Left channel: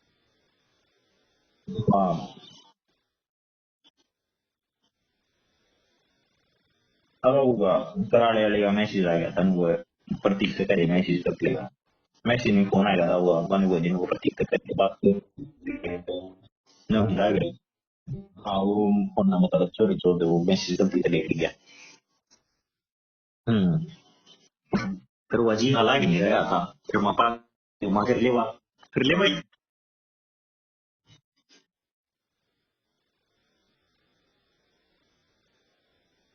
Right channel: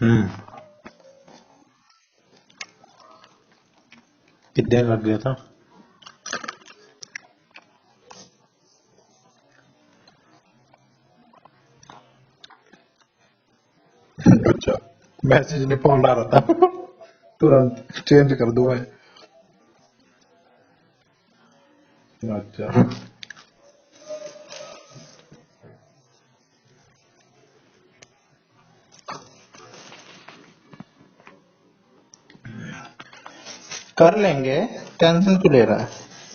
हम्म। हाँ कितने लग गया था? अब होगा कराने वाले का मैसेज आ गया था वो प्रतीक से करे मैसेज कर लेगा मैसेज में फोन आया था वो बन गो जिनको प्रतीक से करे अच्छा, बात मैसेज ने फोन आ रहा था। न होता है तुरंत चेंज कर हाँ दूं वो मैं। फोन ना मतलब चोरी छोड़ दे वो मैसेज गलती से लेट गया अच्छा। हम्म फिर वो अजीब हालात नहीं रहा था फिर मापा फिर ले भाई कर लेंगे, टेंशन क्यों ले रहा है?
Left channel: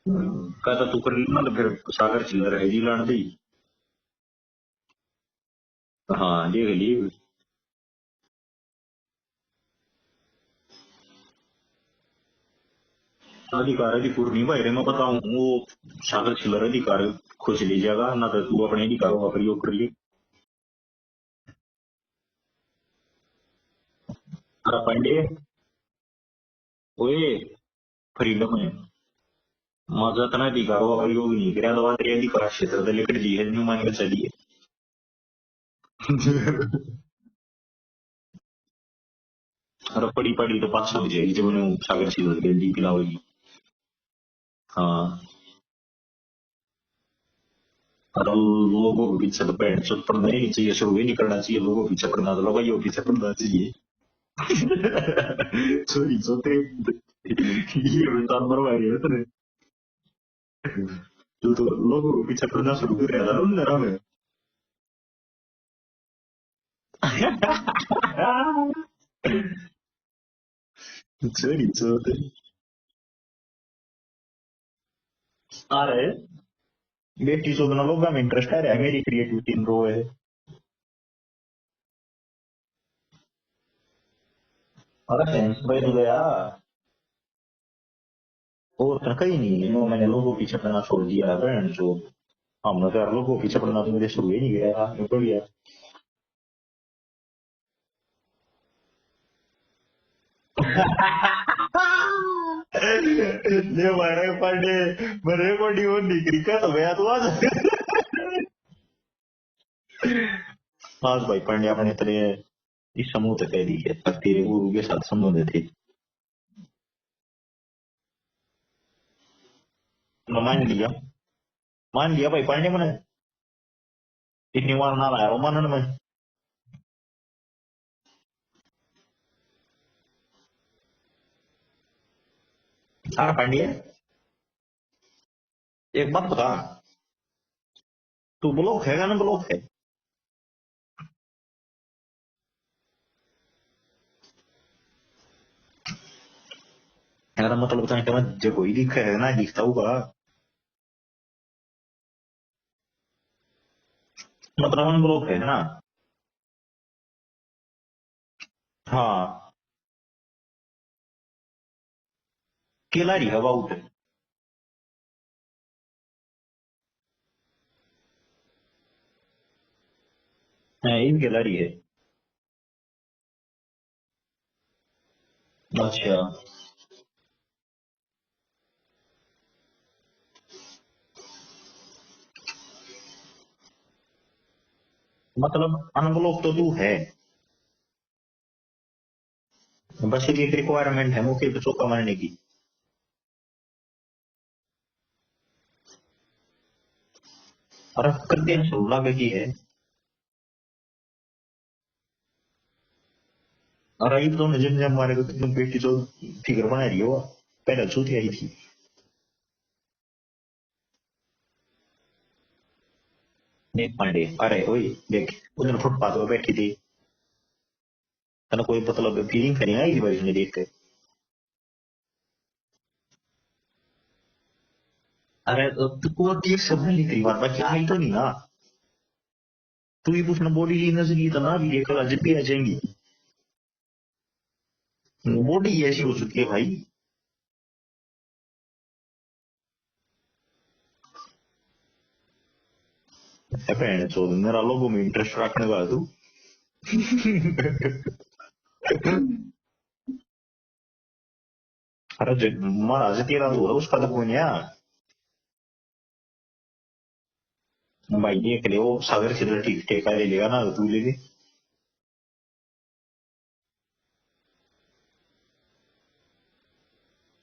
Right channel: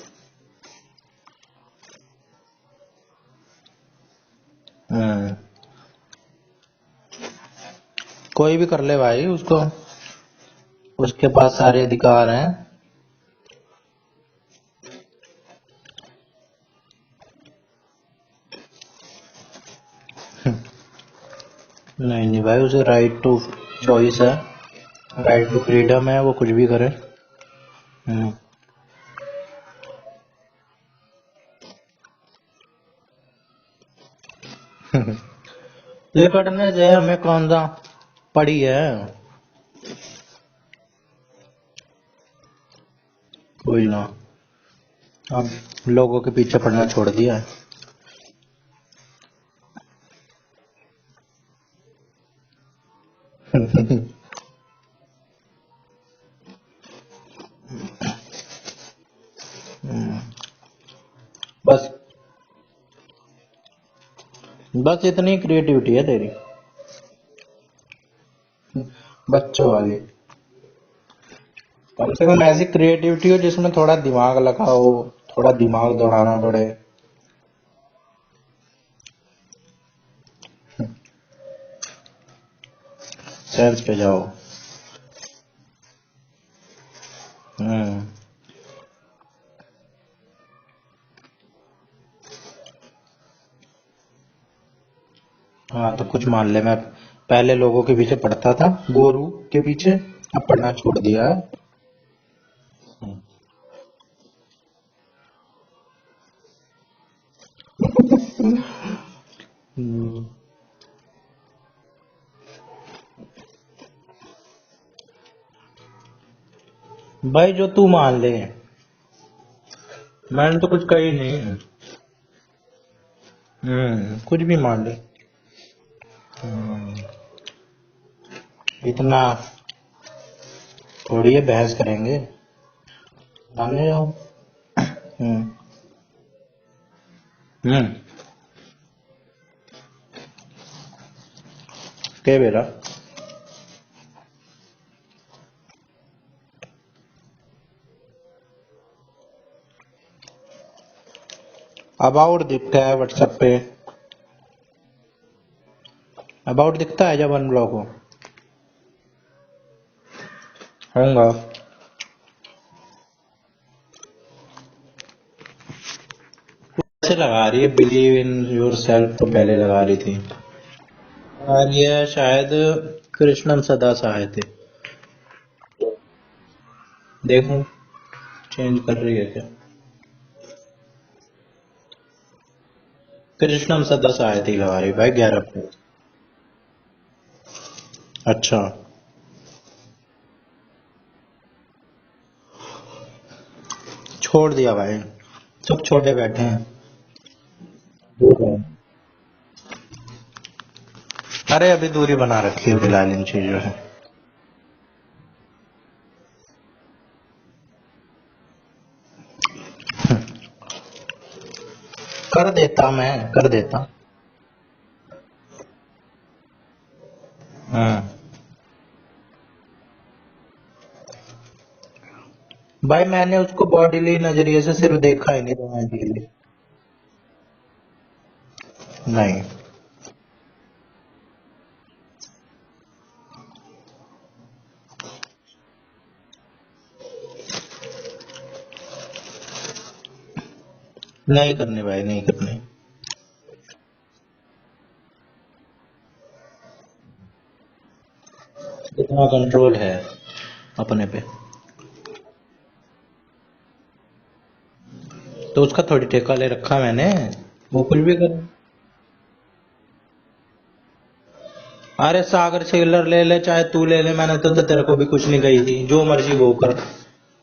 कहता तू कर लेना तो फिर सागर चिल्लर है जी लाने दी हम्म। हाँ देख ली कोई भी कर ले भाई, उसको उसके पास सारे अधिकार हैं। अधिकार अधिकार नहीं भाई रे मैं बताऊं वो सागर चिल्लर अधिकार खुश लीजिएगा ना तो तू अपने अधिकारों का प्रयोग कर ली नहीं नहीं भाई, उसे राइट टू चॉइस है, अरे पांडे राइट टू फ्रीडम है, वो कुछ भी करे। ओए हम्म। फ्रीडम है माझा तर अधिकारों का प्रयोग नहीं करा तो तेरे अधिकार क्षेत्र से लेकर जी है न्यू मान के चलिए लिपटने दे, हमें कौन सा पड़ी है। अरे पड़ी पड़ी तो पास हो जाएगी जब उन्हें सागर चिल्लर के दी खिलाओगी कोई ना, हाँ अब लोगों के पीछे पड़ना छोड़ दिया है। और लोगों को पीछे तो पैंट शर्ट पढ़ना ही नहीं चाहिए शुरू ही नहीं करना चाहिए लोगों को पीछे पढ़ना तो लोगों पीछे पढ़ना चाहिए चोरी चोते ये इंसान मरवा रही है तेरे तू तो बस लोगों को पीछे पढ़ना शुरू कर रहा था अंदर में बस इतनी क्रिएटिविटी है तेरी, बच्चों वाली। चोरी चोर कम से कम ऐसी क्रिएटिविटी हो जिसमें थोड़ा दिमाग लगाओ, थोड़ा दिमाग अरे दौड़ाना पड़े। बेटी चौदह लोग में इंटरेस्ट है मेरी क्रिएटिविटी इन रो है सेंस पे जाओ। अरे सेंस भाई तो गया हम्म। और तो कहीं नहीं नो मैंने लोगों को पीछे पढ़ना छोड़ दिया बहन जो हमने तो यार लोगों को पीछे पढ़ना तो मेरे शुरू ही नहीं गया निकल गया हाँ तो कुछ मान ले, मैं पहले लोगों के पीछे पड़ता था, गोरू के पीछे, अब पढ़ना छोड़ दिया है। ये मारे पांडे मेरे को डी वो निकली का तो गया तो आज हम्म। आज भाई पांडे अपने तेरे इस समूह तक कह दी है तक तेरे गुरु के साथ संबंध थे भाई जो तू मान ले, मैंने मान तो कुछ लिया कही नहीं। मान लिया भाई पांडे मैंने कुछ भी कितनी मान बार लो। ना लाया वो मानन में हम्म, इतना थोड़ी है बहस करेंगे, हाँ पांडे माने जाओ। हम्म। एक बात बता हम्म। तू ब्लॉक है ना ब्लॉक है क्या बेरा? यार मतलब बताने के बाद जो कोई दिखा है ना दिखता होगा अबाउट दिखता है व्हाट्सएप पे। मतलब हम ब्लॉक है ना अबाउट दिखता है जब अनब्लॉक हो। हाँ होगा। खिलाड़ी हवा उठ कैसे लगा रही है, बिलीव इन योर सेल्फ तो पहले लगा रही थी। इन खिलाड़ी है और ये शायद कृष्णन सदा सहाय थे। अच्छा देखूं चेंज कर रही है क्या? कृष्णन सदा सहाय थी लगा रही भाई 11 को। मतलब अनब्लॉक तो तू है अच्छा। बस एक रिक्वायरमेंट है मुझे तो चौका मारने की छोड़ दिया भाई, सब छोटे बैठे हैं। अरे दूर फिर रहे। 316 की है अरे अभी दूरी बना रखी है फिलहाल इन चीजों से। और अभी तो नजर जब हमारे को तुम बेटी तो फिगर बना रही हो पहले छूती आई थी कर देता, मैं कर देता। एक पांडे अरे वही देख उधर फुटपाथ पर बैठी थी हम्म। तेना कोई मतलब फीलिंग करी आई थी भाई उसने देख के भाई मैंने उसको बॉडीली नजरिए से सिर्फ देखा ही नहीं, अरे रहने तो दी तू थी। वो देख शब्द नहीं करी बात बाकी आई तो नहीं ना नहीं। तू ही पूछना बॉडी की नजर की तो ना भी एक जितनी आ जाएंगी बॉडी ऐसी हो चुकी है भाई नहीं करने भाई, नहीं करने। भैन चोद मेरा लोगों में इंटरेस्ट रखने का तू इतना कंट्रोल है अपने पे। अरे महाराज तेरा तो होगा उसका तो कोई नहीं है तो उसका थोड़ी ठेका ले रखा मैंने, वो कुछ भी भाई कर। ये करे वो सागर से ठीक ठेका ले लेगा ना तू ले ले अरे सागर सेलर ले ले चाहे तू ले ले, मैंने तो तेरे को भी कुछ नहीं कही थी, जो मर्जी वो कर,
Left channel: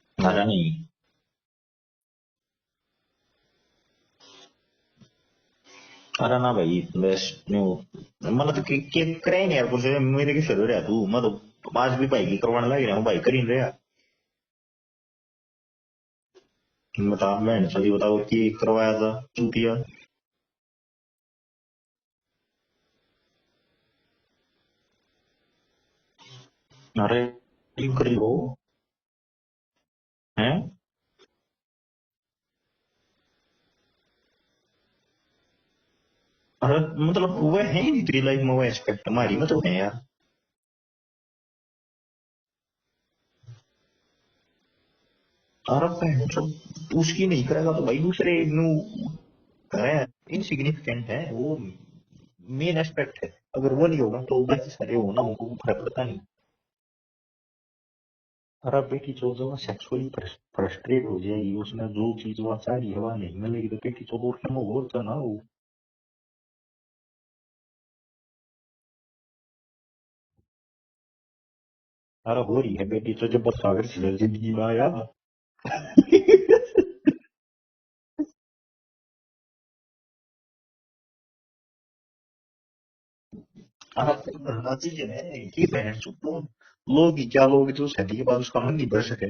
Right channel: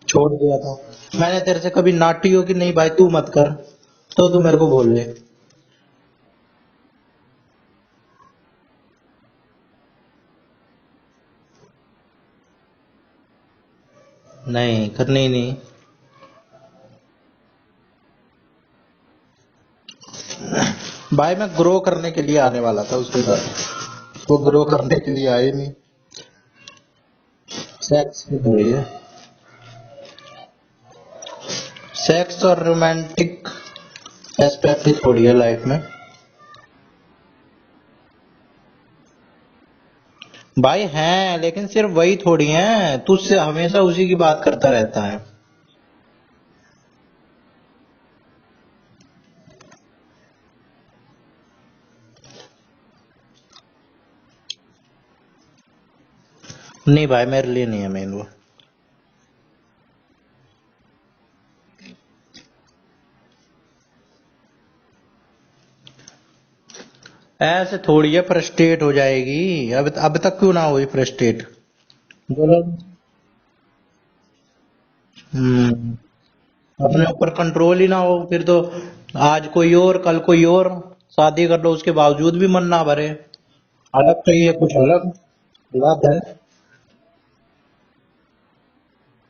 छोड़ मजा दिया नहीं। था। मैंने तेरे से कभी नाटी हो कि नहीं भाई तू मत कर, तो तू मेरे को बोल ले। अरे ना भाई बस न्यू मतलब तो के करे नहीं यार कुछ मेरे के शुरू रहा तू मतलब आज भी भाई की करवाने लग रहा हूँ भाई कर ही नहीं रहा। नहीं करनी ही नहीं। बता मैं सही बताओ कि करवाया था चूतिया। भाई मैं ग्रो करने के लिए आने वाला था उसके साथ, वो ग्रो करने के लिए आए नहीं। अरे ठीक कर सेक्स लो। की थोड़ी है, हैं सेक्स और रोमांटिक एस्पेक्ट ही थोड़ी है लाइफ में। अरे मतलब वो है ही नहीं तेरी लाइफ में वो एस्पेक्ट हमारी में तो है यार। भाई हैं लेकिन सिर्फ वही थोड़ी हैं, तू उससे हमेशा उसी की बात करता रहता है। अरे मतलब उसकी नहीं करेगा तो भाई दूसरे नु है इनसिग्निफिकेंट है वो मेन एस्पेक्ट है। अगर वो नहीं होगा तो बाकी सारे होना उनको फर्क पड़ता नहीं। नहीं भाई मेरे लिए नहीं है मेन वो। अरे बेटी जो जो सेक्सुअली फ्रस्ट्रेट हो जाएगी उसमें जो चीज वो चाह रही है वह नहीं मिलेगी तो बेटी तो और क्या बोलता ना वो। ऐसे थोड़ी है फ्रस्ट्रेट हो जाएगी, अब तक क्यों ना हुई फ्रस्ट्रेट। अरे बोलो। हो रही है बेटी तो जब सागर से जिंदगी में आया। हम्म, अपने ऊपर कंट्रोल ही ना हो फिर तो, आज कोई और कल कोई और, शादी कर लो उसके बावजूद भी मन ना भरे, अरे अलग चाहिए कुछ ये अलग है कि बात है। लोग ही क्या लोग तो शादी के बाद उसका मन नहीं भर सके।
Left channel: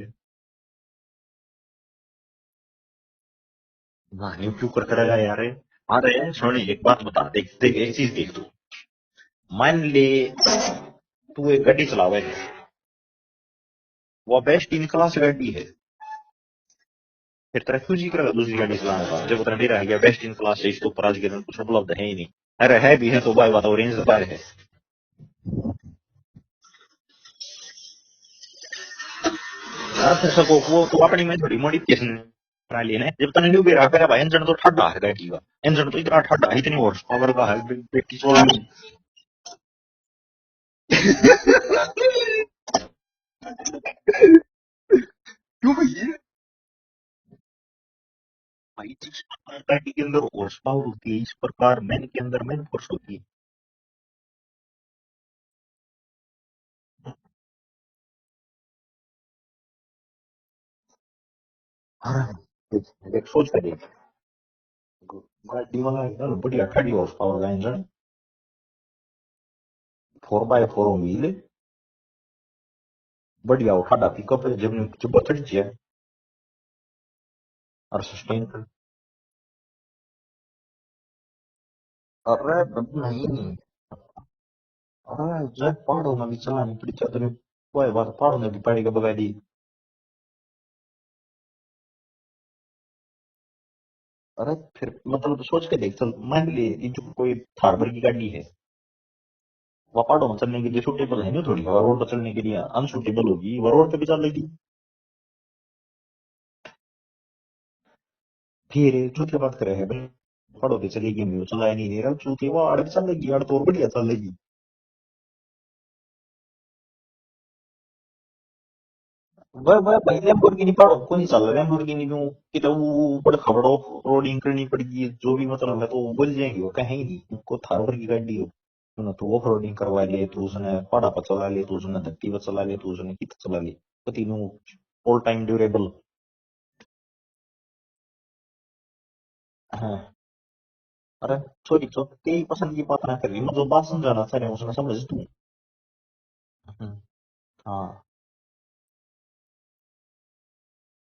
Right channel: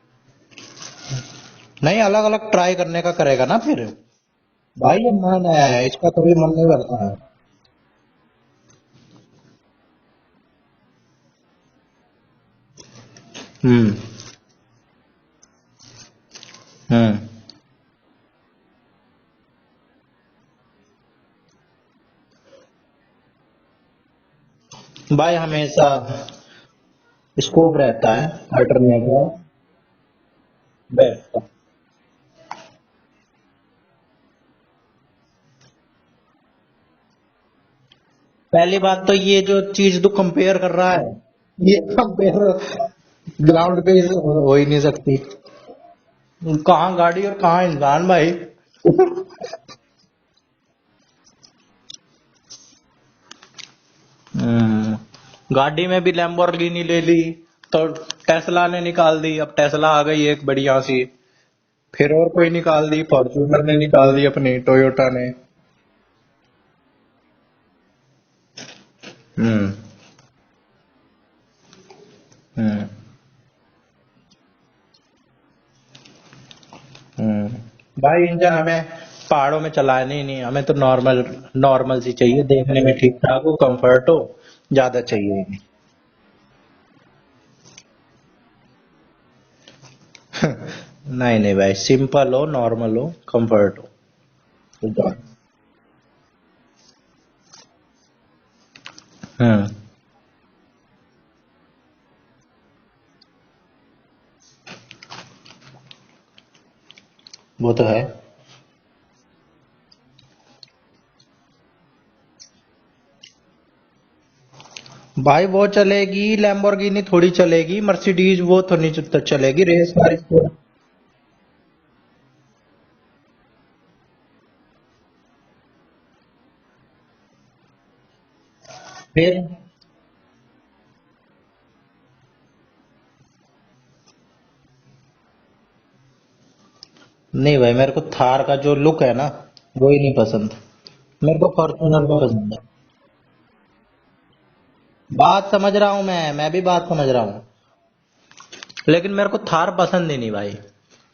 नहीं अलग अलग ट्राई करने का करेगा ना फिर। वाह क्यों करता भाई ये रहेगा यार। मन है इसका अरे कभी मन सुन नहीं एक बात करता है। बता देख देख एक चीज देख तू मान ले तू एक गाड़ी चलावे हम्म। वो बेस्ट इन क्लास गाड़ी है। हम्म। फिर तेरा क्यों जी करेगा दूसरी गाड़ी चलाने का जब उतना नहीं रह गया बेस्ट इन क्लास है इसके ऊपर आज के दिन कुछ उपलब्ध है ही नहीं। अरे है भी है तो भाई बताओ रेंज बाय है। भाई हमेशा स्कोप रहता है अल्टरनेट का। अरे फिर सको वो तू अपनी में थोड़ी मॉडिफिकेशन करा लिए ना जब तने न्यू भी रखा है भाई इंजन तो ठंडा है गाड़ी का। इंजन तो इतना ठंडा है इतनी हॉर्स पावर का है 21 पहली बात तो ये जो चीज तू कंपेयर कर रहा है, ये कंपेयर ग्राउंड पे से हो ही नहीं सकती। क्यों भैया कहाँ गाड़ी और कहाँ इंसान भाई। भाई तो गाड़ी के अंदर हॉर्स पावर होती है इस प्रकार मैन के अंदर मैन फोर्स होती है। गाड़ी में भी लैम्बोर्गिनी ले ली, तो टेस्ला ने निकाल दी, अब टेस्ला आ गई एक बढ़िया सी, फिर और कोई निकाल दी, फॉर्च्यूनर ने निकाल दी अपनी टोयोटा ने। गाड़ी वाला एकदम बढ़िया 30 हॉर्स पावर का इंजन हम्म। 4x4 व्हील हम्म। बढ़िया उठाता पिकअप है जब जब चढ़ी है। और भाई इंजन सस्पेंशन हमें पहाड़ों में चलानी ही नहीं, हमें तो नॉर्मल नॉर्मल सी चाहिए, अरे देखने में बेटी ठीक ठाक हो, कंफर्ट हो, ज्यादा चाहिए। हाँ जब पहाड़ों में भी चलानी पड़ी चादर कोई बात पहाड़ों में भी पड़ेगा बगाड़ी। नहीं नहीं भाई, सिंपल हो, नॉर्मल हो, कंफर्ट हो। अरे फिर मतलब सोच के देख चल मान ले ये जो कोई फार्मर की गाड़ी है हम्म। वो पहाड़ों में चलने के लिए सूटेबल है नहीं थोड़ी और रोड पर चलने के लिए अनसूटेबल होगी वो रोड पे भी चलेगी। वो तो है। फिर झूठी बात करे है भाई पहाड़ों पे चलेगी नहीं वो चलाया नहीं रहा चूती वो आड़ भी चलेगी आड़ तो और बढ़िया चलेगी। भाई वो चलेगी, लैम्बोर्गिनी थोड़ी चलेगी, मर्सिडीज वो तो नहीं चलेगी वह रेस वह भाई गाड़ी तो। लैम्बोर्गिनी पहाड़ों को नहीं चल रहा लैम्बोर्गिनी क्यों कि तो वो ऊपर खबरों रोडिंग करनी पड़ेगी जो भी मतलब है तो वो बोल जाएंगे वो कहेंगे नहीं उनको थार की गाड़ी हो तूने तो फिर ऑफ रोडिंग करवा लिए तो उसने पहाड़ा पर चला लिए तो उसने धरती पर चला लिए तो उसने कित चला लिए तो तीनों ऑल टाइम ड्यूरेबल। नहीं भाई मेरे को थार का जो लुक है ना, वो ही हाँ नहीं पसंद, अरे मेरे को सॉरी फॉर्च्यूनर में तेरी पसंद है। पसंद की बात ना कर रही मतलब बात समझाना चाह रहे हैं उसने समझ तू। बात समझ रहा हूँ मैं भी बात समझ रहा हूँ, हाँ लेकिन मेरे को थार पसंद ही नहीं भाई।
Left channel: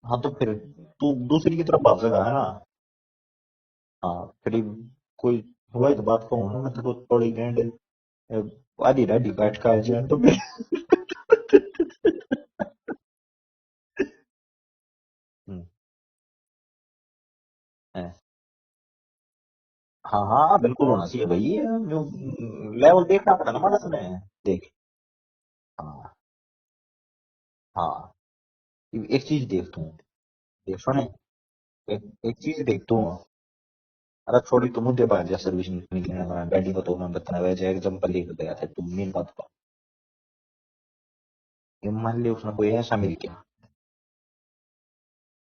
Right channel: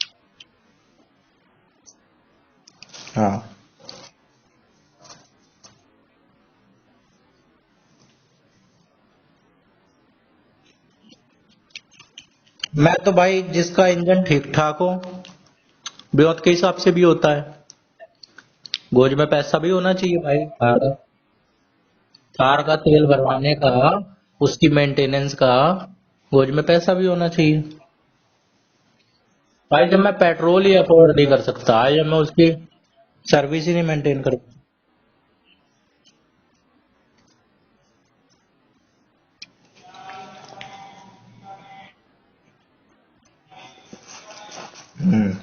हाँ तो फिर तू दूसरी की तरफ भागेगा है ना। हाँ। हाँ फिर कोई हुआ तो बात कहूँ ना मैं तो थोड़ी बैंड आधी राधी काट का है तो फिर मैं तो भाई जिसका इंजन ठीक ठाक हो, हम्म, ब्योत के हिसाब से भी होता है, है। गोज में पैसा भी होना चाहिए हाँ भाई। हाँ बिल्कुल कार होना चाहिए भाई ये जो कार का तेल लेवल देखना भरवाने पड़ता का, ना इसमें देख। उसकी मेंटेनेंस का, हाँ गोज में पैसा भी होना चाहिए। हाँ एक चीज देख तू भाई जब मैं पेट्रोल ही सुन अफोर्ड नहीं कर सकता, देख जब मैं एक उसकी चीज देख तू सर्विस ही नहीं मेंटेन कर अरे सकता। थोड़ी तो मुद्दे पर जा सर्विस नहीं की ना गाड़ी को तो मैं बताना वैसे एग्जांपल लेकर गया था तुम मेन बात का ये मान ले उसने कोई ऐसा मिल गया हम्म।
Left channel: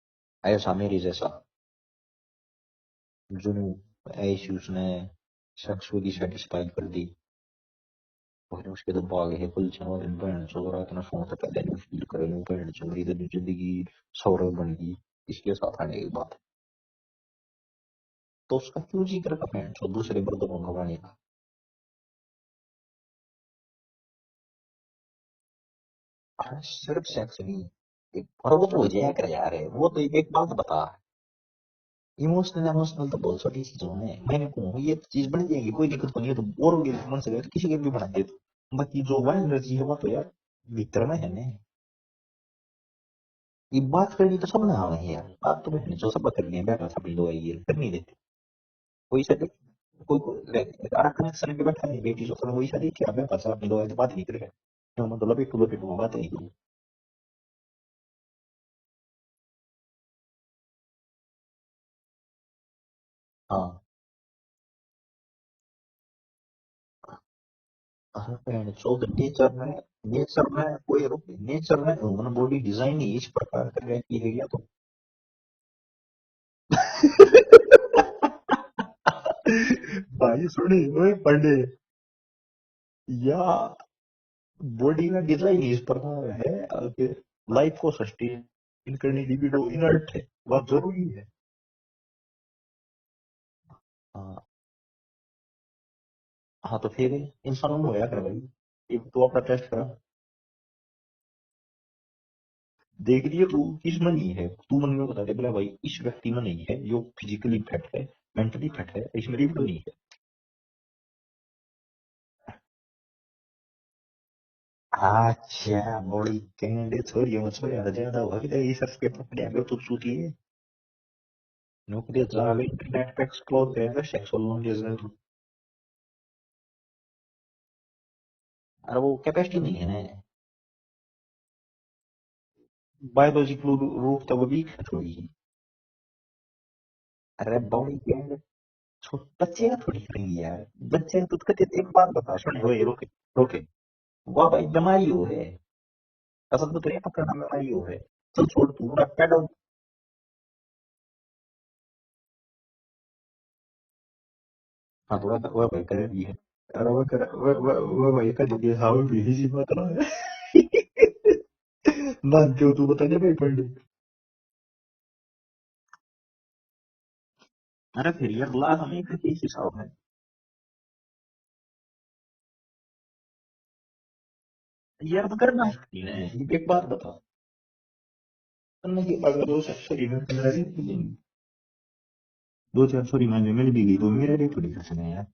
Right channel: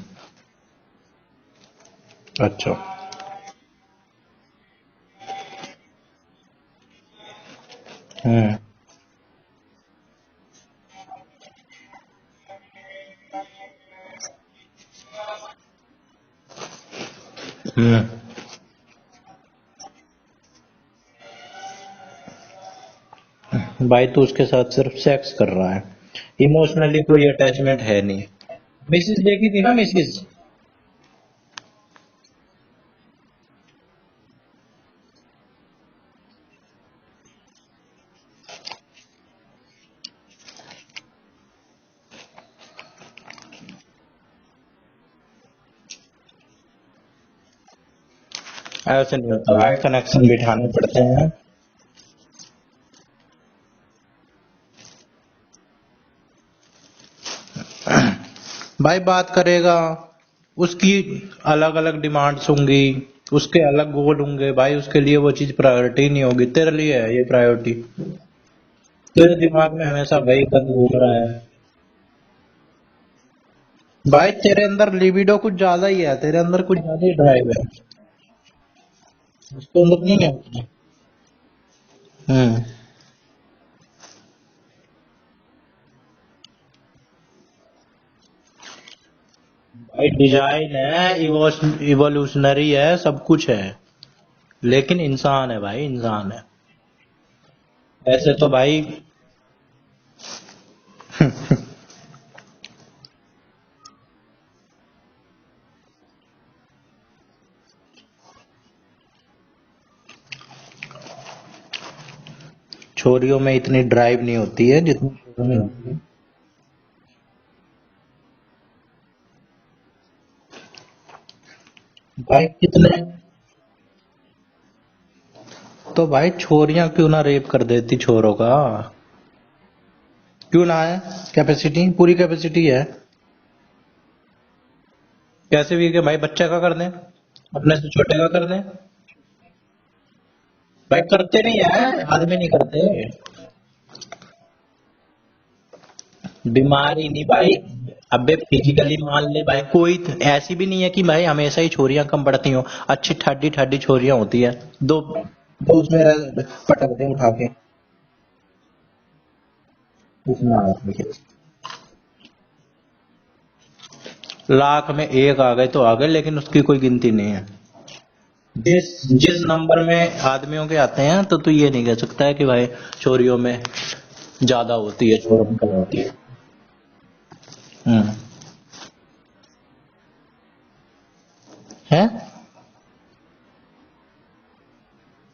ऐसा मेरी जैसा अच्छा। जो ऐसी उसने सेक्सुअली सेटिस्फाई कर दी फिर उसके तो भाग है पुलिस वाले बहन चो रात ना फोन तक कर देने शूट करेंगे बहन चो मेरी तो जिंदगी सौरभ बन गई इसके साथ आने के बाद। तो उसका क्यों जिक्र कर बहन चो दूसरे मर्दों को भगाने का। भाई तू उसके साथ सिर्फ सेक्स कर रहा है, इमोशनली कोई अटैचमेंट है नहीं। और वो तो मिसिस देखी थी ना, वो तो मिसिस। एक बात बता इमोशनल इमोशनल तो बहुत सारी चीजों में मैंने कहूँ ये चीज बन जाएगी कोई दिक्कत नहीं है तो और मन से तो किसी के भी बना दे बाकी जो वन एनर्जी है वो तो यार भीतर में है ना। ये बात करनी तो सब ना है यार बात तो जो सब करनी है बैठा सब लोग ये करनी देते ऐसे नहीं होता भाई, कनेक्शन बिठाने पड़ते हैं। कनेक्शन के बैठा नहीं बेटी जो वही शादी क्या मैं पास अपनी लोग बात नहीं करेगा तो मतलब एक टू बात नहीं करूँ। भाई बात करेगा, उसकी अलग अलग डिमांड्स होंगी, उसके अलग गोल होंगे भाई, उसके लिए वो चीज प्रायोरिटी नहीं होगी, तेरे लिए है ये प्रायोरिटी। तेरे दिमाग में हमेशा वही सब घूम रहा है। नेचर में ह्यूमन बॉडी डिजाइन ही इस प्रकार का भाई तेरे अंदर लिबिडो कुछ ज्यादा ही है, तेरे अंदर कुछ ज्यादा ही ड्राइव है। तो नहीं है। भाई सुनी ओए पंडे या बॉडी का डिजाइन इस प्रकार है कि लाइफ को सस्टेन करने की भी भाई डिजाइन है, इवोल्यूशनरी है, सब कुछ है, लेकिन इंसान है भाई, इंसान है। हाँ तो फिर इंसान हो यार ऐसे तो भाई तो अपना टेस्ट करा देख रही है तू किस में नहीं है तू मन में बता दे बोला भाई इस व्यक्ति में नहीं है जो फिजिकली फिट है मेंटली फिट है इसमें भी तो नहीं है। छोरियों में इतनी ड्राइव नहीं होती है जितनी बॉडी कैंडे छोरियों में छोरियां ज्यादा हुआ कि ये सर पे पकड़े आगे तू सूती है नौकरी भाई वाले कितने नेट पे एक्सप्लोर करेगा सेक्सुअल नॉलेज है तो भाई छोरियां क्यों ना रेप कर देती छोरों का, अरे वो कैपेसिटी नहीं है ना क्यों ना है, कैपेसिटी पूरी कैपेसिटी है। बायोलॉजिकल रूप तो वो भी थोड़ी कैसे भी कि भाई बच्चे का कर दें, अरे अपने से छोटे का कर दें। बच्चे का थोड़ी करेंगे यार भाई करते नहीं है, आदमी नहीं करते। ओके वो भाई बीमारी हो है बीमारी नहीं भाई, अबे फिजिकली मान ले भाई, कोई ऐसी भी नहीं है कि भाई हमेशा ही छोरियां कम पड़ती हो, अच्छी ठाडी ठाडी छोरियां होती है, दो तो उसमें पटकते हैं उठा के। वो भाई का दीदी हाउ भी जी बात रहा है इतना ना जो तू बता दे भाई पंडित लाख में एक आ गए तो आ गए, लेकिन उसकी कोई गिनती नहीं है। अरे फिर यार जिस नंबर में आदमियों के आते हैं तो तू ये नहीं कह सकता है कि भाई छोरियों में ज्यादा होती है, छोरों में कम होती है। एक बात बता अगर दो सॉरी है दो चार सॉरी मैं मिल भी गई तो मेरे लिए थोड़ी कैसे नहीं यार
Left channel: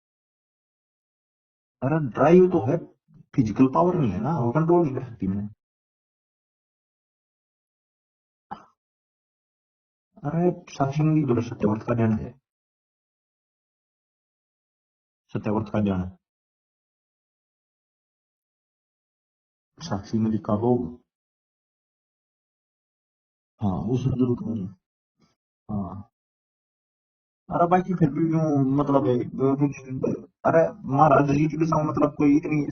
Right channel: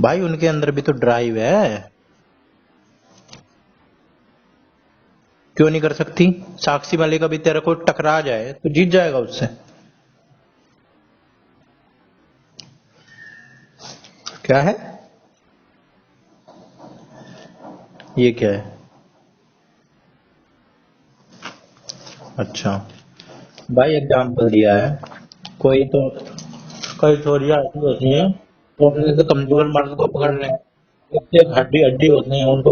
भाई, उनके अंदर भी तो ड्राइव है। अरे ड्राइव तो है फिजिकल पावर नहीं है ना वो कंट्रोल नहीं कर सकती मैं। क्यों नहीं कर सकती, साक्षी मलिक अभी तेरे को टकरा जाए तो जीत जाएगा उससे। अरे साक्षी में भी सत्यावर्त का ध्यान है क्या है, सत्यावर्त का ध्यान ये क्या है। साक्षी में लिखा हो अच्छा भाई एग्जाम्पल दिया है, कोई तो कई छोरियां होती हैं तो कमजोर मर्द को पकड़ने हड्डी हड्डी होती है उनको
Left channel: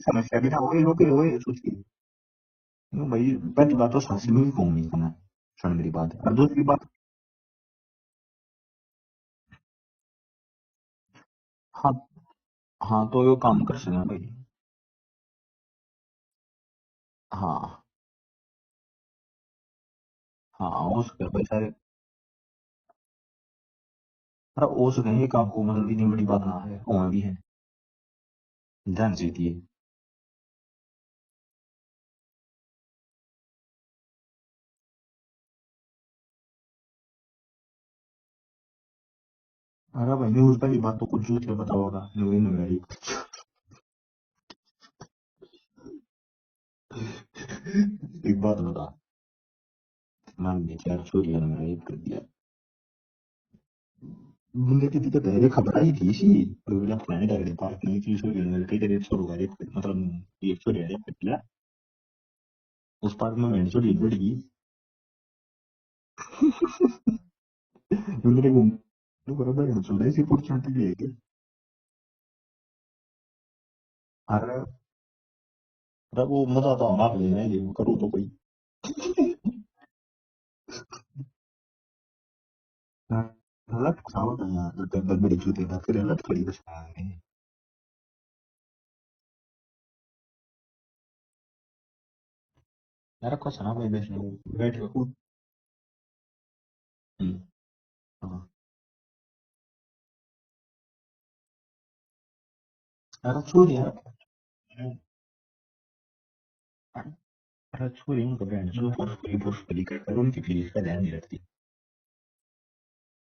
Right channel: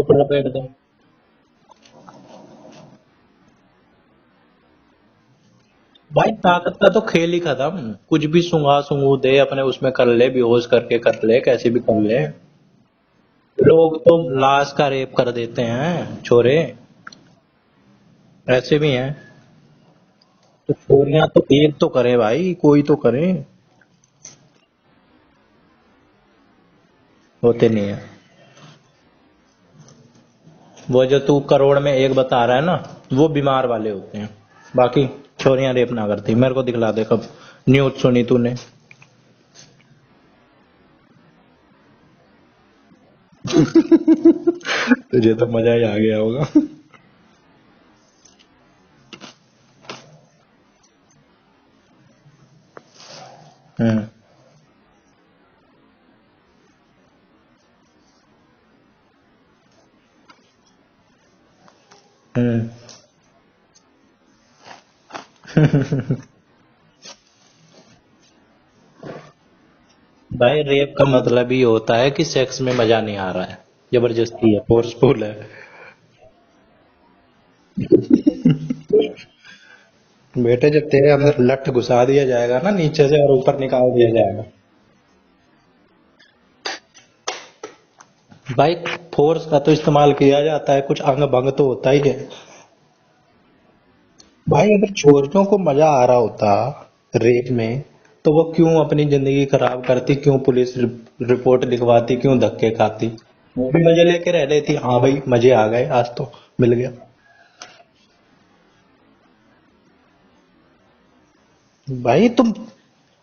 भाई पहली बात तो साक्षी में भी कौन नहीं करना मेरी बात भाई, ताकत का तो खेल ही खत्म, कुछ भी सूंघा सूंघू दे अपने उसमें कर ले, बेहोश करके कर ले, कैसे भी कर ले। हाँ तो ये काम लोग तो लाश का रेप कर देते हैं छोरे, हाँ ऐसे भी हैं। हाँ तो छोरियां तो एक तो करे भाई, कोई तो करे, अरे वो सुनेंगे काम को मतलब इतनी बड़ी बात ना है कौन भी है होते नहीं है। ध्यान से दिए वो जो तू करोड़ में एक बता रहा है ना, वो बीमार वाले होते हैं, बाकी छोरियां रेप ना करती। मेरे को दिखला दे कब न्यूज सुनी तूने। अरे भाई न्यूज पहली बात तो कुछ झूठ बता होगा न्यूज नहीं तुझे तो मजा ही आ गया होगा। एक बात बता मान ली यार छोरी ने मेरा एक कर दिया मुझे किसी तो पहले खबर आई थी सी तो मेरा फ्रेंड आ गया पार्क में की छोरी ने कई तरह छोड़ गए मतलब एक छोरी ने पिटला उस पार्क में मैंने छोरी बढ़ गई भाई रेप का मतलब ही होता है कि सेक्स में मजा नहीं आ रहा है, जबरदस्ती है, फोर्सफुल है। वो मजा तो आप लेना बेटे जब तेरे अंदर लठ घुसा दिया जाएगा ना नीचे से और ऊपर निकाल दिया जाएगा। भाई फोर्स का तो इस्तेमाल किया जाता है, कुछ अंग भंग तो होता ही है। यार कुछ ना भाई भाई अगर छोरियों को मजा आ रहा होता रेप में, तो वो क्यों अपनी जिंदगी खराब करती, क्यों पुलिस रिपोर्ट लिखवाती, क्यों धक्के खाती? यार वो भी छोरी मजे लेके रह लेती, हाँ भाई मजे आ गए, आज तो मिल गया। यार छोरी उनको बहन जो फोर्सफुली कर उनकी फीलिंग्स का ध्यान नहीं रखती। भाई तुम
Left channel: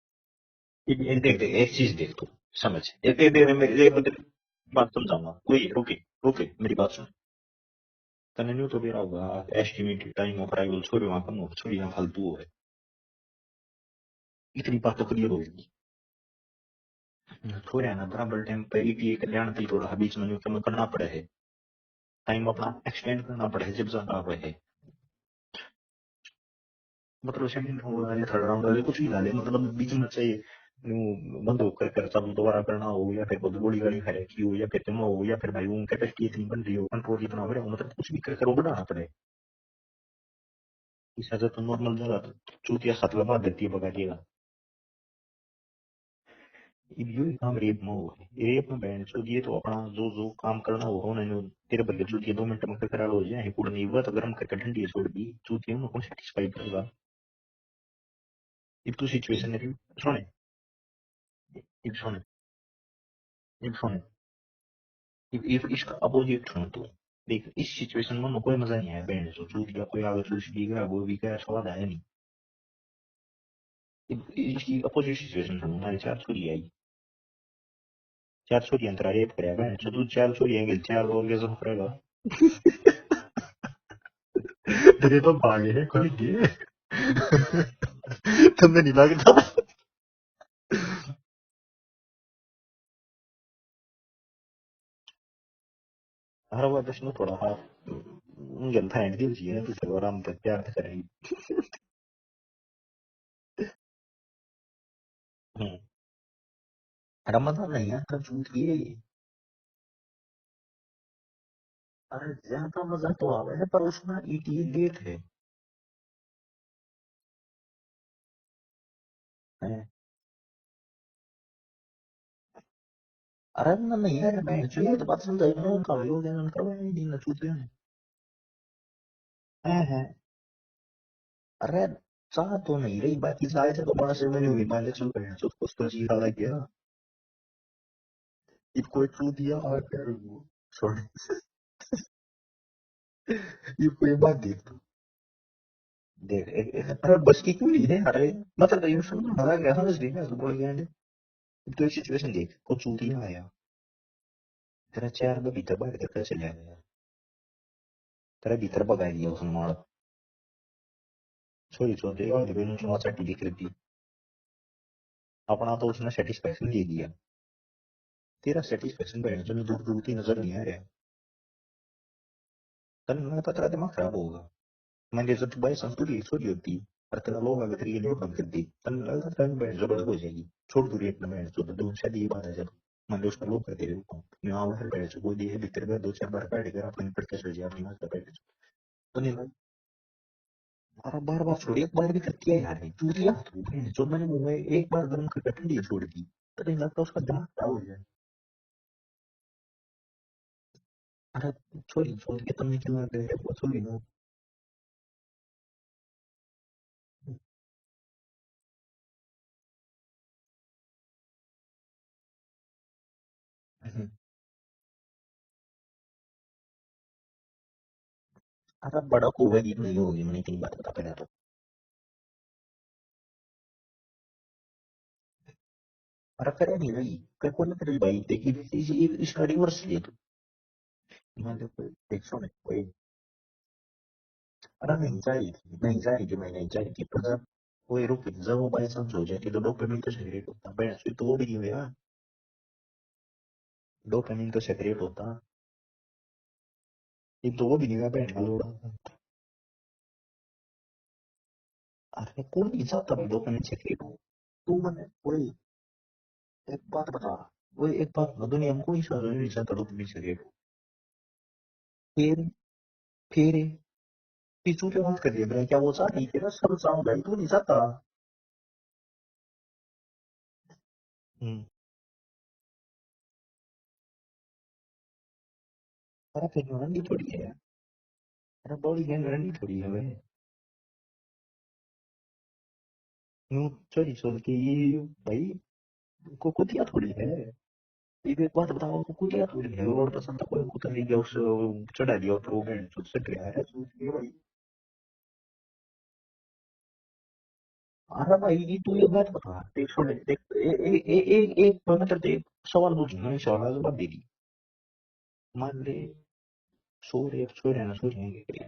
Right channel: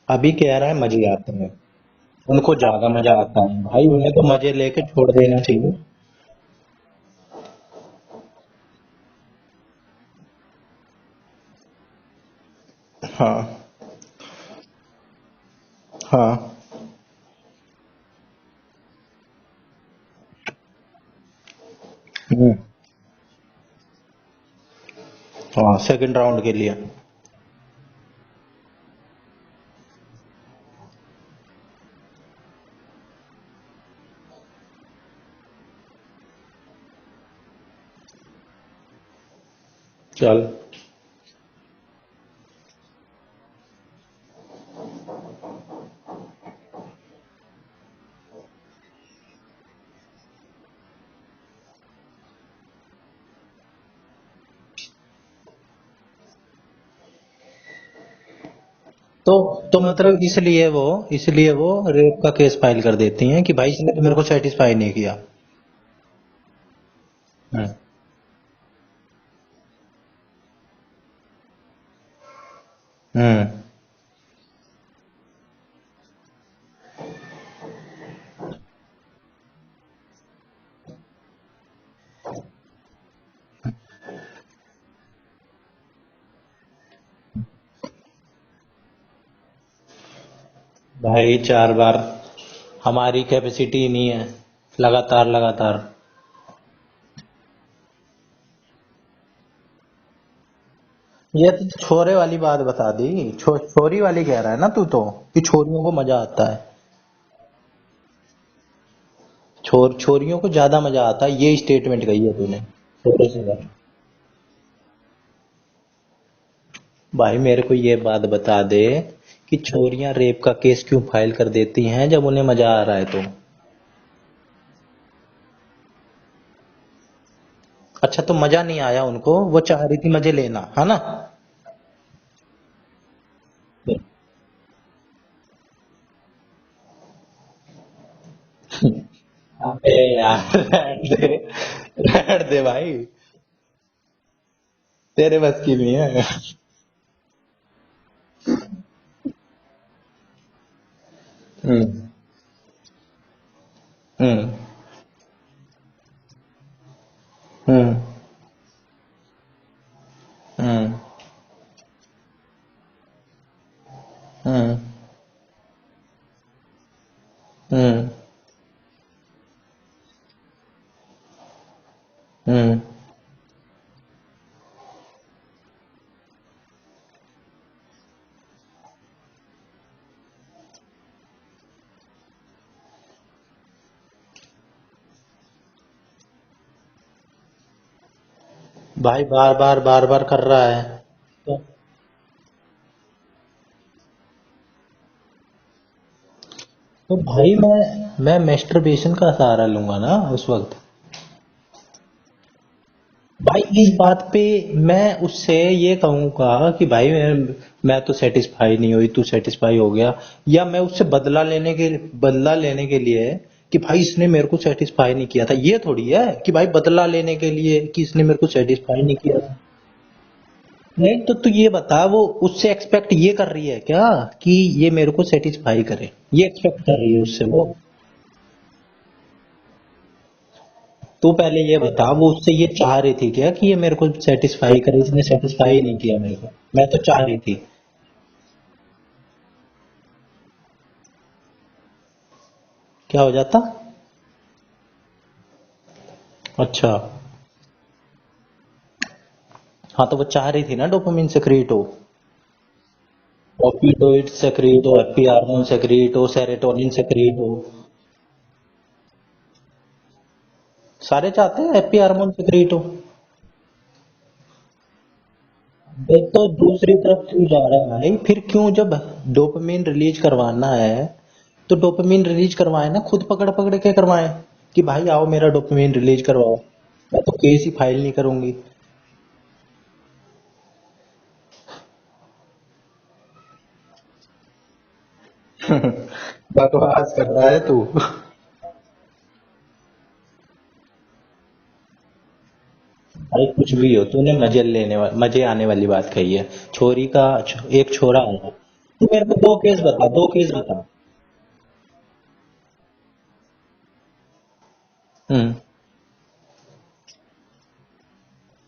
अभी कह रहा है मजे देख आते देख हैं, देख एक चीज देख तू उनको समझ ज्यादा मजा देख आता देख है मेरी भाई, मेरी उन्हें तो मजे लेके बात छोड़ सुन देना ओके चाहिए। ओके ओके मेरी बात सुन तने न्यू तो बेरा होगा एस्टिमेटेड टाइम ऑफ अराइवल छोरी वहां कम हो छोरी यहाँ फालतू हो हाँ इतनी बात तो क्लियर होगी। हाँ छोरे है ना बराबर टाइम पे एक कल्याण थी थोड़ा बीच में न्यूट्रल करना पड़े है टाइम हम्म, अपना एक्सटेंड करना पड़े है जब ज्यादा हुए है हाँ सेकंड राउंड के लिए। मतलब सेकंड राउंड वाले थर्ड राउंड वाले कुछ भी डाले मतलब बीच में चाहिए बंद होकर कर चालू दोबारा करना हो या फिर बहुत बड़ी गाड़ी खा रखी हो या फिर तुम हो या फिर भाई वो कैपेसिटी इतनी बन रही हो कंट्रोल इतना हो रहा हो मतलब कुछ भी कर वो बढ़ाना पड़े। चल इससे ज्यादा तो नॉर्मल जगह चूतिया हाथ लगा देती है बगाटिएगा ये काम रेप में हो रेप में बैंड से ये तो अपना जो जो काम करना हो उन्होंने तेरे बदले चूतिया 2 मिनट में करा हो जाए पूरा नहीं हुआ तो गर्म करके ठंडी छोड़ दी चूतिया उनको सेटिस्फाई करेगा एक तो तो सिचुएशन है तो मतलब इसलिए वो रेप हाँ का केस फाइल कर देती हैं कि भाई इसने हाँ तो मेरे को सेटिस्फाई नहीं किया। इसका अपोजिट सुन तो देख हम्म इस सिचुएशन में कोई मजा नहीं आया बैंड से चूतिया कोई आगे चूसी दिख वो भी क्या स्वाद आया नहीं हम्म इसकी अपोजिट सिचुएशन सुन हमारी 4 छोरी आई 4 छोरी अंतरा रेप करे बैंड से तू 4 छोरी आएंगे 4 orgasm करेगा तेरे तो भागे है खुल गए तुम्हें नहीं लगता भाई 4 बार हमारी कैपेसिटी नहीं है, लगातार लगातार। हर बार दर्शन थोड़ा हाँ जनता एंड दी चाहिए तू तो आराम से प्यार से करेंगी ये तो छोरे वाली बात बता दी, छोरी वाली कह रहा है ना तू तो, कि छोरियों को मजा आता है। रमजान नहीं है तब झूठ की है ये छोरियों को ज्यादा मजा आता है, ये स्टेटमेंट कही है तूने। यहाँ का मजा छोटे तो से आता भाई, है पर उसमें ईटी डेट है भाई मेरे को ये बात बता दे कि छोरियां रेप का केस क्यों फाइल कर देती हैं जब उन्हें मजा आ रहा है तो? अरे ना नहीं है मैं चाहिए तो बात समझ ना उनका हो गया उनका नहीं ना छूते हैं अच्छा तो मजा नहीं आया उनको, वो चाह रही थी मजे लेना, है ना? अरे चाह तो नहीं रही बाकी चाहे थे तो 5 महीने हुई मान ले चल गए तो उसको जी रहा गया कोई छू दिया अबे यार रहने दे भाई, ये कोई बात देख तेरे बस की नहीं है। अरे बस की क्यों नहीं है अरे मतलब ये सुन मजा क्या समझ रही है बोल गया ने तो हम्म सिचुएशन देख वो चूतिया आया हम्म तेरा 4 में भीतर बाहर करके चले आया हम्म तेरा भीतर भगाई दिया उसने मार हम्म छोरी छोड़ दे और बेनू चुनाव चाटी दिख रही थी हम्म अपना तो उसने सेटिस्फेक्शन दे दिया हम्म तेरा सेटिस्फेक्शन बैठ जो दूर दूर की नजर नहीं आ रहा हम्म तन मैं पता दिमाग खराब होगा मैंने जब भाई संतुली छोड़ी होती और तेरा लोग अगर ये नहीं बंद कर दी तन लगता था बैठ जबरदस्त हो जाएगी छोड़ दूरी अपना बैठ जो दूर शायद ये बात है जब मान लो उसका लोग करते रहे उसने आओ फिर बैठ जो बोली है भीतर में 2-4 बार बैठ गया अपनी पड़ के सो जाए अपनी मां का बैठ भाई बार बार कर रहा है। और बार बार छोड़ी एक बार भी करती है यार तू दिया जो मैंने मुंह में एक बार गर्म करके ठंडी छोड़ दी तो नहीं लगता तो उसका भाई दिमाग मैं मेस्टरबेशन का सहारा लूंगा ना उस वक्त। अरे छोड़ी छोड़ के तुमने क्यों भाई तुम इस बात पे मैं उससे ये कहूंगा कि भाई मैं तो सेटिस्फाई नहीं हुई, तू सेटिस्फाई हो गया, या मैं उससे बदला लेने के लिए कि भाई इसने मेरे को सेटिस्फाई नहीं किया था, ये थोड़ी है कि भाई बदला लेने के लिए कि इसने मेरे को अरे सेटिस्फाई नहीं बड़ा किया था। होगा नहीं होगी मैंने तेरी बात बता नहीं तो तू ये बता, वो उससे एक्सपेक्ट ये कर रही है क्या कि ये मेरे को सेटिस्फाई करे, ये अरे एक्सपेक्ट कर रही है उससे वो वो? तेरी भाई देखी इसका रिवर्स ले तू पहले ये बता, वो उससे ये चाह रही थी क्या कि ये मेरे को सेटिस्फाई करे, इसने सेटिस्फाई नहीं किया मेरे को, मैं तो चाह रही थी। कोई रुक जब वो बाई चांस हो जाती तो डोपामिन तो सेक्रेट होता फिर तो वो भी नहीं हुआ क्या हो जाता? डोपामिन तो सेक्रेट होता अच्छा, एक तो वो भी नहीं हुआ बैंड का लोड़ा हाँ तो वो चाह रही थी ना डोपामिन सेक्रीट हो, अरे कौन नहीं चाहता डोपामिन सेक्रेट ऑपियोइड सेक्रीट हो, हैप्पी हार्मोन सेक्रीट हो, सेरोटोनिन सेक्रीट हो। वो एक बात ना दुनिया में कोई सा नहीं चाहता डोपामिन सेक्रेट सारे चाहते हैं हैप्पी हार्मोन फिर सेक्रीट हो। फिर पिछू पे मत करिए ब्रे क्या वो फिर चाहती तो है सब दूसरी काम तरफ तो क्यों नहीं जा चाहता रहा है भाई, फिर क्यों जब डोपामिन रिलीज करवाना है तो डोपामिन रिलीज करवाए ना, खुद पकड़ पकड़ के करवाए। कि भाई आओ मेरा डोपामिन रिलीज करवाओ, गारंटी मैं थोड़ी तो है, केस ही फाइल नहीं करूंगी। अरे बॉडी की गारंटी थोड़ी है भाई। यूं चोरी चोरी के ये भाई को कुटिया बकवास थोड़ी कर है। रहा है तू। एक बात बताओ, को कुटिया थोड़ी है, और पसंद था कोई कुत्ता ले गया उससे चढ़ा दिया तो वो बैंड तो सट भाई गया। कुछ भी हो, तूने मजे आने वाली बात कही है। छोरी का एक छोरा हाँ है। भाई ये तू तू मेरे को दो केस देख बता, भाई दो देख केस बता। एक मतलब एक सवाल पूछूंगा, इस सवाल का जवाब दे दी। हम्म। मान ले छोरे छोरे ना छोरे आगे करिए,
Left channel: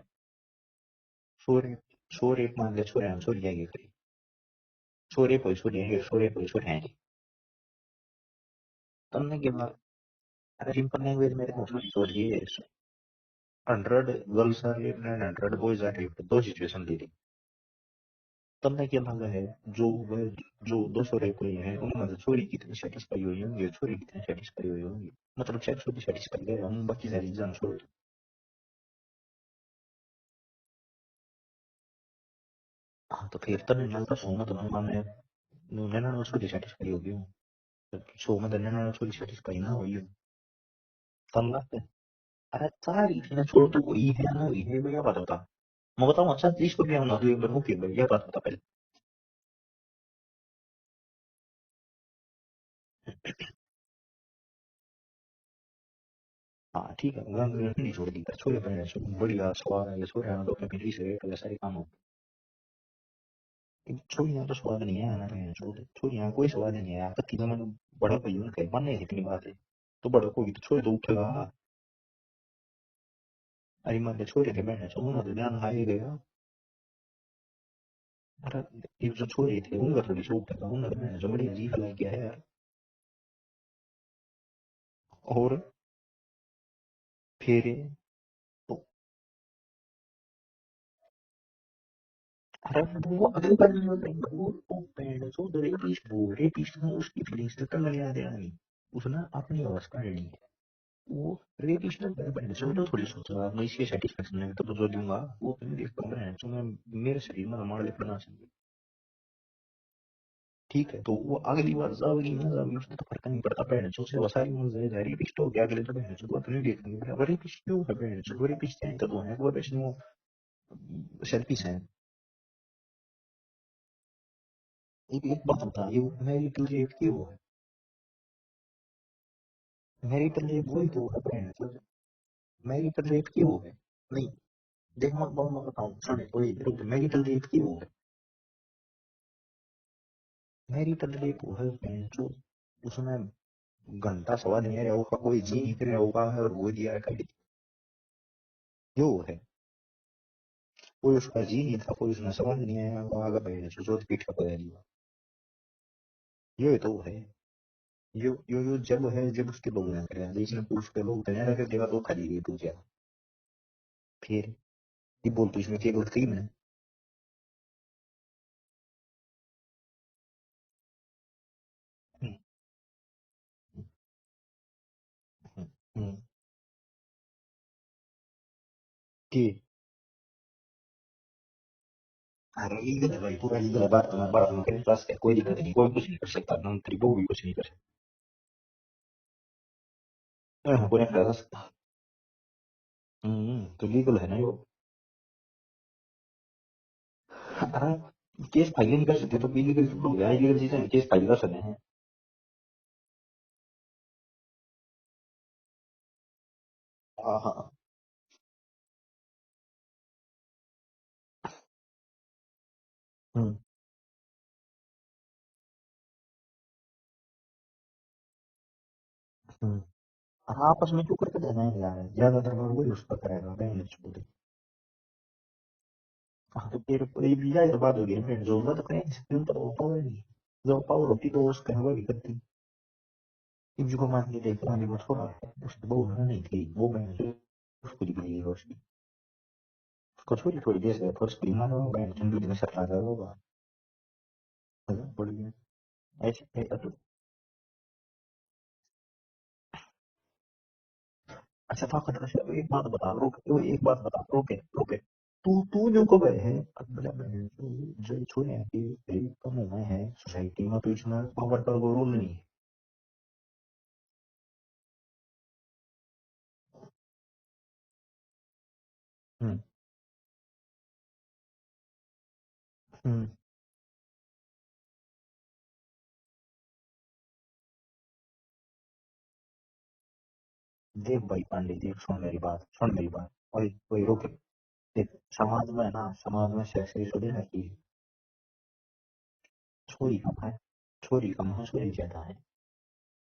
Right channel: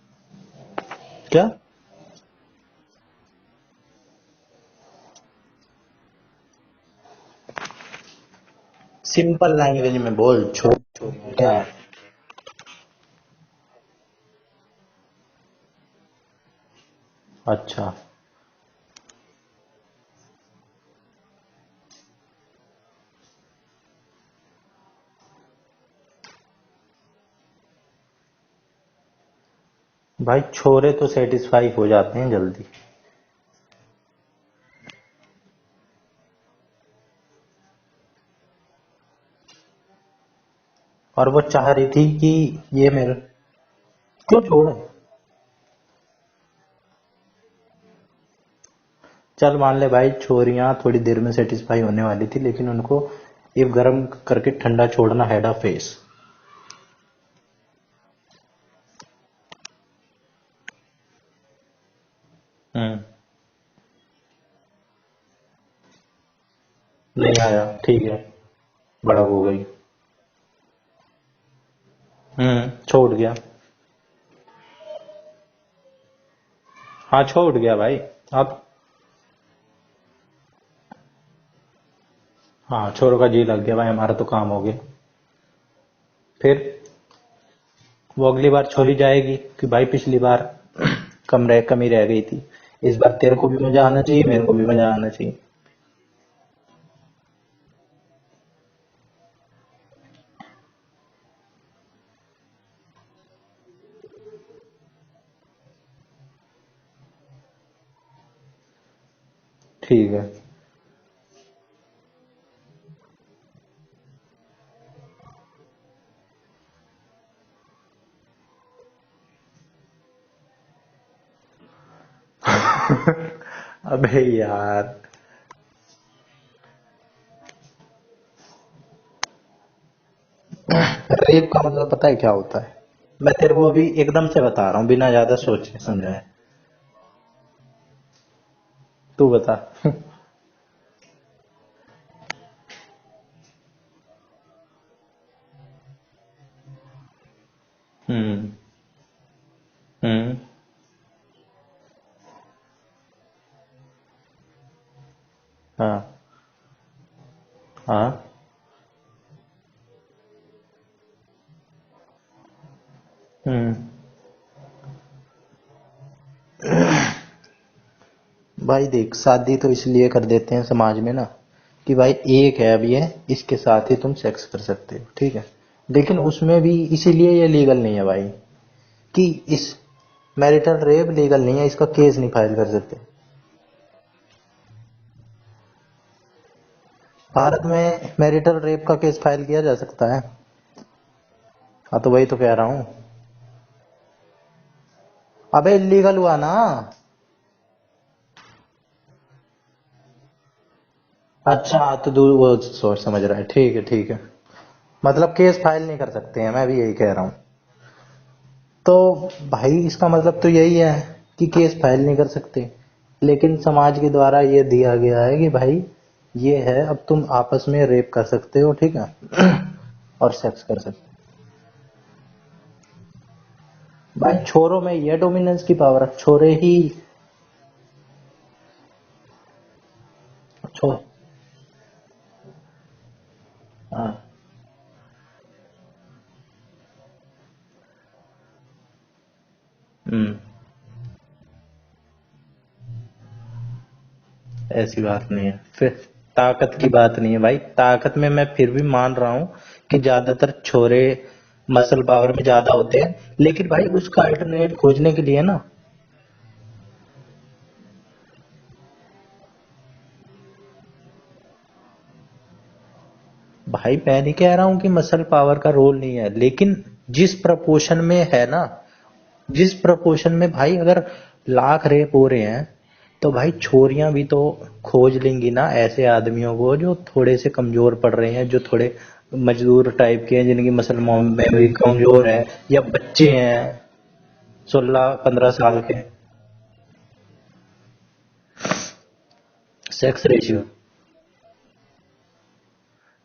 क्या? छोरे छोरे मान ले छोरे ना छोरे आगे करिए, छोरे कोई छोरे है, छोरे कोई छोरे हैं। सिंपल लैंग्वेज में बोल, सिंपल लैंग्वेज क्या में है? है दोस्तों ये 100 girls are rape and 100 boys are rape, दो सिचुएशन दे दी। अच्छा। तब मैं क्या लगा है, जो वह जो 200 रेप हुए हैं उनमें से छोरी कितनी सेटिस्फाई हुई होंगी, छोरी कितनी सेटिस्फाई हुई होंगी, मतलब 600 भी सेटिस्फाई गए हम, बाकी सारी जान छोड़ दो। भाई छोरे तो सेटिस्फाई हो जाते हैं जल्दी। हाँ तो फिर तब मैं तो सोना तो मैंने 99 छोरी सेटिस्फाई होगी हूँ, 100 में 99 छोरी सेटिस्फाई ना हुई हो। और वो तब चाह रही थी कि अरे ये चाह मेरा। रही थी ना, छोड़ तो कोई है क्यों चाह रही छोड़? थी, वो क्या बात होता। मैं बताऊँ अच्छा 30 रुपया होना तो एक बार मुफ्त भाई, क्या बात होता पहले। चल मान ले भाई, छोरियां थोड़ी देर में सेटिस्फाई होने वाली थी, लेकिन उनको ये गर्म करके ठंडा छोड़ना हेड ऑफ फेस। हाँ ठीक है, गंग नहीं छोड़ दी, छोरे पहले बढ़िया स्वाद है, छोरे आना तो अपने से तो सारे काम हो। हम्म। छोरियां तो स्वाद नहीं है ना, छोड़ छोरियां कोई स्वाद नहीं है यार। नहीं आया, ठीक बड़ा है। भाई उनके बनने थे, बड़ा हो गई। तो बड़ा कोई तो छोड़ तो उठेगा। छोड़ गया। अरे मान ले छोरे थे बहन सुनो ना, तो ध्यान हाई गया। हाँ छोड़ गया भाई। अब ये जो छोरे थे उनका थोड़ी सो उठेगा, उनका जो बड़ी अजीब लग गया है यार। हाँ, छोरों का जी लग गया भाई, हमारा तो काम हो गया। और फिर फिर वो अगली बार छोड़ी जाएगी कि भाई पिछली बार कमी रह गई थी, अरे इस बार वो तेरे को भी कम मजा रही आना चाहिए, मेरे को भी मजा आना चाहिए। जो रेपिस्ट है उसकी फीलिंग्स तो कर लगा देना नहीं, उसने अपनी अवस्था नहीं, वो रेपिस्ट है बहन से तो थोड़ी सोचा मैं इसके सेटिस्फेक्शन में तो जो दूंगा वो मैं देख पा रहा है, तो मैं मेरे शरीर में मार ले बना सकूं। ठीक है। ठीक है तो वो अगली बार जाओगी ना जाओगी उसमें तो फर्क नहीं पड़ता, बहन जो से वसाई मन जाएगा रेपिस्ट हो गया, अगले तो बहन जो बात नहीं देखनी है, रेपिस्ट क्यों है बहन जो रेपिस्ट है, तो है वो रेपिस्ट वो सेल्फिश है। अबे यार। एक बात बता, ये मेरी तुझे क्यों है, मैरिटल रेप है जो, रेप का मतलब पता है क्या होता है? मैरिटल रेप मैं की तेरे वो, को अभी एकदम से बता रहा हूँ, बिना एक ज्यादा और सोचे बताओ समझे। सुन कोई रुक, मैरिटल रेप की वो है, तू बता। मैरिटल रेप वो है जो उसमें घंटा सवा नहीं है वो का कोई जी नहीं करे होगा है और वो दिया है खाली, हम्म। जो है हम्म। कोई उसका जी नहीं था, कोई उसने सवाल नहीं है वो आगे बैठे जो जोत पीठ का पहली, हाँ। ये तो है। हाँ। यो जब है जब उसके लोग ना करें, जिसने पुरुष के लोग तैयार कर देगा तो खाली ये टूट गया। हम्म। फिर ये बोल तो इसमें क्या गलत की मैंने। भाई देख, शादी तो इसलिए कर देते हैं समाज में ना, कि भाई एक है अब ये, इसके साथ ही तुम सेक्स कर सकते हो, ठीक है। लेकिन उसमें भी इसीलिए ये लीगल नहीं है भाई, कि ठीक इस मैरिटल रेप लीगल नहीं है, इसका केस नहीं फाइल कर सकते। लीगल है भाई, पूरा लीगल है, बात में मेरे पास है, कोई दिक्कत नहीं, कोई कुछ नहीं कर सकता, मंत्री को भी कुछ नहीं भारत कर में मैरिटल रेप का केस फाइल किया जा सकता है। सकता, कोई नहीं कर सकता। हाँ तो वही तो कह रहा हूँ। तो लीगल है ना वो। अबे इलीगल हुआ ना। अरे केस फाइल नहीं कर सकते तो इलीगल हो गया, इलीगल चीज है केस फाइल कर सकते हैं। अच्छा तो वो सोच समझ रहा है, ठीक है ठीक है। मतलब केस फाइल नहीं कर सकते हैं, मैं भी यही कह रहा हूँ। हाँ हाँ। तो भाई इसका मतलब तो यही है कि केस फाइल नहीं कर सकते, लेकिन समाज के द्वारा ये दिया गया है कि भाई ये है, अब तुम आपस में रेप कर सकते हो, ठीक है। और सेक्स कर आपस सकते में क्यों करके देना है यार, ज्यादातर लोग वही उसका करेगा बहन हो। भाई छोरों में ये डोमिनेंस की पावर है, छोरे ही। फिर ये भी यार बात हो गई बहन जो बात करें स्क्रीन पर होता है, जो छो पावर होती तो उसका है वही करती। एक जो हाँ। मान ली देख मान ली वो छोड़ा उसकी बहू नहीं थी वो बहन जो उसको दिखी है उसकी, तो हम्म। छोटी थोड़ी देर से फर्स्ट भी मानो बहन जिंदगी में सर लगा होगा। ऐसी बात नहीं है फिर। ऐसी बात ताकत है की ना। बात नहीं है भाई, ताकत में मैं फिर भी मान रहा हूँ कि ज्यादातर छोरे मसल पावर में ज्यादा होते हैं, हाँ रुक तो लेकिन एक भाई बात उसका बता तो, अल्टरनेट खोजने के लिए तू ना। तू जो कवर है बड़ा बहन जो छोड़े हैं कि कम हुए हैं सोसाइटी में तो इसमें पावर का रोल नहीं, भाई मैं नहीं कह रहा हूँ कि मसल पावर का रोल नहीं है, लेकिन जिस प्रपोर्शन में है ना, जिस प्रपोर्शन में भाई अगर लाख रेप हो रहे हैं तो भाई छोरियां भी तो खोज लेंगी ना ऐसे आदमियों को जो थोड़े से कमजोर पड़ रहे हैं, जो थोड़े मजदूर टाइप के हैं, जिनकी मसल में भी कमजोर है, या बच्चे हैं कोई रोक 16-15 साल के। समाज में सेक्स रेशियो देना चाहिए। सेक्स रेशियो छोरी कम हो छोरी ज्यादा है।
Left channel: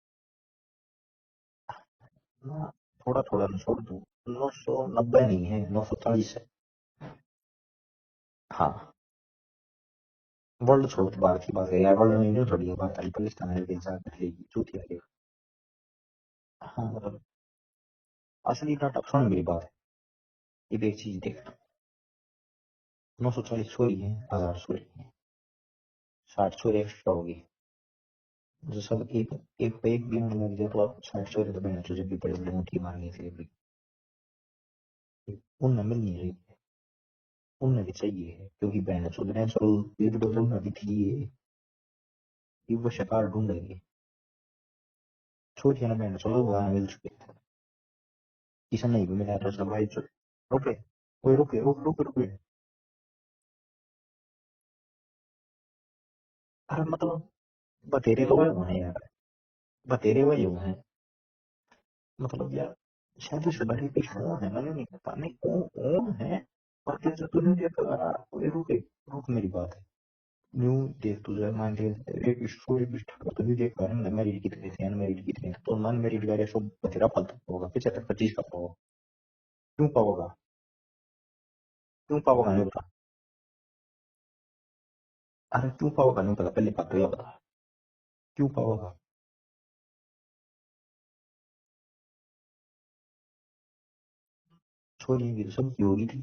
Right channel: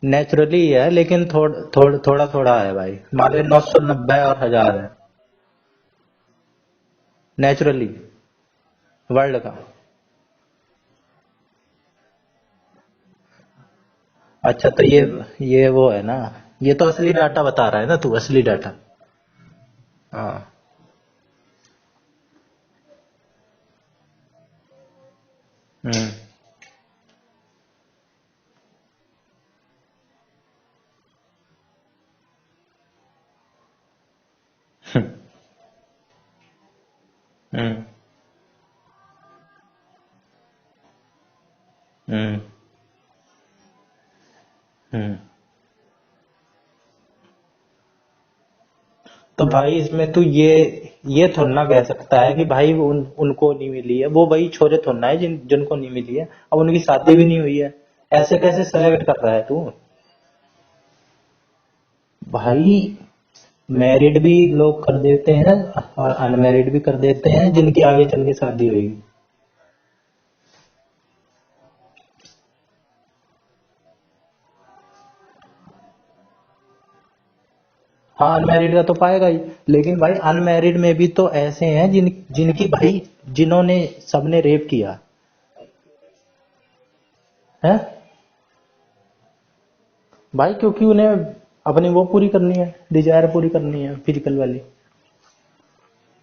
नेचुरली है, लेकिन थोड़ा थोड़ा है भाई। मान लो 990 और 1000 है 90 नहीं है, 940 है। नेचुरली हाँ वर्ल्ड का। वर्ल्ड छोड़ के बाहर की बात है यार, वर्ल्ड में जो थोड़ी बात है पाकिस्तान है के अच्छा तो ये वो है ना, ये तो असली डाटा बता रहा है ना तू, असली डाटा। असली डाटा सुन मेरी बात। हाँ ये देख चीज देख, 940 छोरी है, 1000 छोरी, 60 छोरी एक्स्ट्रा होगी। जो सब एक एक पे एक भी मिल गया तो आप 60 छोरी तो बहन जब भी बड़े बड़े मुट्ठी मारनी थी भी उनमें मिलनी चाहिए, उनमें भी चाहिए, क्योंकि बहन चो नेचुरल ये भी तो उनमें भी थी ये वो शिकार ढूंढेंगे। छोटियां ना बहन चलो वहां मिल चुके इसे नहीं भी मिला तो भाई इसमें तू ये थोड़ा ना कह सकता है कि भाई उनको नहीं मिली है, वो वही छोरे थोड़ा है जिनको नहीं मिली है, अब उनकी शादी भी नहीं हुई है, ऐसे कैसे सेलेक्ट कर रहा है तू? बतेरे वही हैं भाई मैरिड भी लोग कर देते हैं और अनमैरिड भी कर देते हैं जिनकी आगे चल के शादी हुई। मेरी बात है न्यू देख तुझे मान के एक स्टोरी भी तो भी देख पा रहे मैरिड कितने थे अनमैरिड कितने, तो अनमैरिड वाले सब बतेरा फालतू होगा 75-25। हाँ अनमैरिड का तो पाएगा ही, लेकिन भाई अनमैरिड में भी तो ऐसे हैं जिनकी भाई जिन्होंने सबने रेप किया। अरे क्यों पाओगा नहीं पता, पहले बात तो ये बता है क्यों पाओगा भाई, क्योंकि उन्हें अपनी वो पूरी करनी है, डिजायर पूरी करनी है फिजिकल वाली। छोरी की सब की होगी थी,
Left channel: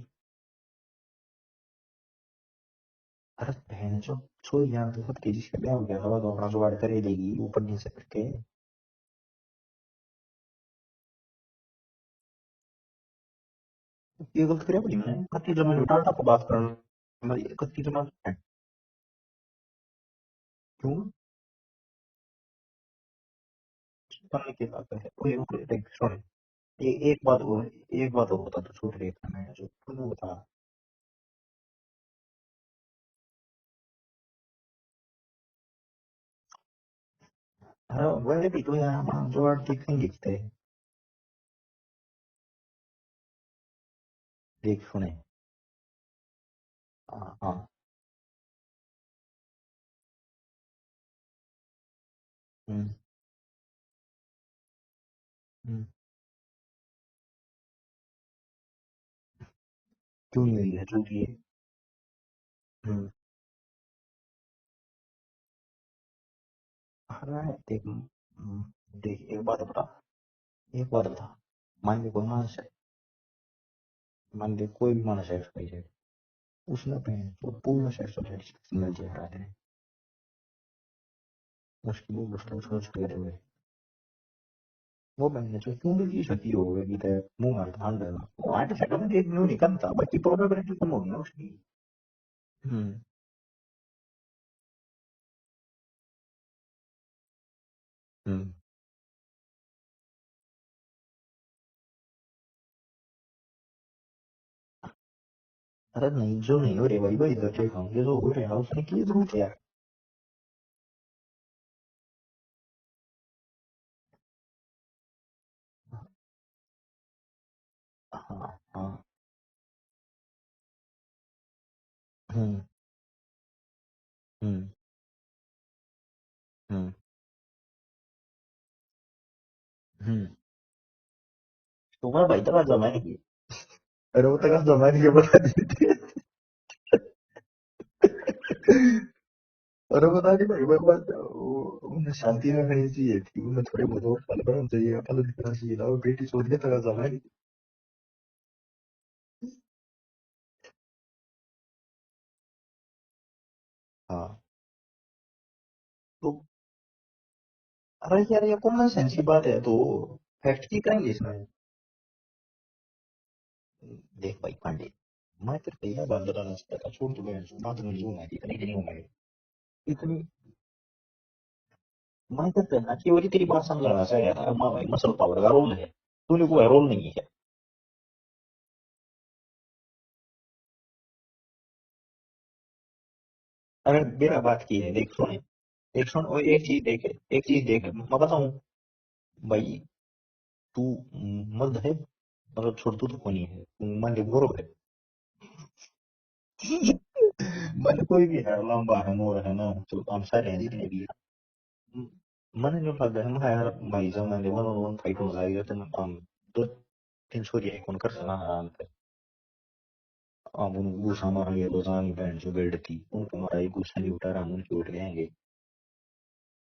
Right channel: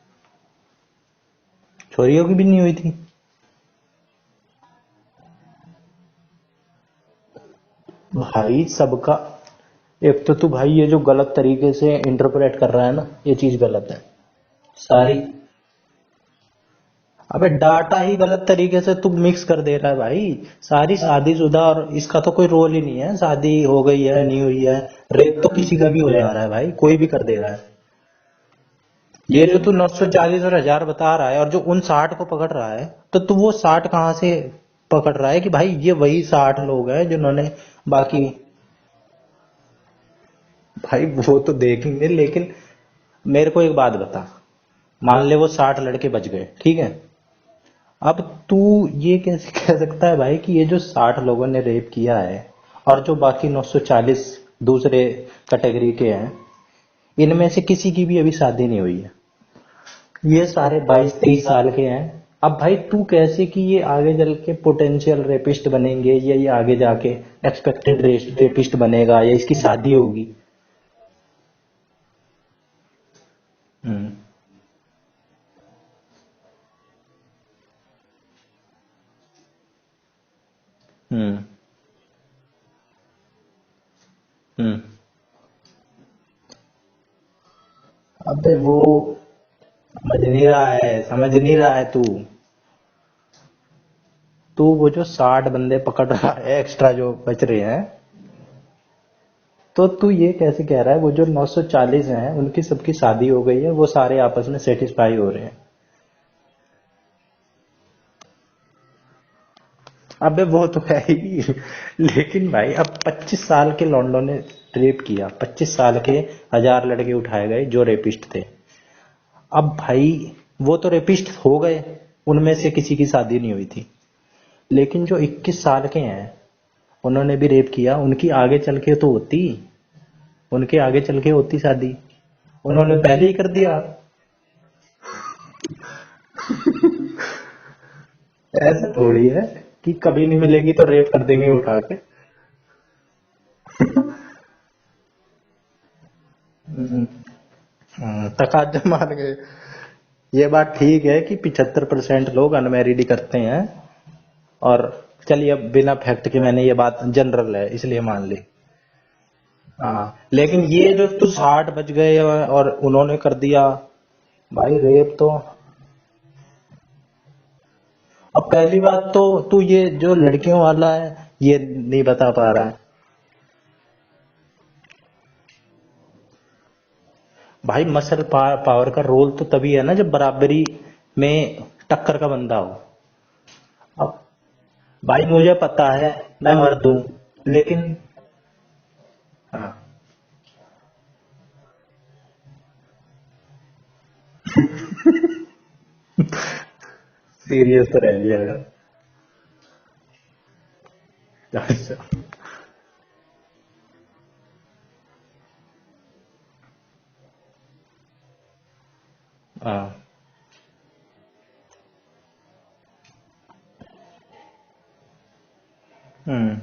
छोरियों की भी नहीं हुई थी। अरे बहन जो छोरी जान तो सब तेजी से ब्याह हो गया था तो अपना जुगाड़ कर ही देगी ऊपर नीचे भाई सबका, एक तो तू भाई ये जो गलत तरीके से इंटरप्रेट कर रहा है ना, ये चीज गलत है ये गलत करे सारी। जब मैं डाटा को बात करना अबे डाटा ही गलत तरीके से तू मिक्स कर दे रहा है भाई, सारी शादीशुदा और इसका तो कोई रोल ही नहीं है, शादी हो गई है नहीं हुई है, रेप तो किसी का भी हो जा रहा है भाई, कोई भी कर दे रहा है। एक बात और बता तो छूट रही ये जो तू 940 और 1000 बता रहा है और जो उन 60 को पकड़ रहा है, तो तू वो 60 कहाँ से पकड़ रहा है कि भाई ये वही 60 लोग हैं जिन्होंने बाकी। तो यहाँ जुगाड़ दिखेंगे भाई वो तो देखेंगे, लेकिन मेरे को एक बात बता, मान ले वो 60 लड़के बच गए, ठीक है, अब तू ये कैसे कह सकता है भाई कि ये जो 60 लोगों ने रेप किया है और जो बाकी 940 दूसरे कैटेगरी के हैं, इनमें से किसी की भी अभी शादी नहीं हुई है, ये सारे 22-23 साल के हैं। अब भाई तू कैसे कि ये आगे चल के पोटेंशियल रेपिस्ट बनेंगे, या ये आगे जाके एक्सपेक्टेड रेपिस्ट बनेगा, या इसकी शादी होगी? एक बात बता, मान ले कोई मानस है, मान ले कोई भी मानस है उसने तो पूर्ण सेक्सुअल मिल जाता है उसकी वो उसको छोड़ हुए वो मैंने जो क्यों भी शक्ति हो गई है मुंह मार कांड है। अबे वो एक न्यू निकलता समझ नहीं रहा है तू वो जो 60 बंदे पकड़ रहा है एक्स्ट्रा जो बच रहे हैं, तो तू ये कैसे कह रहा है वो जो 940 हैं उनकी सबकी शादी हो गई है, वो सारे आपस में सेटिस्फाई हो रहे हैं? अरे नहीं जो नहीं हो रहे भाई भाई इधर देखा ये जो हो रहे हैं उसने की जरूरत है। अबे वो तो है ही, लेकिन भाई अब 25 साल के लॉन्डो ने रेप किया, 25 साल के 1000 लड़के उठाए गए जो रेपिस्ट थे। अब भाई वो तो रेपिस्ट हो गए, उनमें से किसी की शादी नहीं हुई थी, लेकिन जो 21 साल के हैं उन्होंने भी रेप किया, उनकी आगे चल के तो होती, उनके आगे चल के होती शादी, उन्होंने पहले ही कर दिया। अरे वो तक जमाने के बाद ऐसे थोड़ी है कि कभी नहीं मिलेगी तो रेप कर देंगे उठा के। शांति में रहनी चाहिए चाहिए अपन दिखना चाहिए ना बेटी छोड़ के तक जमाने तकाजा मान गए। ये बात ठीक है कि 75% लोग अनमैरिड करते हैं, और चलिए अब बिना फैक्ट के मैंने ये बात जनरल है इसलिए मान लिया, ये कॉमन सेंस की बात है तो लेकिन ये जो तू 60 बच गए और उन्होंने कर दिया, देख भाई भाई रेप तो मैं तेरे को बात बताना चाहता छोड़ तू बहन बात नहीं लूंगा अब पहली बात तो तू ये जो लड़कियों वाला है ये नहीं बता पा रहा है। कि वो तेरी बात समझना चाहिए यार भाई मसल पावर का रोल है तूने कोई रोल नहीं है भाई मसल पावर का रोल तो तभी है ना जब बराबरी में टक्कर का बंदा हो। अरे अब मेरा बात की है देख भाई मुझे पता एक है सुन मैं एक मर चीज दूं, देख एक चीज देख लेकिन मैं बताऊं भाई तू मर्द है मतलब छोड़ तू तो कोई नहीं है तू मान ले गोरो सीरियस भाई रह कोई भी जाएगा। यार लंबा है मोर है ना तो हम सारे हैं जितने भी अच्छा। मैंने जो लगता है मैं यार भाई जब मैंने वन ऑन वन फाइट होगा ये तो हम दो तीन सौ ये कौन कर सकता आराम से हाँ। अब उन गुस्सा मारेंगे तो जान बहन जो बेल्ट थी उनको मारा ये गुस्सा नहीं उठा रहा हम उनके उठ जाएंगे हम्म।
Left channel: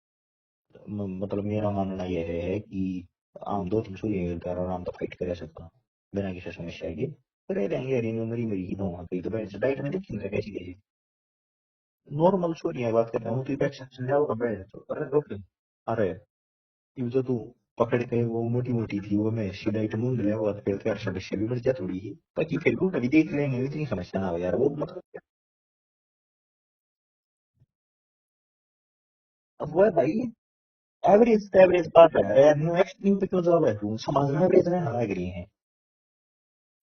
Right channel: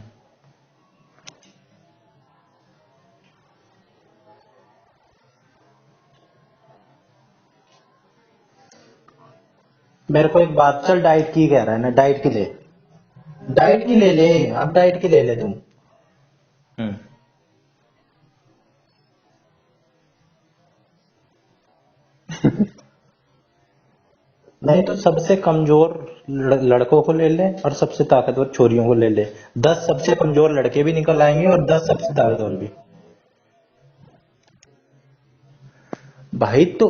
मतलब मेरा मानना यह है कि हम दो तीन सौ ये आराम से फाइट कर सकता बिना किसी समस्या के रह रहेंगे यार इन्होंने मेरी मेरी की कहीं तो बहन से डाइट में देखी मेरे मैंने को कैसी एक बात चल डाइट की कह रहा है ना, डाइट की ले। नॉर्मल सॉरी बात कर रहा हूँ डाइट की ले ले, अब डाइट की ले ले तू। अरे हम्म। ये जो तू पकड़ के वो मोटी मोटी थी वो मैं ऐसी डाइट मूंद लिया वो फिर तो यार समस्या भी बढ़ जा थोड़ी ही बाकी फिर तू कभी देख लेंगे इतनी समस्या ना हो यार वो नहीं तो सबसे कमजोर लड़कों को ले ले और सबसे ताकतवर छोरियों को ले ले। 10 सबसे कमजोर लड़के भी निकल एवरेज आएंगे और 10 एवरेज सबसे बात कर रहे ताकतवर भी। हैं एक्सट्रीम पे क्यों जा रहा है तू समाज में एवरेज रहना लग रही है भाई तो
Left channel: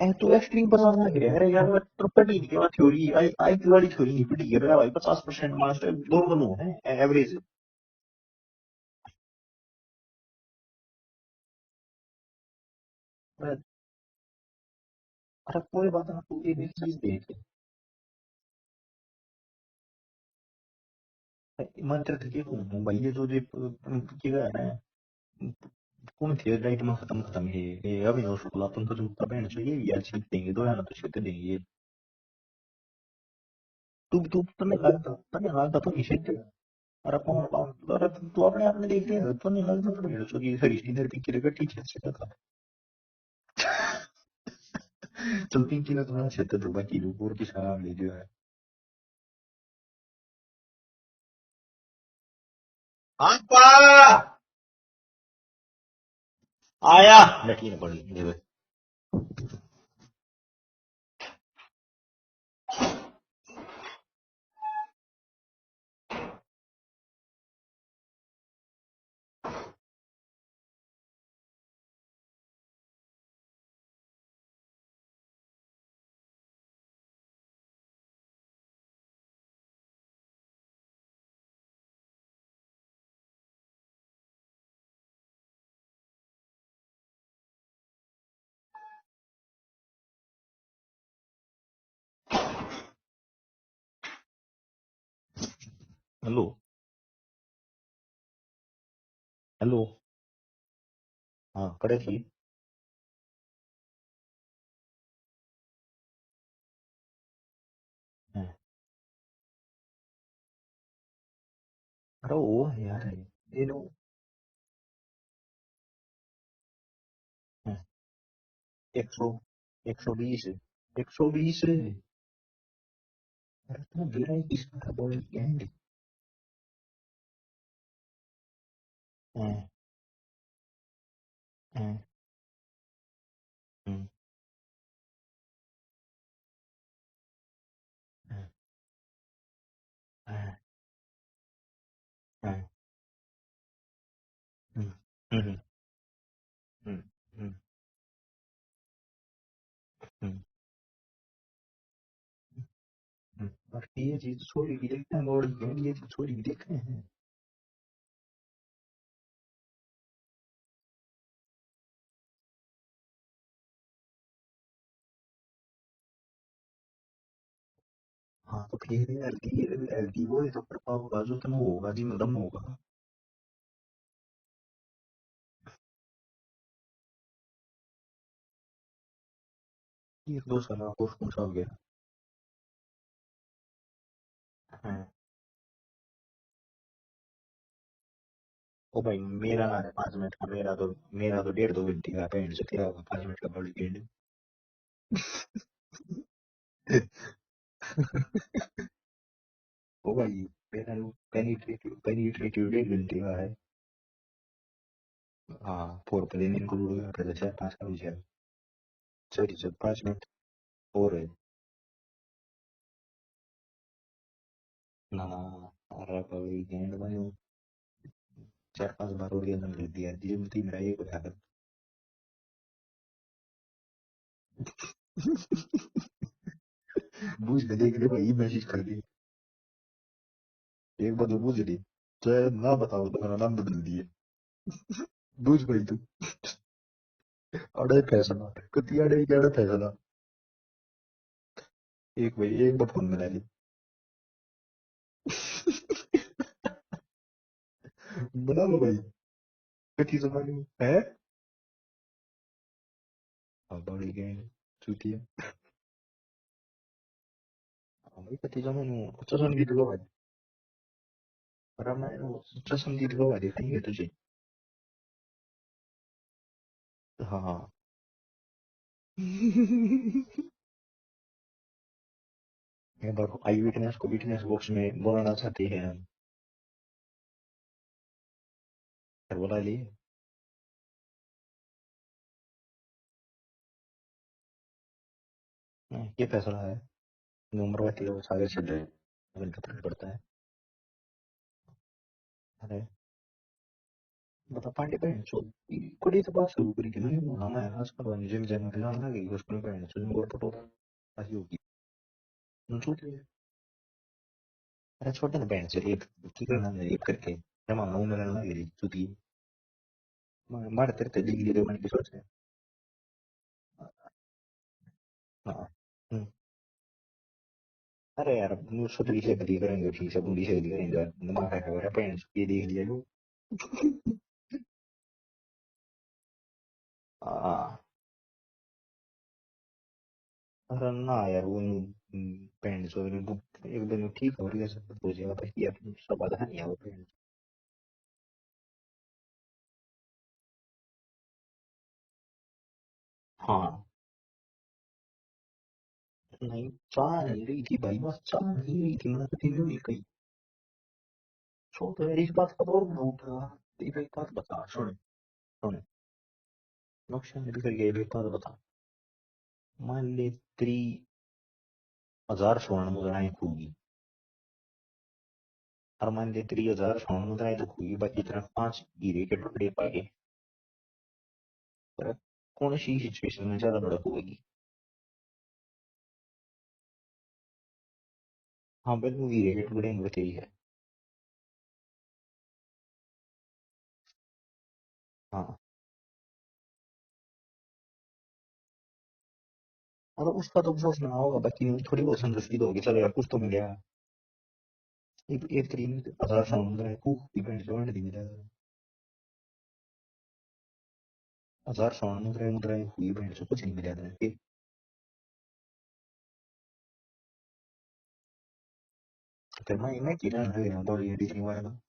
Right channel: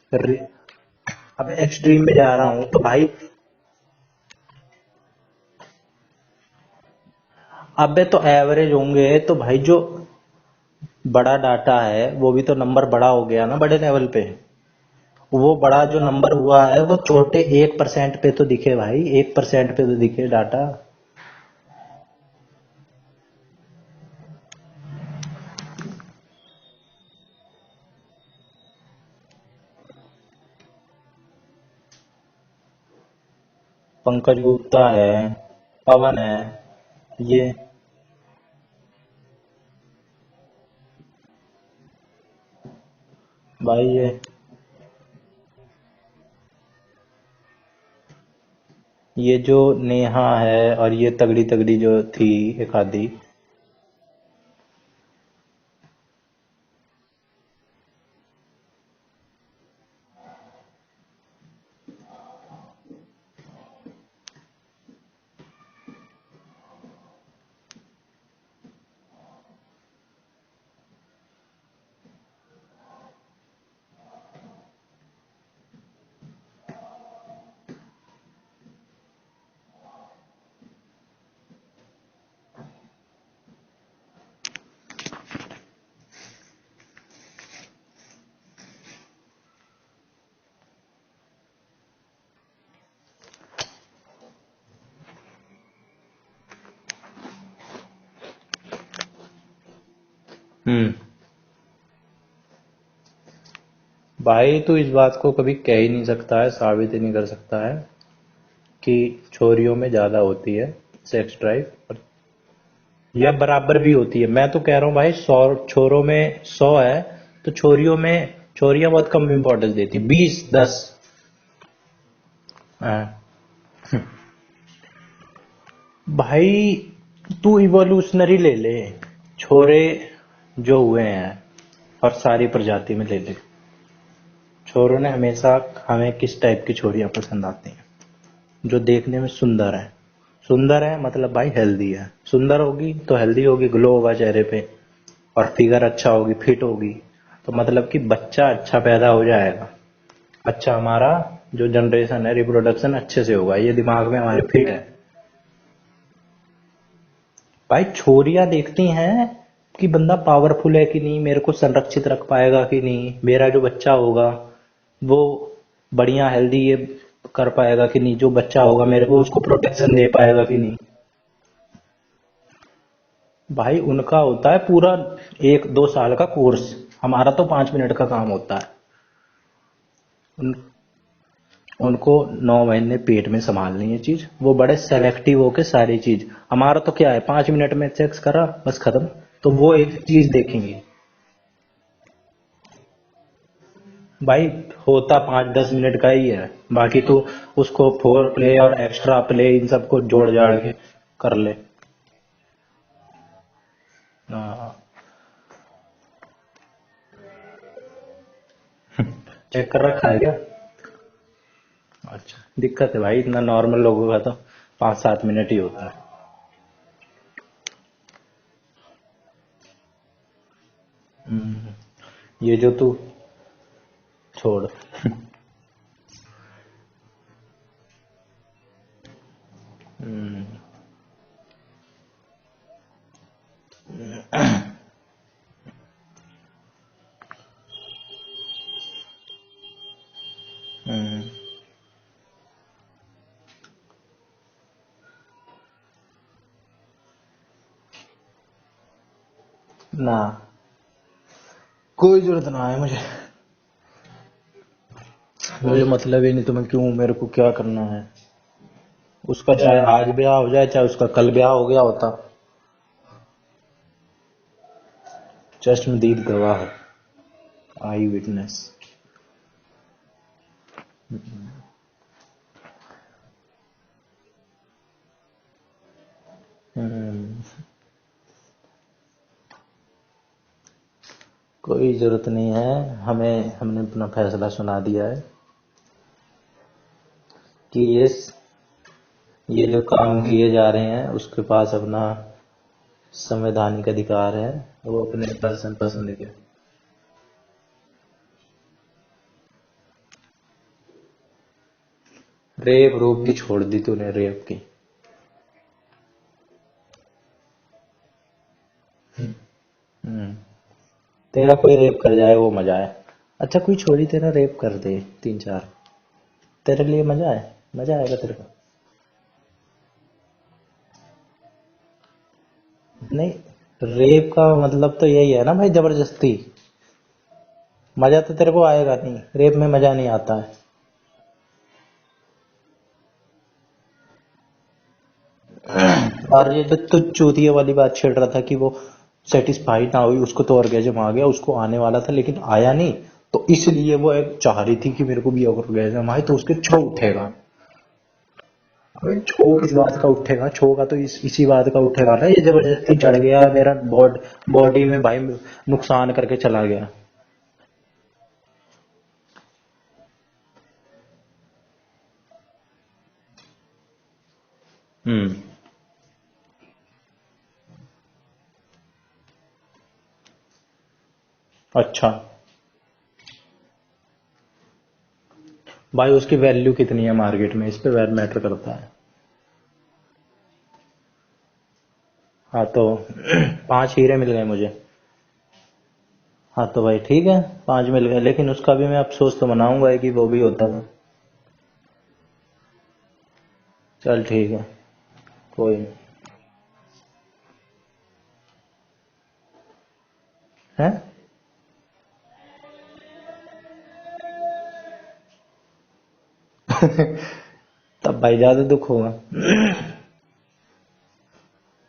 एंकल एक्सट्रीम पर जाना लग रहा है यार मैं एक्सट्रीम में देखता जा हूँ रहा हूँ मामला तो भाई। छोरी आई की वाली छोरी नहीं पिटी गिर रहा है भाई 50% मास्टर दो बनू है एवरेज अबे तो एवरेज होंगे तो भाई जो बड़ा डाटा है वो भी तो नंबर बड़ा हो गया ना बड़े लेवल पे। वो बड़ा जो नंबर हुआ है वो छोटे 1% पे तो दिखे भाई, 1% पे तो दिखे डाटा। मंत्र थे हूँ भाई ये जो पिटेगा है ना कौन थे डाइट में खत्म खत्म है ये अभिनव शुक्ला पंकज गुप्ता बहन चाहिए ये यार जीत देंगे दो यार तो जीत देंगे पंकज तुम्हें गुप्ता है, तुम्हें लगता तो नहीं पवन है, सीखते अरे ये अरे तू अपने आप में देख रहे तो नहीं लगता तो नहीं कि हरीश इधर पिक्चर का टीचर से था भाई चल पिंकी ने तुम्हें अच्छे तो बाकी लोग और किस नाम ले जो है ये जो नेहा है और ये तगड़ी तगड़ी जो थी एक आधी। आपा आया लटकी ने पड़ी ये हेलो हेलो हम्म। हाँ करे थी भाई तू इस बात को कभी कह ही नहीं सकता है, साबित ही नहीं कर सकता है कि छोरियों में ज्यादा होती है सेक्स ड्राइव अरे वो यार या बराबर भी होती है। मैं तो कह रहा हूँ भाई 100 छोरों में 100 है तो छोरियों में छोरियां बहुत कम इम्पोर्टेंस देती, 20-10। 120 हाँ। तेरा किसकी पॉइंट क्या है भाई तू इवोल्यूशनरी ले ले, छोरे जो हुए हैं और सारी प्रजाति में ले ले, छोरों ने हमेशा हमें किस टाइप की छोरियां पसंद आती हैं? जो देखने में सुंदर है। सुंदर है मतलब भाई हेल्दी है, सुंदर होगी तो हेल्दी होगी, ग्लो होगा चेहरे पे और फिगर अच्छा होगी, फिट होगी तो मतलब कि बच्चा अच्छा पैदा हो जाएगा। अच्छा हमारा जो जनरेशन है रिप्रोडक्शन अच्छे से होगा, ये दिमाग में हमारे फिट है। भाई छोरियां देखती हैं कि बंदा पावरफुल है कि नहीं, मेरे को संरक्षित रख पाएगा कि नहीं, मेरा जो बच्चा होगा वो बढ़िया हेल्दी ये कर पाएगा कि नहीं, जो बच्चा होगा मेरे को उसको प्रोटेक्शन दे पाएगा कि नहीं। भाई उनका होता है पूरा 1-2 साल का कोर्स, हमारा तो 5 मिनट का काम होता है। उनको 9 महीने पेट में संभालनी है चीज, वो बड़े सेलेक्टिव होके सारी चीज। हमारा तो क्या है 5 मिनट में सेक्स करा बस खत्म। तो वो एक चीज देखेंगे। मेरा तो 1.5-2 घंटे का पेंट से तेरा 5 मिनट का बॉडी पेंट भाई होता 5-10 मिनट का ही है, बाकी तो उसको फोर प्ले और एक्स्ट्रा प्ले इन सबको जोड़ जाड़ के कर ले। पेनिट्रेटिव 1.5 घंटे का है हाँ। हाँ फोर प्ले इनको पहले से 5 का विषय चेक कर रखा है क्या? और अच्छा, दिक्कत है भाई, इतना नॉर्मल लोगों का तो 5-7 मिनट ही होता है। 4-5 बार और ये अंदर दिया जीवन मेरा ये बता कर ये जो तू छोड़। बुझ दे देख ले भाई मैसेज कर दी एक बार तो बुझ ली चाहे ना बताओ तो मेरा नाम बदल दिया बुझ भाई तू अड़े फैसला कति अड़े क्या फैसला एक भाई एक बार फोन मिला ली बना लो भाई ना, है कोई जरूरत ना है मुझे, बड़ी गैंग चुकी मुझे मतलब ही नहीं तुम्हें क्यों, मेरे को क्या करना है। कति जमानो उसका चाहे आज ब्याह हो जाए, चाहे उसका कल ब्याह हो गया होता। चश्मदीद गवाह देखेंगे तुझे चश्मदीद गवाह, हाँ आई विटनेस। ये देखो आई विटनेस को विटनेस बॉक्स में बोलना चाहती है बोला ली कोई जरूरत नहीं है हमें, हमने अपना फैसला सुना दिया है ये फैसला है कि ये सारे चल रहे ये जो काम किए जा रहे हैं उसके पास अपना हैं संवैधानिक अधिकार है, वो अपने पर्सन पसंद पूरी के। बात शुरू करी कि हम है अस्पताल में जिम जन ना ना कि उसको पे सुन को फोटो ऐसी होगी रेप रोप की छोड़ दी तूने, रेप की। अरे छोटे ना बैंड से एक की करना है एक करके जमा ना उन्होंने ना गिरी चुकी मार तेरे ते तेरा कोई रेप कर जाए वो मजा है। अच्छा कोई छोड़ी तेरा रेप कर दे 3-4, तेरे लिए मजा है, मजा आएगा अरे तेरे। यार न्यू सतरी से बदी करेंगे ठीक से बुरी से बदी करेंगे दिमाग है और पेंट्स ये देख लिया लो नहीं, रेप का मतलब तो यही है ना भाई, जबरदस्ती। मजा तो तेरे को आएगा नहीं, रेप में मजा नहीं आता है। अरे ना यार वो पेंट्स और एक दिन ठीक हो रही है सब हो जाएगा भाई यार और ये जो तू चूतिया वाली बात छेड़ रहा था कि वो सेटिस्फाइड ना हुई, उसको तो ऑर्गेजम आ गया, उसको आने वाला था लेकिन आया नहीं, तो इसलिए वो एक चाह रही थी कि मेरे को भी ऑर्गेजम आए, तो उसके छो उठेगा। भाई छो किस बात का उठेगा, छो का तो इसी बात का उठेगा ना, ये जबरदस्ती चढ़ गया मेरा बॉडी में भाई, नुकसान करके चला गया। नुकसान भी कर गया बेटा बता मान ले 30,000 स्वर्ण मुद्राएं थी और मान ले 30,000 स्वर्ण मुद्राएं तो हुई बाकी तरफ 5 हीरे के टुकड़े पाए अच्छा कौन सी सिचुएशन में ज्यादा बड़ा होगी भाई, उसकी वैल्यू कितनी है मार्केट में, इस पे वैल्यू मैटर करता है। हाँ बिल्कुल हीरे के टुकड़े में बताई है हाँ तो 5 हीरे मिल गए मुझे। हाँ हाँ तो भाई ठीक है, 5 मिल गए, लेकिन उसका भी मैं अफसोस तो मनाऊंगा ही कि वो भी होता है। अफसोस ना होगा बाकी थोड़ी बहुत संतुष्टि तो होगी चलो यार कुछ तो मिल गया चल ठीक है, एक कोई नहीं। 30,000 स्वर्ण मुद्राएं खूब इवेंट जोड़ दी जाए है 1,000 स्वर्ण मुद्राएं मुद्राएं की इवेंट से कुछ नहीं मिला के तब भाई ज्यादा दुख होगा। मैं कितना है तो ये बीच में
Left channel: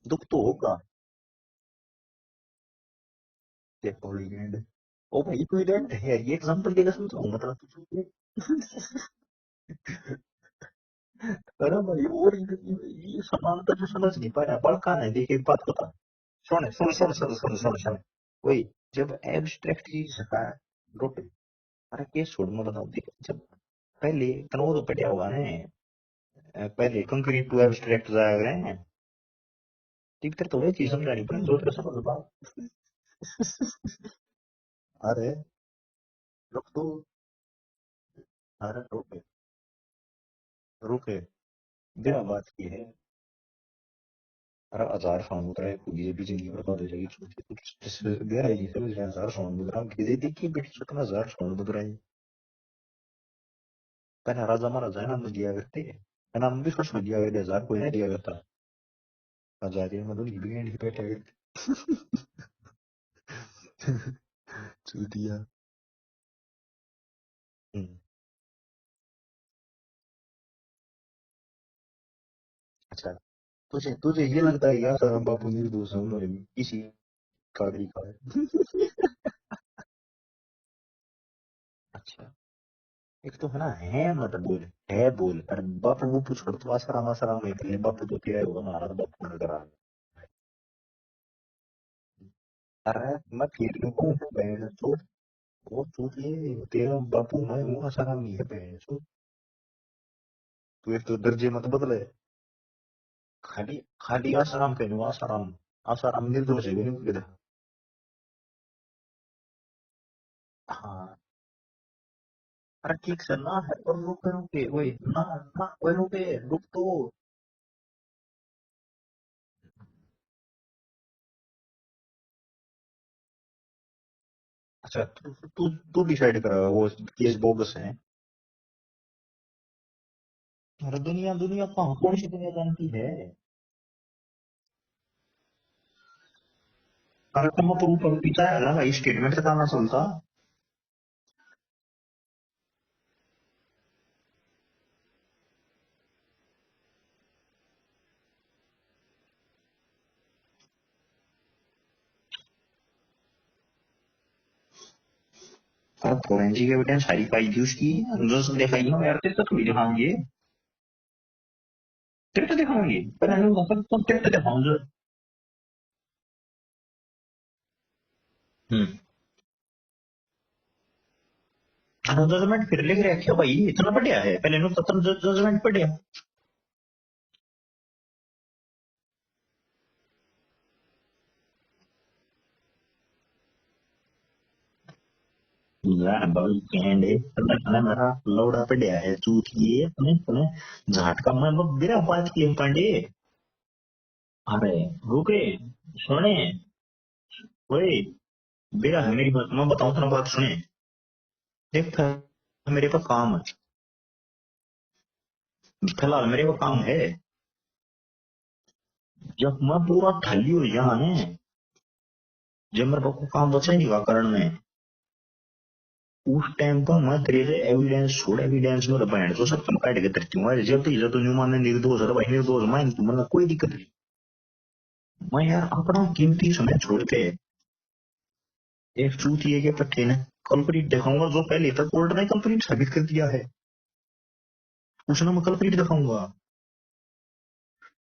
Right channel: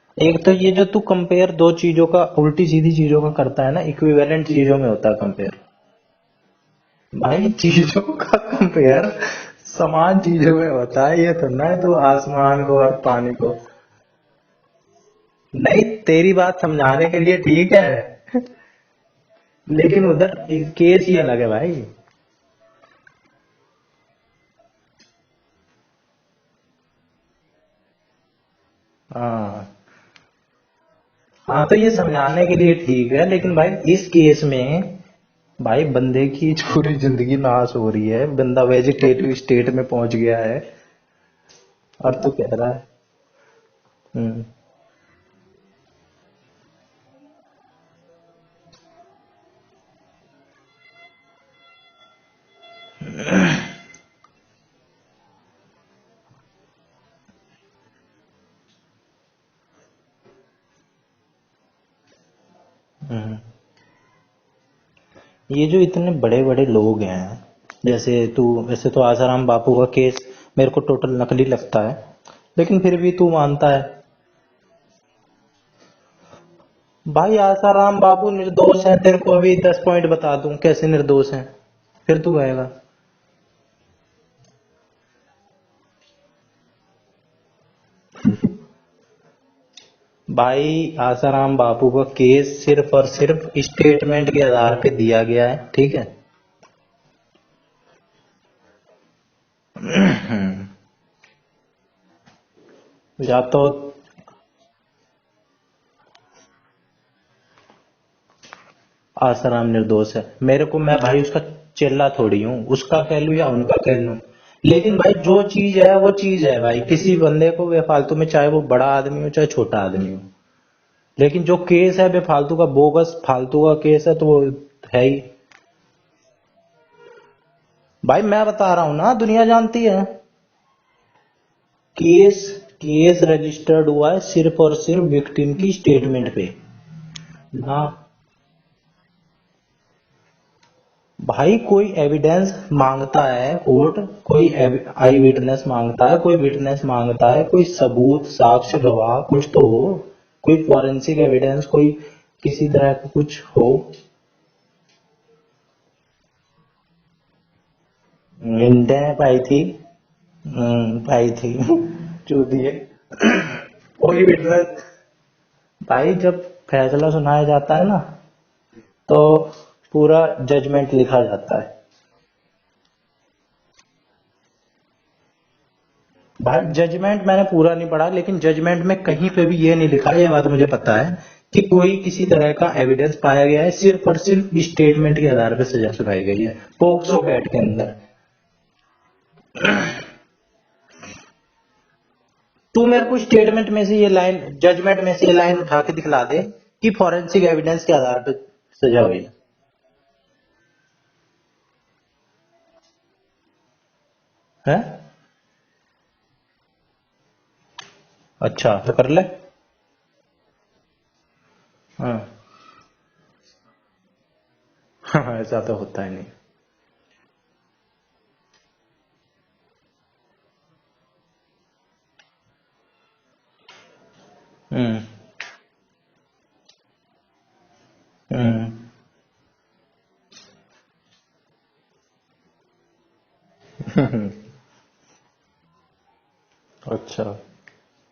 दुख एक तो ये होगा जो तू कंपेयर दो चीजों का, उल्टी सीधी चीजों का करता है ना, इक्विवेलेंट चीजों में होता है कंपेयर। इक्विवेलेंट है ये एग्जांपल देगा भाई चीजों का कंपेयर समान चीजों में होता है, ये तो ना तू आसमान को और पानी को। समझ नहीं पा रहा बड़का है देखिए नहीं, तेरी बात समझाने के लिए ठीक है, वही जब एब्स्ट्रैक्ट लेकिन उधर केस ही अलग है भाई। अरे केस छोड़ मैं बताऊं जब पहले तनों तो पटिया हुआ है पहले कंक्रीट टू एब्स्ट्रैक्ट जाया करें हाँ ठीक तर थोड़ी चीज समझानी हाँ, तो ये समझाने के लिए ठीक है, लेकिन भाई इस केस में अरे भाई बंदे की पूरी जिंदगी नाश हो रही है, बंदा वेजिटेटिव स्टेट में पहुंच गया है, रुके और तू कह रहा है अरे 1,000 फाउंड मुद्रा है ये भी जिंदगी बर्बाद हो जाएगी कुछ गहरा है तो 1,000 फाउंड मुद्रा की देखिए बेटी से 1,000 फाउंड मुद्रा है कहना राजा महाराजा है नाम दिया करते है नाम भी सोच में दिया करते 1,000 कोई नहीं दिया करता 1,000 ये मतलब बिगेंड ही बैठे ये जो इतने बड़े बड़े लोग हैं, वैसे तो आसाराम बापू का केस मेरे को टोटल नकली लगता है, लेकिन फिर भी तू मानता है। तुझे ये लगता है यार आसाराम बापू निर्दोष है इसी भाई आसाराम बापू निर्दोष है, तेरे को अभी 10 पॉइंट बता दूं कैसे निर्दोष है, फिर तू कहेगा। एक तो है ना है मत बोल है बोल अरे बापू वो पूछ कर तो आसाराम आसाराम नहीं कर बापू तो शेर बना रहा बापू ने करा भाई आसाराम बापू का केस सिर्फ और सिर्फ स्टेटमेंट के आधार पे दिया गया है, ठीक है। ये तेरा बापू है वो आसाराम नहीं है बहन चोद। तू एक तो दर्जे मत बदले। या तो खाली आसाराम पे नहीं, आसाराम आसाराम निर्दोष है नहीं। आसाराम निर्दोष है, मेरे को, मैं भाई उसका चिल्ला थोड़ी हूँ, उसका कह लूँ या उनका कह लूँ, लेकिन भाई जो चीज है वो चीज है भाई। किसी बंदे को बेफालतू में, चाहे वो बड़ा आदमी हो चाहे छोटा आदमी हो, लेकिन जो केस है बेफालतू का, बोगस फालतू का केस है, तो वो है ही। तू तू डिसाइड कर वो केस बोगस है। भाई मैं बता रहा हूँ ना, दुनिया जानती है। अरे दुनिया दुनिया कहाँ केस केस रजिस्टर्ड हुआ है सिर्फ और सिर्फ विक्टिम की स्टेटमेंट पे। तुम हाँ पपीता है ना भाई, स्टेटमेंट का ना सुनता। भाई, कोई एविडेंस मांगता है कोर्ट, कोई आई विटनेस मांगता है, कोई विटनेस मांगता है, कोई सबूत, साक्ष्य, गवाह कुछ तो हो, कोई फॉरेंसिक एविडेंस, कोई किसी तरह का कुछ हो। फोरेंसिक एविडेंस सारी पाई थी उसकी। मिलते हैं पाई थी। दिखाएंगे। पाई थी। जब तक चूतिए। दिखाएंगे कोई विटनेस भाई, जब फैसला सुनाया जाता है ना, हम्म। तो पूरा जजमेंट लिखा जाता है। जजमेंट फिर लिख रहे क्या भाई, इतना बढ़िया है, पहले नो खत्म जजमेंट पढ़िया। भाई जजमेंट मैंने पूरा नहीं पढ़ा, लेकिन जजमेंट में कहीं पे भी ये नहीं लिखा, ये बात मुझे पता है कि कोई किसी तरह का एविडेंस पाया गया है, सिर्फ और सिर्फ स्टेटमेंट के आधार पर सजा सुनाई गई है पोक्सो एक्ट के अंदर। लौड़ा पढ़िया है चूतिया है, सुने झटका मैं मेरा बात की तू पांडे। मेरे को स्टेटमेंट में से ये लाइन, जजमेंट में से ये लाइन उठा के दिखला दे कि फॉरेंसिक एविडेंस के आधार पर सजा हुई। मेरी बात मैं बताऊं तेरा, बात सुने। देख मेरे पास काम है। फिलहाल मेरे को काम है। अच्छा तो कर ले। जब मैं पूरा खाली हो जाए, हाँ। जब मेरे को काम बचा नहीं कारण में, हाँ, ऐसा तो होता है नहीं। उस टाइम पर मैं तेरे से एविडेंस छोड़, एविडेंस में बैंड तो सब तुम काट के तरती हूँ। जब तक तो न्यू मानने निर्दोष है भाई, निर्दोष मान तू, मतलब कोई दिक्कत नहीं। मैं यार अपना कीमती समय छोड़ के एक चूतिए के पट्टे ने कंप्लीट दिखाऊंगा, जो पहले तक कोर्ट ने कंप्लीट साबित कर दिया है उसने मैं कंप्लीट दिखाऊंगा। अच्छा।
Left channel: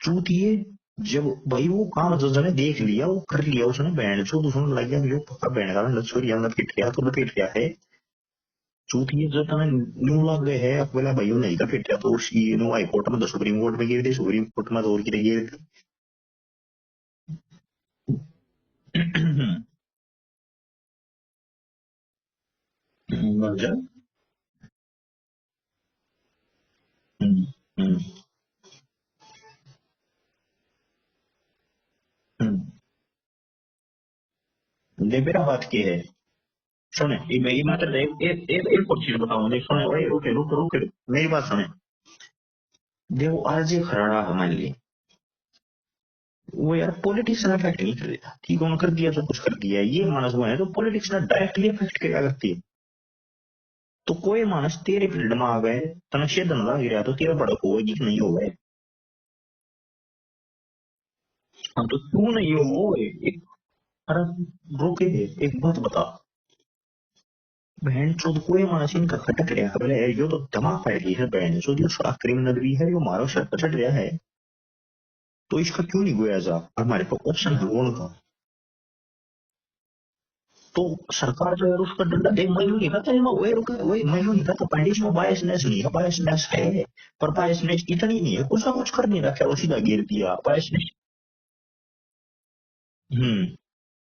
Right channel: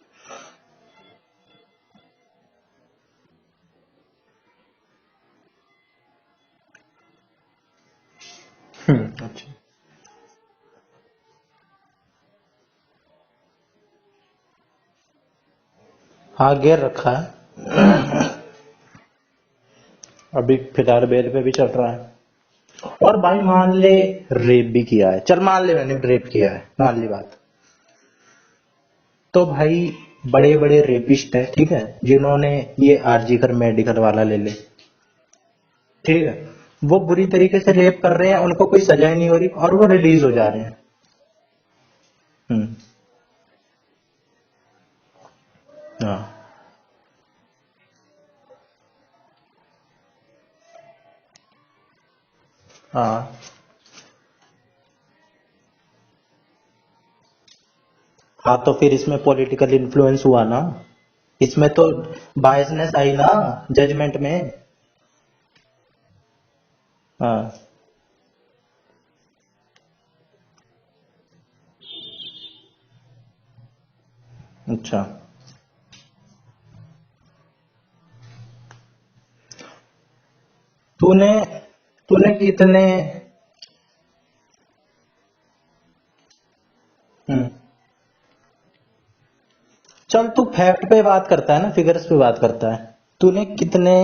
चूतिए जब भाई वो काम जज ने देख लिया, वो कर लिया उसने, बैंड जो दूसरों लग गया पक्का बैंड का लछोरिया ने फिट किया तो फिट किया है। चूतिए जो तने न्यू लग गए है अकेला भाई नहीं का फिट किया तो उसकी नो हाई कोर्ट में तो सुप्रीम कोर्ट में गिर दी, सुप्रीम कोर्ट में तो और की गिर दी। हाँ घेर रखा है। अभी फिलहाल बेल पे भी चल रहा है। और भाई मान ले रेप भी किया है, चल मान ले मैंने रेप किया है, मान ली बात, तो भाई बड़े बड़े रेपिस्ट है, ठीक है, जिन्होंने ये आरजी कर मेडिकल वाला ले ले, मेरा बात की है, ठीक है, वो बुरी तरीके से रेप कर रहे हैं, उनको कोई सजा नहीं हो रही और वो रिलीज हो जा रहे हैं। मेरी बात सुने। देखो आरजे खराड़ा हमारे लिए, वो यार पॉलिटिक्स ने अफेक्ट नहीं कर दिया, ठीक है, कर दिया तो कुछ कर दिया, ये मानस हुआ है तो पॉलिटिक्स ने डायरेक्टली अफेक्ट किया करती है। हाँ तो कोई मानस तेरे फील्ड में आ गए, तनशे धंधा गिरा तो तेरा भड़क होगी कि नहीं होगा। हाँ, तो फिर इसमें पॉलिटिकल इन्फ्लुएंस हुआ ना, इसमें तो बायसनेस आई ना जजमेंट में। रोके एक बात बता, हाँ बहन चोद कोई मानस इनका खटक रहा है, बोले यो तो दिमाग फाड़ गई है बहन चोद, ये सारा क्रिमिनल भी है, यो मारो सर पर चढ़ रहा है, अच्छा, तो इसका क्यों नहीं गोया जा, हमारे पास ऑप्शन है कौन का। तो तूने कितने पंडित में बायसनेस नहीं है, बायसनेस है पर बायसनेस इतनी नहीं है, कुछ ना कुछ कर नहीं रखा, वो सीधा गिर चल दिया। तू फैक्ट पे बात करता है ना, फिगर्स पे बात करता है, तूने कितने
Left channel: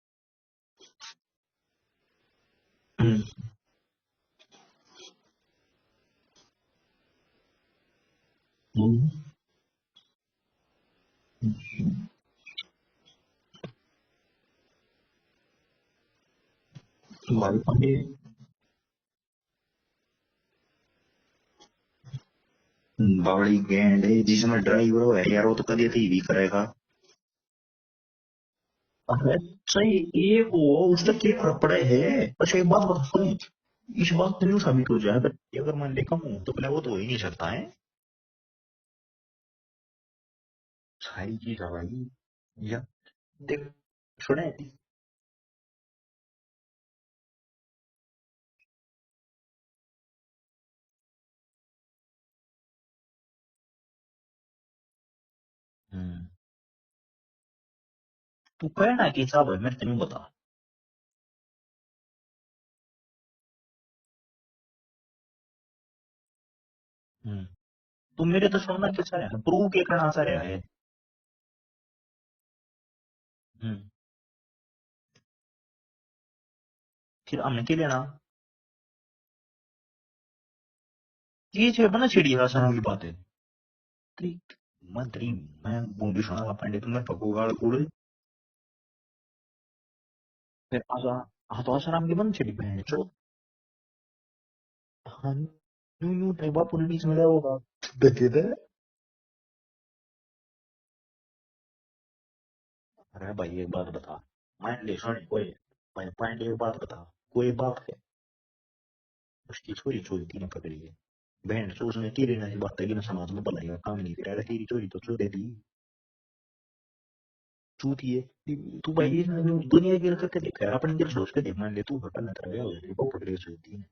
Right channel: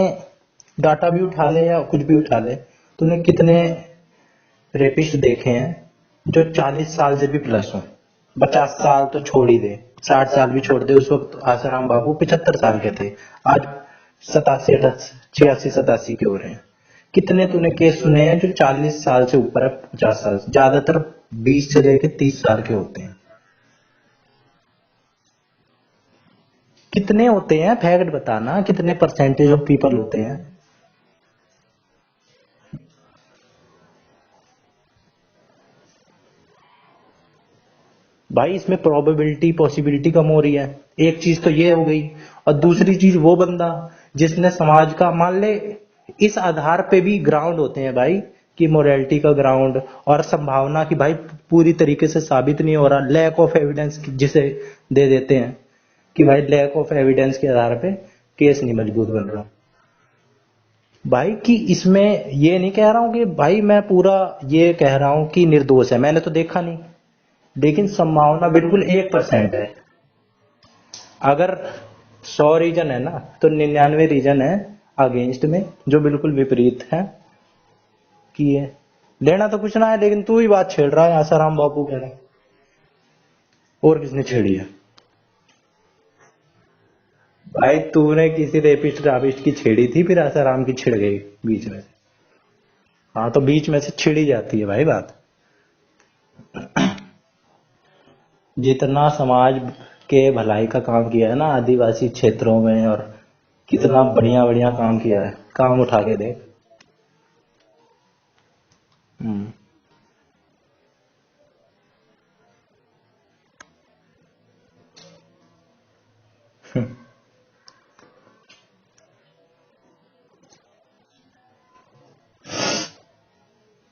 डाटा भी उठा ले या कुछ भी उठा ले, तूने कितने रेपिस्ट देखे हैं जो 40 साल से भी प्लस हो? 50 साल तो छोड़ ही दे, 60 साल भी छोड़ दे, उस वक्त आसाराम बाबू 75 साल के थे, आज 87 86 87 के हो रहे हैं। कितने तूने केस सुने हैं जो 40 साल से ऊपर है, 50 साल से, ज्यादातर 20 से लेके 30 साल के होते हैं। बावड़ी गैंड है जिसमें ड्राइवर है यार, वो तो कभी भी करेगा। कितने होते हैं फैक्ट बताना, कितने परसेंटेज ऑफ पीपल होते हैं? उसका क्या फर्क पड़ा है। अच्छा एक बात बता, इस बात तो साबित हो जाए अगर मान ले कम तो पहले वो तो हो ही नहीं सकता है भाई, इसमें प्रोबेबिलिटी पॉसिबिलिटी कम हो रही है, एक चीज तो ये हो गई, और दूसरी चीज वो बंदा जिसने समाज का, मान ले इस आधार पे भी ग्राउंड होते हैं भाई कि मोरालिटी का ग्राउंड, और संभावना कि भाई पूरी तरीके से साबित नहीं हो रहा, लैक ऑफ एविडेंस जिसे दे देते हैं, कि भाई लैक ऑफ एविडेंस के आधार पे केस नहीं वही ना मंजूर कि कर साहब रहा मैं तुम्हें बता भाई। कि इसमें ये नहीं कह रहा हूँ कि भाई मैं पूरा ये कह रहा हूँ कि निर्दोष है, मैंने तो देखा नहीं, लेकिन संभावना मेरे बिल्कुल तो 1% तू है। क्या करना चाह रहा है अगर 100 रीजन है ना तो 99 रीजन है अगेंस्ट में, जो बिल्कुल विपरीत है फिर हमने क्या लेना कि ये लेना तो कुछ ना है, लेकिन तू ही बात छेड़ रहा है आसाराम ये बापू छेड़ का। ना छिड़ी आसाराम की बात है और किसने छेड़ी है? मंत्री मैं बूंदी सुना पंडित तुम्हें पपूगा भाई तूने किसी रेपिस्ट रापिस्ट की छेड़ी थी, फिर आसाराम की छिड़ गई हाँ बीच तो में। आसाराम की बंद छिड़ी बहन चो हाँ तो बीच में से छिड़ी जाती है भाई बात। हम यूं यूं नहीं बापू ने बीच में क्या होगा देखे थे जितना समाज के भलाई का काम किया है ना आदिवासी क्षेत्रों में, और अरे भाई ये कितना बढ़िया बढ़िया काम किया है, काम उठा के दे। एक बात बता कोई बाप है हम्म। उसकी छोरी चोरी ने पकड़ी है बहन चो उसने तेरे ना बात है कि ना समाज में भलाई का काम नहीं करा तेरी चोरी तो क्यों दे दी चूती है तू भाई दुनिया की करके देख यार अपन दिल सोच के देख मान ले तू हटा ना तेरा को पकड़े चूती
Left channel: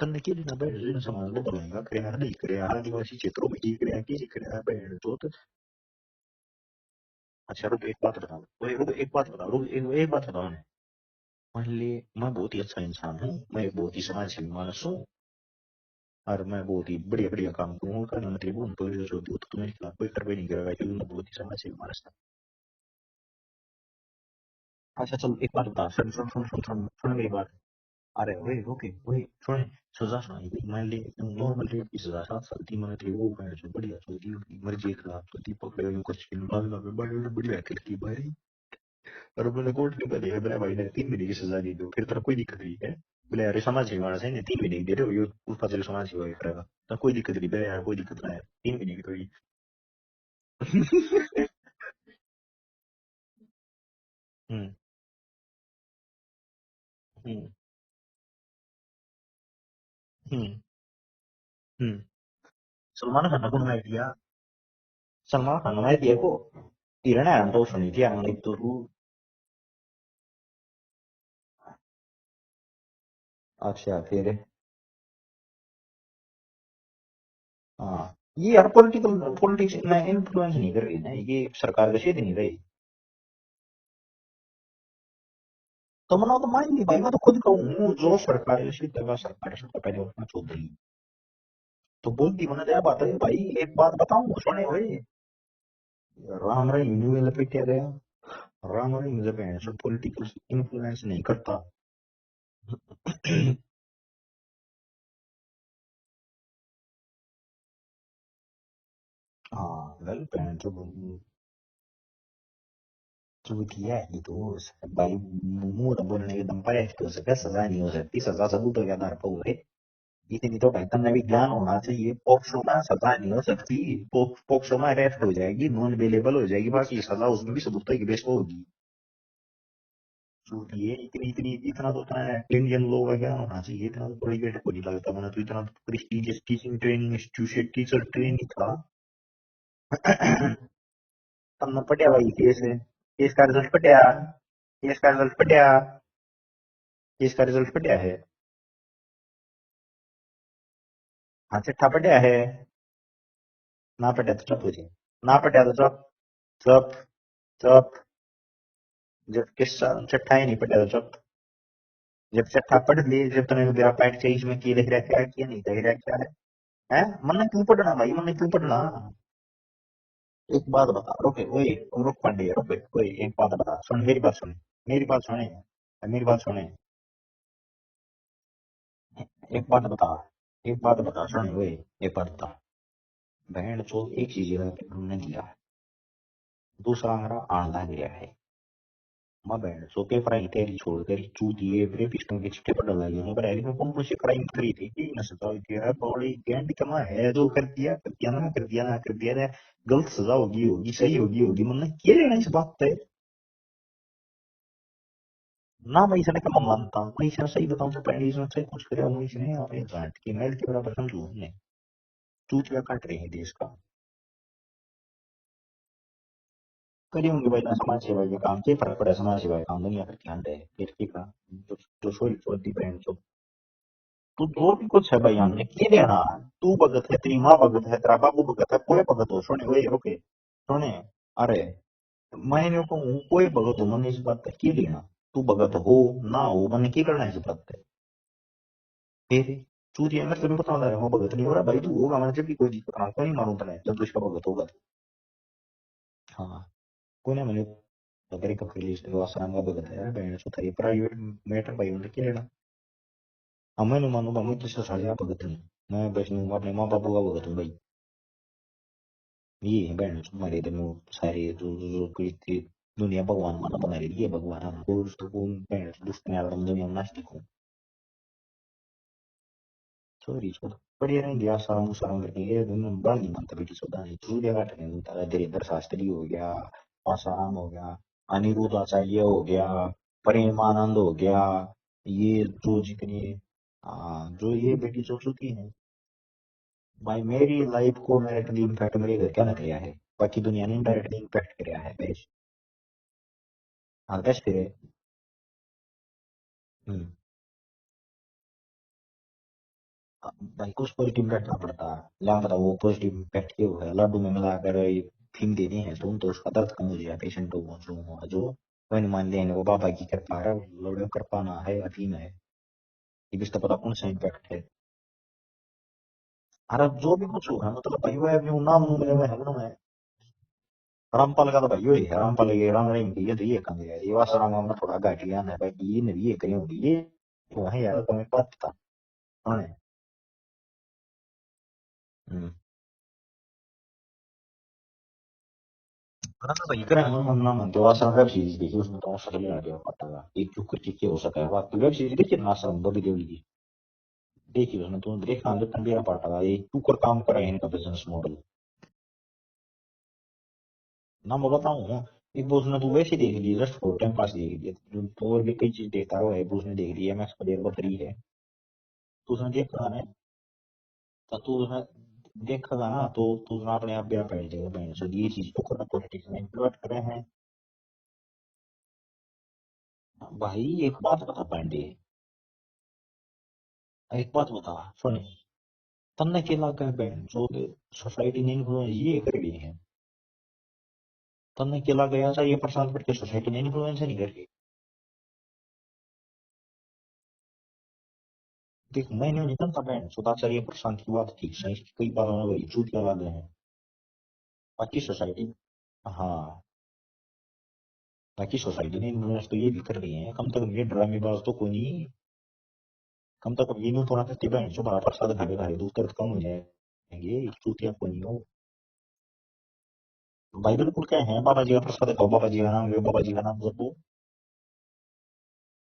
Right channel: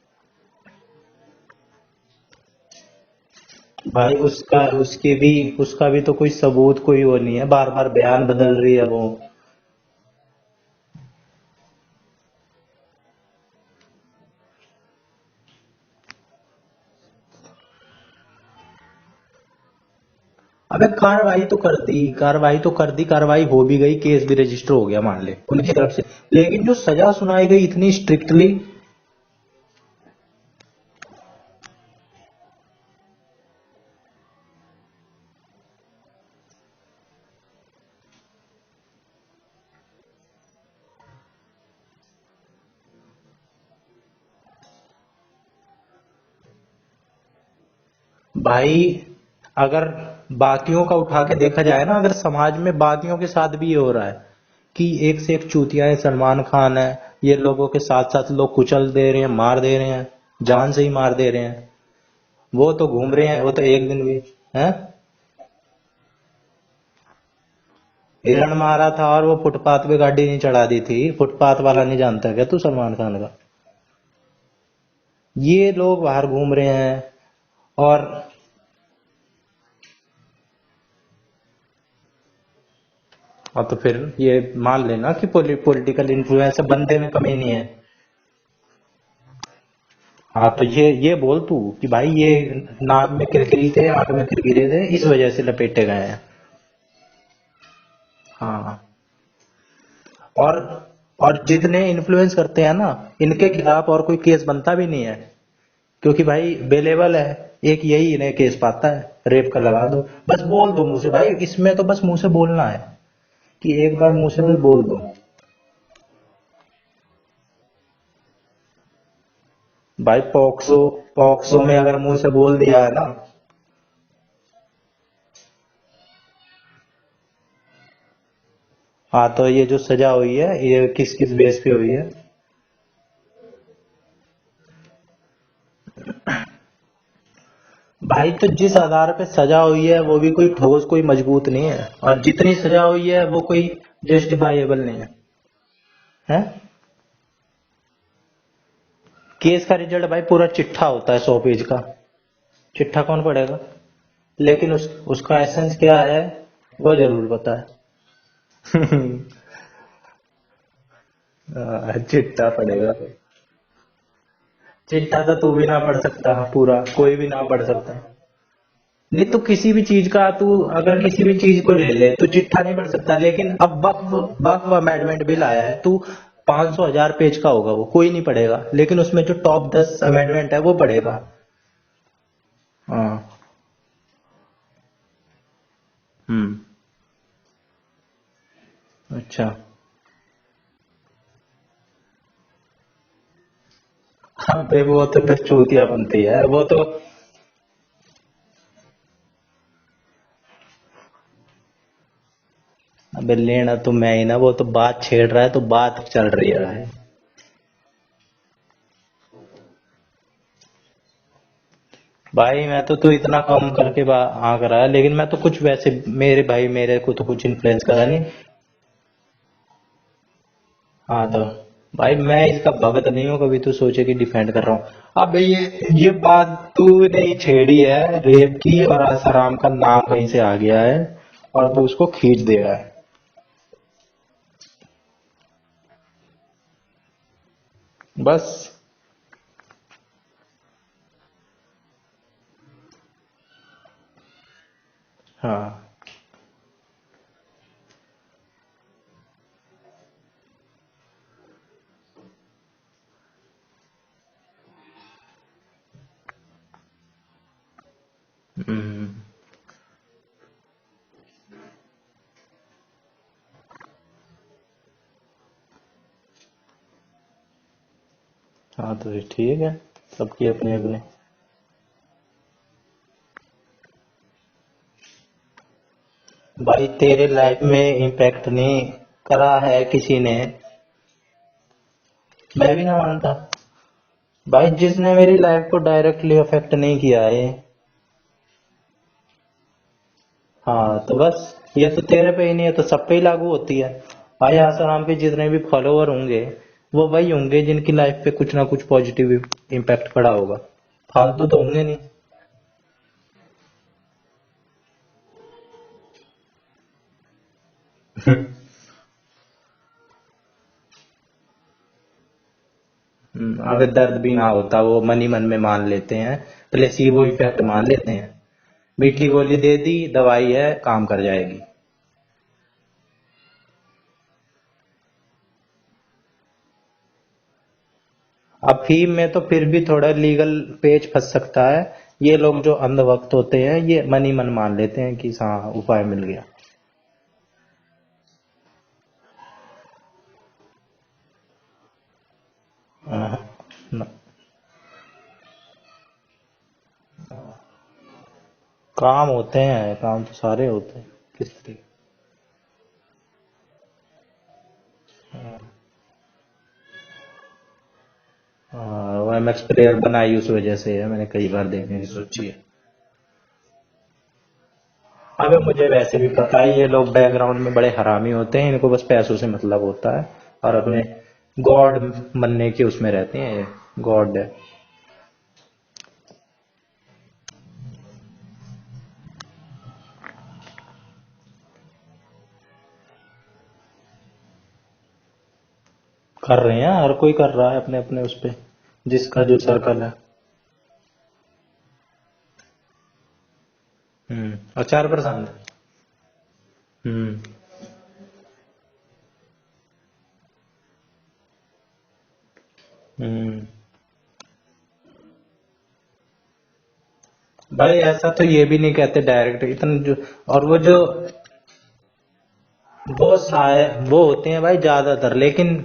तन्ने के लिए ना भाई समाज में भलाई का करे ना नहीं करे आदिवासी क्षेत्रों में ठीक है भाई उसका भी तो कोई सबूत कोई वो नहीं है, बार बार बयान बदल रही है वो। एक बात बताओ मान ली मैं बहुत ही अच्छा इंसान हूँ मैं एक बहुत ही समाजसेवी मानस हूँ और मैं बहुत ही बढ़िया बढ़िया काम करूँ मतलब हूँ तो जो तो तुम्हें खिलाफ कोई कार्रवाई नहीं करेगा अबे कार्रवाई तो कर दी, कार्रवाई हो भी गई, केस भी रजिस्टर हो गया मान ले उनकी तरफ से, लेकिन जो सजा सुनाई गई इतनी स्ट्रिक्टली। ओके वही छोड़े सजा सुनाई मान ली नॉर्मल रेप की सजा 7 साल 3 महीने थी वो कहना चाहिए बढ़िया चलती मर्जी के खिलाफ तो दीपक ले कुछ दिन बाद में बड़ी बढ़िया करती भाई और मैंने कोर्ट में बताया मेरा भाई ने 3 महीने की सजा दी दो फिर तेरा कोई दिक्कत नहीं है बोले यार समाज सेवी मानस है 3 महीने की दे रहे हो ये ऊपर से समाज सेवा करेगा तो कोई दिक्कत नहीं बोले यार कोई दिक्कत नहीं भाई अगर बाकियों का उठा के देखा जाए ना, अगर समाज में बाकियों के साथ भी ये हो रहा है कि एक से एक चूतिया है, सलमान खान है, ये लोगों के साथ साथ लोग कुचल दे रहे हैं, मार दे रहे हैं, जान से ही मार दे रहे हैं, वो तो घूम रहे हैं, वो तो एक दिन भी है। सलमान खान ने दिया को हिरण तो सुनी थी हिरण मारा था और वो फुटपाथ पे गाड़ी नहीं चढ़ा दी थी, फुटपाथ वाला नहीं जानता क्या तू सलमान खान का? अच्छा फिर ये लोग बाहर घूम रहे हैं और ये यार पॉलिटिक्स इतना इन्फ्लुएंस नहीं कर रही ना ये सरकार का क्षेत्र नहीं रही हाँ तो फिर ये मान लेना कि पॉलिटिकल इन्फ्लुएंस बंदे में कमी नहीं है। जो सरकार सरकार पहले हाँ तो ये बोल तू कि भाई ये नाम में किरकिरी थे, आंख में किरकिरे थे, इस वजह से लपेटे गए हैं। राम राय हिंदू में लपेटे गए हाँ राम राय हिंदू पे सब पॉलिटिक्स और जितने इन्फ्लुएंस करते हैं ना इनके खिलाफ और कोई केस बनता भी नहीं है, क्योंकि भाई बेलेबल है, एक यही इन्हें केस पाता है, रेप का लगा दो, बस बोल दो मुंह से भाई, इसमें तो बस मुंह से बोलना है कि एक बार मुंह से भी बोल दो। मुंह तो बोलने के दम पर है तो उसे सजा नहीं हो सकती सजा सबूतों के आधार पर हुए भाई पॉक्सो में अगर मुंह से बोल दिया है ना, नहीं हो सकती पॉक्सो में अरेस्ट हो जाएगी नॉन अवेलेबल हो जाएगी बाकी सजा उसमें भी सबूतों की बेस पर होगी। हाँ तो ये जो सजा हुई है ये किस किस बेस पे हुई है? इंडियन लॉ का क्या होना चाहिए इतना प्रोहिबिट को नहीं लगता मैंने तो इतना टीचिंग ट्रेनिंग इंस्टीट्यूट टीचर भाई तो जिस आधार पे सजा हुई है वो भी कोई ठोस कोई मजबूत नहीं है, और जितनी सजा हुई है वो कोई जस्टिफाइबल नहीं इसका रिजल्ट पटिया है। इसका रिजल्ट पटिया है केस का रिजल्ट भाई पूरा चिट्ठा होता है 100 पेज का। पटिया है चिट्ठा कौन पढ़ेगा? ना पटिया लेकिन उसका एसेंस क्या है वो जरूर पता है। जब किस्सा चट्टा ही नहीं पटिया जब चिट्ठा पढ़ेगा। पढ़ लिए जब तूने मेरा पैट चाहिए इसमें की लिख चिट्ठा तो तू भी ना पढ़ सकता पूरा, कोई भी ना पढ़ सकता भाई मैंने क्यों पढ़ना नहीं। तो किसी भी चीज का तू अगर किसी भी चीज को ले ले तो चिट्ठा नहीं पढ़ सकता, लेकिन अब वक्फ अमेंडमेंट बिल आया है, तू 500,000 पेज का होगा वो कोई नहीं पढ़ेगा, लेकिन उसमें जो टॉप 10 अमेंडमेंट है वो पढ़ेगा। ये पढ़ता हाँ बहन चो एक चीज हमने दिया दूसरा हमारा आंधा गया है। अच्छा बहन सो के पढ़ाई तेरी छोड़ तेरी चूती है ब्रेक पिस्टन के छिट्टे पर डाला गया पर ऐसी में कौन सी पढ़ाई अरे वो तो फिर चूतिया बनती है, वो तो है जो कर दिया ना गलत सजा होगी सही होगी मतलब क्या लेना इस बात पे। अबे लेना तो मैं ही ना, वो तो बात छेड़ रहा है तो बात चल रही है। मैं सही बताऊं तो पहले इसमें से कुछ करे हम इसमें अपने जाट की मेल की तरह पसंद हूं भाई मैं तो तू इतना कम करके हाँ करा है, लेकिन मैं तो कुछ वैसे मेरे भाई मेरे को तो कुछ इन्फ्लुएंस करा नहीं। काम से फर्क पड़ा समाज सेवा काम नहीं करते। हाँ तो भाई मैं इसका भगत नहीं हूँ कभी तू सोचे कि डिफेंड कर रहा हूँ। अब ये बात तू नहीं छेड़ी है रेप की और आसाराम का नाम कहीं से आ गया है, अरे और तू उसको खींच दे रहा मैंने है। कहूँ कोई भगत हो मैंने इस बात का की लेना, तू भगत हो ना हो मैंने की करना है इस बात पे। बस। फिर सूर्य मैं तुझे बता रहा हूँ भगत नहीं हो रहा भाई, तू होगा मैं जब भी कोई दिक्कत ना क्यों नहीं मारूं तुम्हें जब तू इसका भगत होगा। हाँ हाँ कोई ना मैंने तेरे का रिलीज आसाराम का भगत है बहन सो था ये प्राइवेट मैटर भाई उन्हें की लेना। अब मैं नहीं मानूंगा मैं तुझसे साढ़े का भगत नहीं, मैं वैष्णो अपने माँ बापू का भगत हूँ भाई। हम्म, ये है बहन तुम्हारे इधर में सारे जो कोई दुनिया भगवान माना बना रही है भगवान हमको उसको बहन दुष्ट में आलम दुनिया में नास्तिक हूँ। हाँ तो ये ठीक है, सबकी अपनी अपनी। बढ़िया रहेंगे आसाराम उसाराम करके ये दुनिया बड़ा नहीं मानता बेटी सदा नहीं तू जगह ठहरेंगे सारा धीरेन्द्र शास्त्री हो गया, भाई तेरे ऐसा लाइफ है में इम्पैक्ट अनिल नहीं उपाध्याय हो करा गया, है किसी ने। प्रेमानंद हो गया, ये मैं जो भी ना सारे मानता जो भाई, ये जिसने मेरी लाइफ को डायरेक्टली अफेक्ट नहीं किया है। मेरी लाइफ को डायरेक्टली इम्पैक्ट मेरे घर क्या ना किया है, बाकी दुनिया ने हाँ तो डायरेक्टली बस, इम्पैक्ट किया ये तो है। तेरे पे ही नहीं है तो सब पे ही लागू होती है। हाँ कैसे भाई किया। आसाराम के जितने भी फॉलोअर होंगे वो वही होंगे जिनकी लाइफ पे कुछ ना कुछ पॉजिटिव इम्पैक्ट पड़ा होगा। भाई कुछ पॉजिटिव फालतू इम्पैक्ट तो क्या होंगे होगा, नहीं। ला बताओ वो पॉजिटिव इम्पैक्ट क्या होगा, लड्डू में मिलाकर ये थीम देनी है तुम तो उसका दर्द कम हो जाए पेशेंट को कोई नहीं मान लेने वो बाबा की कृपा है लड्डू कृपा ना है अफीम है इस तरह का अगर दर्द साइड भी इफेक्ट ना है। होता वो मन ही मन में मान लेते हैं, अरे जो प्लेसीबो भी इफेक्ट होगा मान लेते भाई हैं। वो नाम नूम मीठी लेंगे गोली दे दी, दवाई है, काम कर रामपाल का जाएगी। तो भाई वही है रामपाल ये राम नहीं ये तो ये काम है ये वासराम में थोड़ा घाटिया है भाई ये नहीं ये कहीं होगी ये वो है यार तुम्हें पता अफीम में तो फिर भी थोड़ा लीगल पेच फंस सकता है। ये लोग जो अंधभक्त होते हैं ये मन ही मन मान लेते हैं कि हाँ उपाय मिल गया। हाँ तो भाई करें हम नाम जो आश्रम वेब सीरीज देखी उसमें तो सच में आगे पता लगा एक जो कुछ चीजें हो सका है बाकी वेब सीरीज देखिए ना आश्रम बॉबी देओल हाँ, की न- देखिए उसमें तुम देखना जो तुम भी पार्ट लगा ये तू कर काम कर रहे हैं इनका बिजनेस मॉडल काम होते हैं, काम तो सारे होते हैं। ना मैं बताऊँ एक बोस ने तू वैसे देख ली जस्ट फॉर टाइम पास देख लिया तो और भी कई चीज देखता रहो है बोस ने देख लिया एमएक्स प्लेयर पर 3 है हाँ, वो लेकिन एमएक्स देख प्लेयर बनाई उस वजह से है, मैंने कई बार देखने की मैं सोची है। देखा था ना तो तू ना अपने आप ब्याह पहन जाएगा बहन सो ये अबे चीज मुझे वैसे भी पता है ये लोग बैकग्राउंड में बड़े हरामी होते हैं, इनको बस पैसों से मतलब होता है। भाई और एक अपने बात बता बहन गॉड बनने के उसमें रहते हैं ये, एक गॉड। बात बता सुन तन्ने के लगा बहन जो सोसाइटी ने इन्फ्लुएंस ये कर रही है तन्ने के लगा ऐसा ये प्रशांत करके सोसाइटी ने इन्फ्लुएंस नहीं कर रही कर रहे हैं, हर कोई कर रहा है अपने अपने उस पे, देख जिसका मैंने जो मैंने सर्कल बहन है। सुधाचार्य प्रशांत की बात ठीक सही कई बार उन्होंने वही झूठ लगा गए हैं बाकी आचार सोसाइटी प्रसाद। हाँ हम्म। बाकी सोसाइटी ने इन्फ्लुएंस तो ये भी कर रही है कम तक ये ड्रामेबाज तो कोई नहीं कम तक ये नहीं थोड़ा करती बहन जो बड़ा प्रसाद खाने खाए दूध दर्द कम हो जाएंगे भाई ऐसा तो ये भी नहीं कहते डायरेक्ट इतना जो, और वो भाई जो, क्या है बाबा जी का प्रसाद खाओ बाबा जी का नाम लो बाबा जी वो का नाम लो वो होते हैं भाई ज्यादातर, लेकिन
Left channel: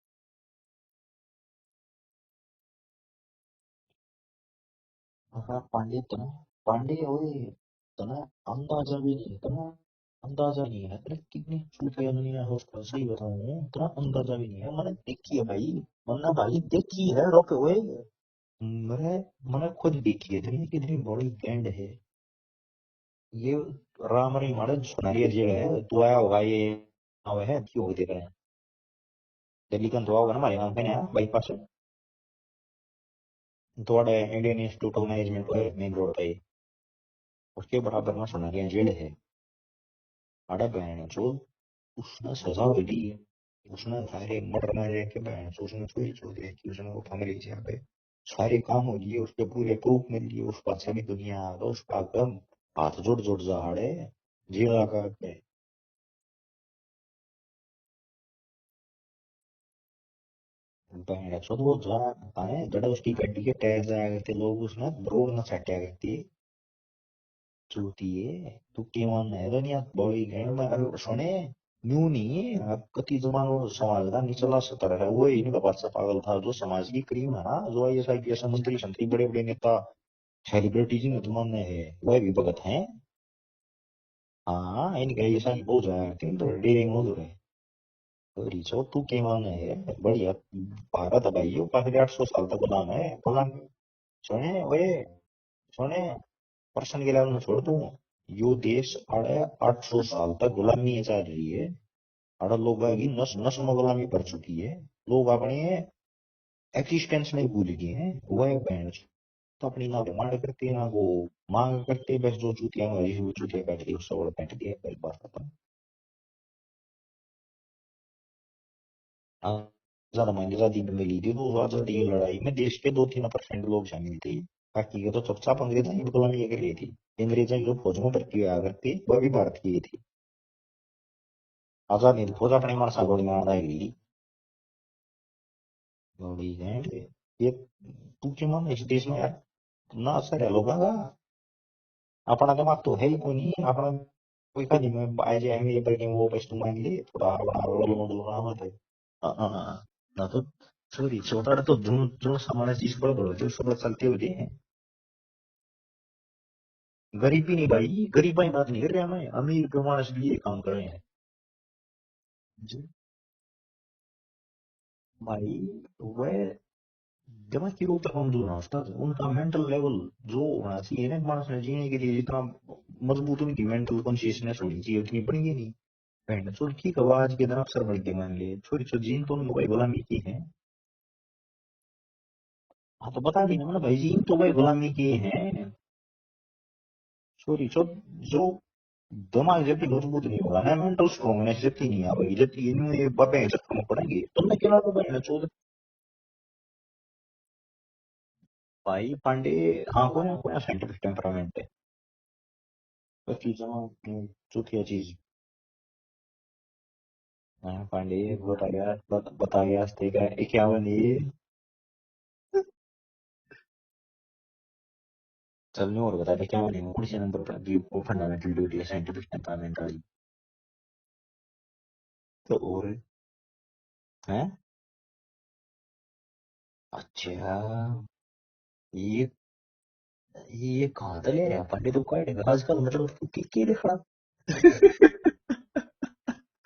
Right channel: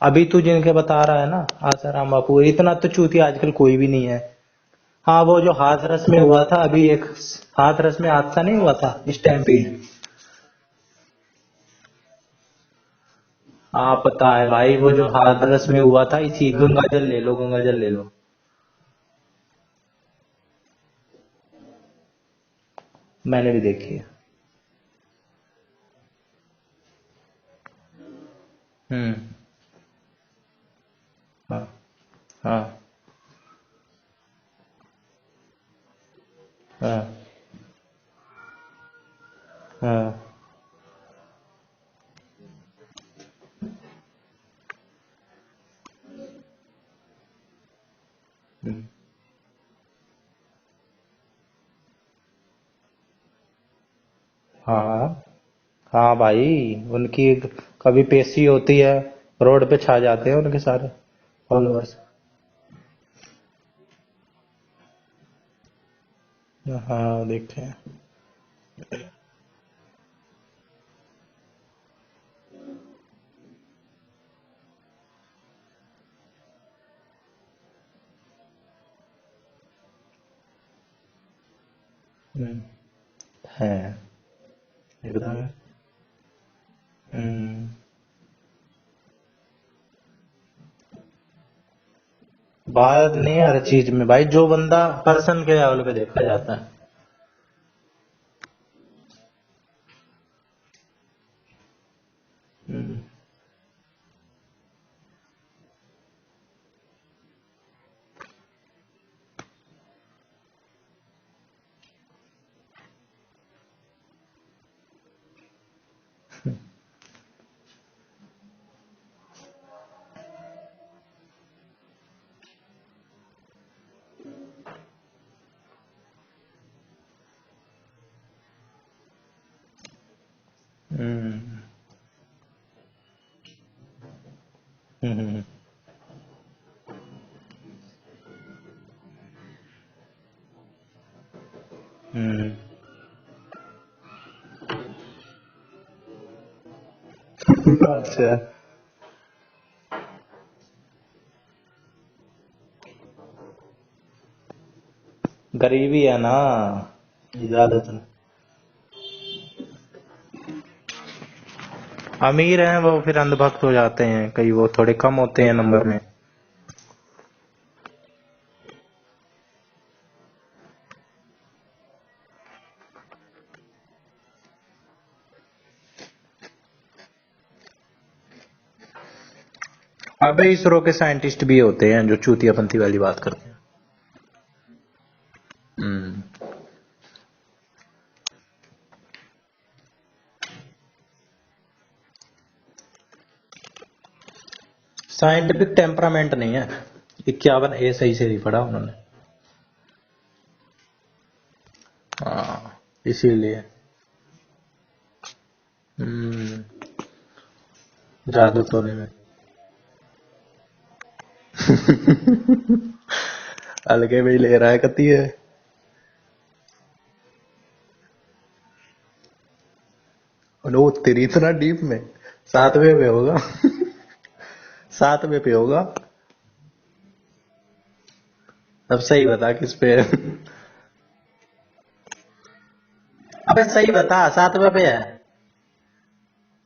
अभी तू जिनके बता रहा है ना आसाराम बापू, इतना तो चूती आजकल कोई भी नहीं है। हाँ वो जो हाथ रस में हुआ था अभी, एक हाथ रस में हादसा नहीं हुआ था स्टैम्पीड। अंदाजा नहीं है अरे कितनी चूतिया दुनिया हो सही बताऊं हाँ कितनी पता है भाई, वो जो हाथ रस में हुआ था, पता इसी भाई गंगा जल चीज ले है लो, बात गंगा वो जल ले लो। मैंने मैंने खुद देखी है इतनी कितनी बड़ी बैंड है मैंने ये भी देखी है। राम रही मारे सुनारिया जगह है तू आया होगा ये आवे है क्यों देख रहे हैं हम्म। दिल्ली का तो होगा ना हमारे नाम पे ना बाईपास हाँ हाँ थोड़ा इंडियन इंस्टीट्यूट ऑफ मैनेजमेंट है मेन रोड पे हाँ उसके बराबर में सुनारिया जेल है हाँ। अरे बहन चो उसने सजा दी उसने सारे मर्डर मारे के बहन चो उसने चोरी छोड़ी कि उसने वो फैमिली से पे सारे काम हो लिए उसके पूरे प्रूफ मिल लिए उस पर सभी दुनिया तो उसका गम हाथ जोड़ जोड़ जा रहे जेल आकर हाँ हाँ भाई, उनकी कभी पेशी होती है, रोड पे छा जाते हैं उनके सारे बहन चो वो फॉलोअर्स। जरा है जड़ा उसकी गड्डी के टायर जाया करते लोग उसने रोड न सट्या करती हाँ देखे हैं। चूती है तू केवन है दुनिया बॉडी लैंड में अरे सुने न्यू नहीं है कति जमानो समाज का निचला स्तर है वो इनका बादशाह पागल था जो समाज की क्रीम है ना जो I S I P S मंत्री संतरी बड़े बड़े नेता सेलिब्रिटी जी मुसलमान में है वह भी भगत हैं हैं। हाँ इनके ऐसा ही बहुत जाया तीन तो डेरिंग हो गए हम्म, रिचो तू के मान है बढ़िया भारत भाई यो पाँच 800 साल तक गुलामी भारत नहीं, हर चीज में भाई जो सुने बंदा ए पर्सन के लेवल पे सुने देखा जाता है। पर्सन के लेवल में छोड़ दूं यो देश अड़े 800 साल तक गुलामी चल रही है अड़े लोग की नस नस में गुलामी पड़ चुकी है लोग अपने एक्सिस्टेंस में भूल गए हैं वह बैंड तो अपनी ना डिमांड करती है ना वो मांग करती है, बस जो चूतिया में वो चूतिया काट दी उससे और काट दिया पहली बात अपन आजाद आजादी में मिली थी तो आजादी की लड़ाई में देश के 2-3% लोग शामिल थे, बाकी के तो चुपचाप अंग्रेजों की गुलामी कर रही थी। अंग्रेजों की जो फौज में भर्ती हुआ करती वह भी भारत की थी। आजादी फौज अपने मन सागोड़ी में आएगी नोड़ी है ये पूछे ना इस देश में यार ना असर है लोगों का। अपना दिमाग तो है ही कोई नहीं, अपना कोई खाली में आए जाएंगे ये करेंगे वो पैसे तुम आएंगे थोड़ा अच्छा तो ना तो सॉरी छोटा तो जो जो सामान्य चीज पर होती है उस पर चलते होते हैं। गरीबी है ना गरीबी है ज्यादा भाई, तो। गरीबाई बात नहीं कर रहा मैं, अमीर जो मानस भी ये काम कर रहे हैं। अमीर हैं वो फिर अंधभक्त हो जाते हैं, कई वो थोड़े कम होते अरे हैं नंबर में। वह दिमाग की रूप हम जो ना उसका उनका मेंटल लेवल जो होना चाहिए ना मानस में जीने के लिए, जितना मजबूत उनकी मेंटल कॉन्शियसनेस होनी चाहिए उतनी बढ़ेगी नहीं। बहन चोद ठीक है आज के दिन अफसर बढ़ के मान ले छोरी चो जीन तो भाई गुलामी की है। अबे इसरो के साइंटिस्ट भी होते हैं जो चूतियापंथी वाली तो बात बता करते दी ना भाई जीन तो भाई गुलामी की है। हैं। छोरी चो जो दिमाग जब मजबूत नहीं होगा ना मेंटल स्ट्रांगनेस जब नहीं आएगी जब ये बाबे जब पड़ेंगे तो मैं केवल तो भाई साइंटिफिक टेम्परामेंट नहीं है। 51 ए सही से नहीं पढ़ा उन्होंने। भाई पांडे हाँ कोई साइंटिफिक टेम्परामेंट है हाँ बाकी इसीलिए। जमा चौथी चीज हम्म, हाँ पांडे जादू तो बताया नहीं। बता गया अस्ते का 51 ये अलगे में ही ले रहा है कती है। चलने और बता दे क्या नहीं कौन से नंबर पर भी वो फंडामेंटल ड्यूटी है साइंटिफिक टेम्परामेंट वाली। वो तेरी इतना डीप में क्या हुआ 7वें पे होगा। है 7वें पे होगा। अच्छा अब सही बता किस पे है। ये कहाँ था ले रहा पांडे तो क्वाइट है आजकल मतलब अबे सही बता 7वें पे है।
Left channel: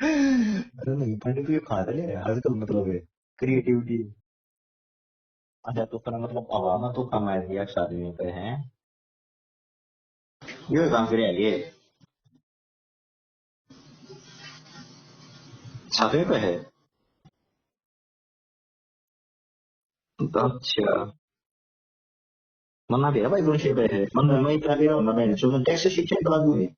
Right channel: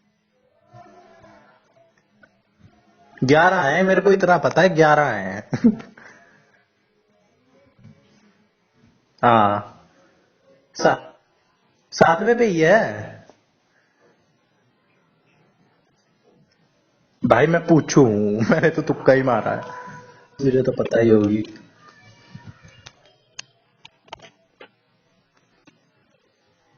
अरे नहीं पांडे तो ये कहाँ था ले रहा आजकल मतलब है तो 11 ये है, कोई मेरे को इतना पता है 11 है। अच्छा तो फिर मतलब हवा तो कम आ गया शादी पे है हाँ ये काम करे ये 7वें पे ही है। छाते पे है भाई मैं पूछू मैंने तो तुक्का ही मारा है, तुझे तो पता ही होगी। मना दिया भाई दोनों पे है मन मैं इतना दे रहा हूँ ना मैं जो टैक्स शिक्षण लागू है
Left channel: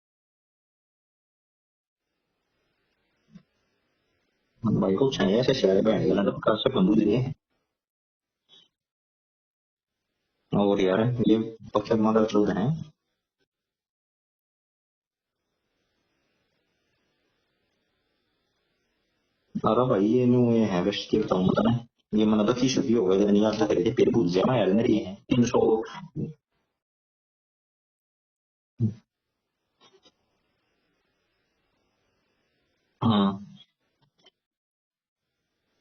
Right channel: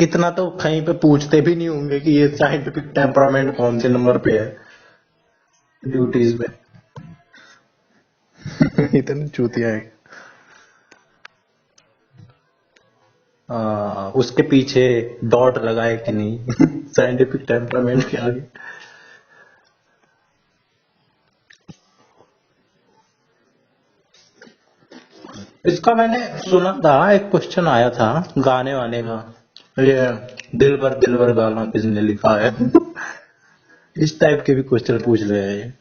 इतना तो कहीं पे पूछते भी नहीं होंगे कि ये साइंटिफिक टेम्परामेंट कौन से नंबर पे है। भाई को चाहिए ऐसे शेयर में ड्यूटीज सब सब बंदूक दिए में इतनी चूतिया है। और यार ये पक्के मगर चल रहे हैं उसके पीछे डॉट लगाए कि नहीं साइंटिफिक टेम्परामेंट के आगे। अरे भाई ये न्यू ये है बस के बताऊं मतलब ये मन तो की शुद्धि हो गई नहीं आता करके फिर भूल जाए यार मेरी है 300 इसका मैंने सुना था, एक क्वेश्चन आया था गाने वाने का, ये दिल भर गाना किसने लिखा है। हाँ इस टाइप के भी क्वेश्चन पूछ रहे हैं ये।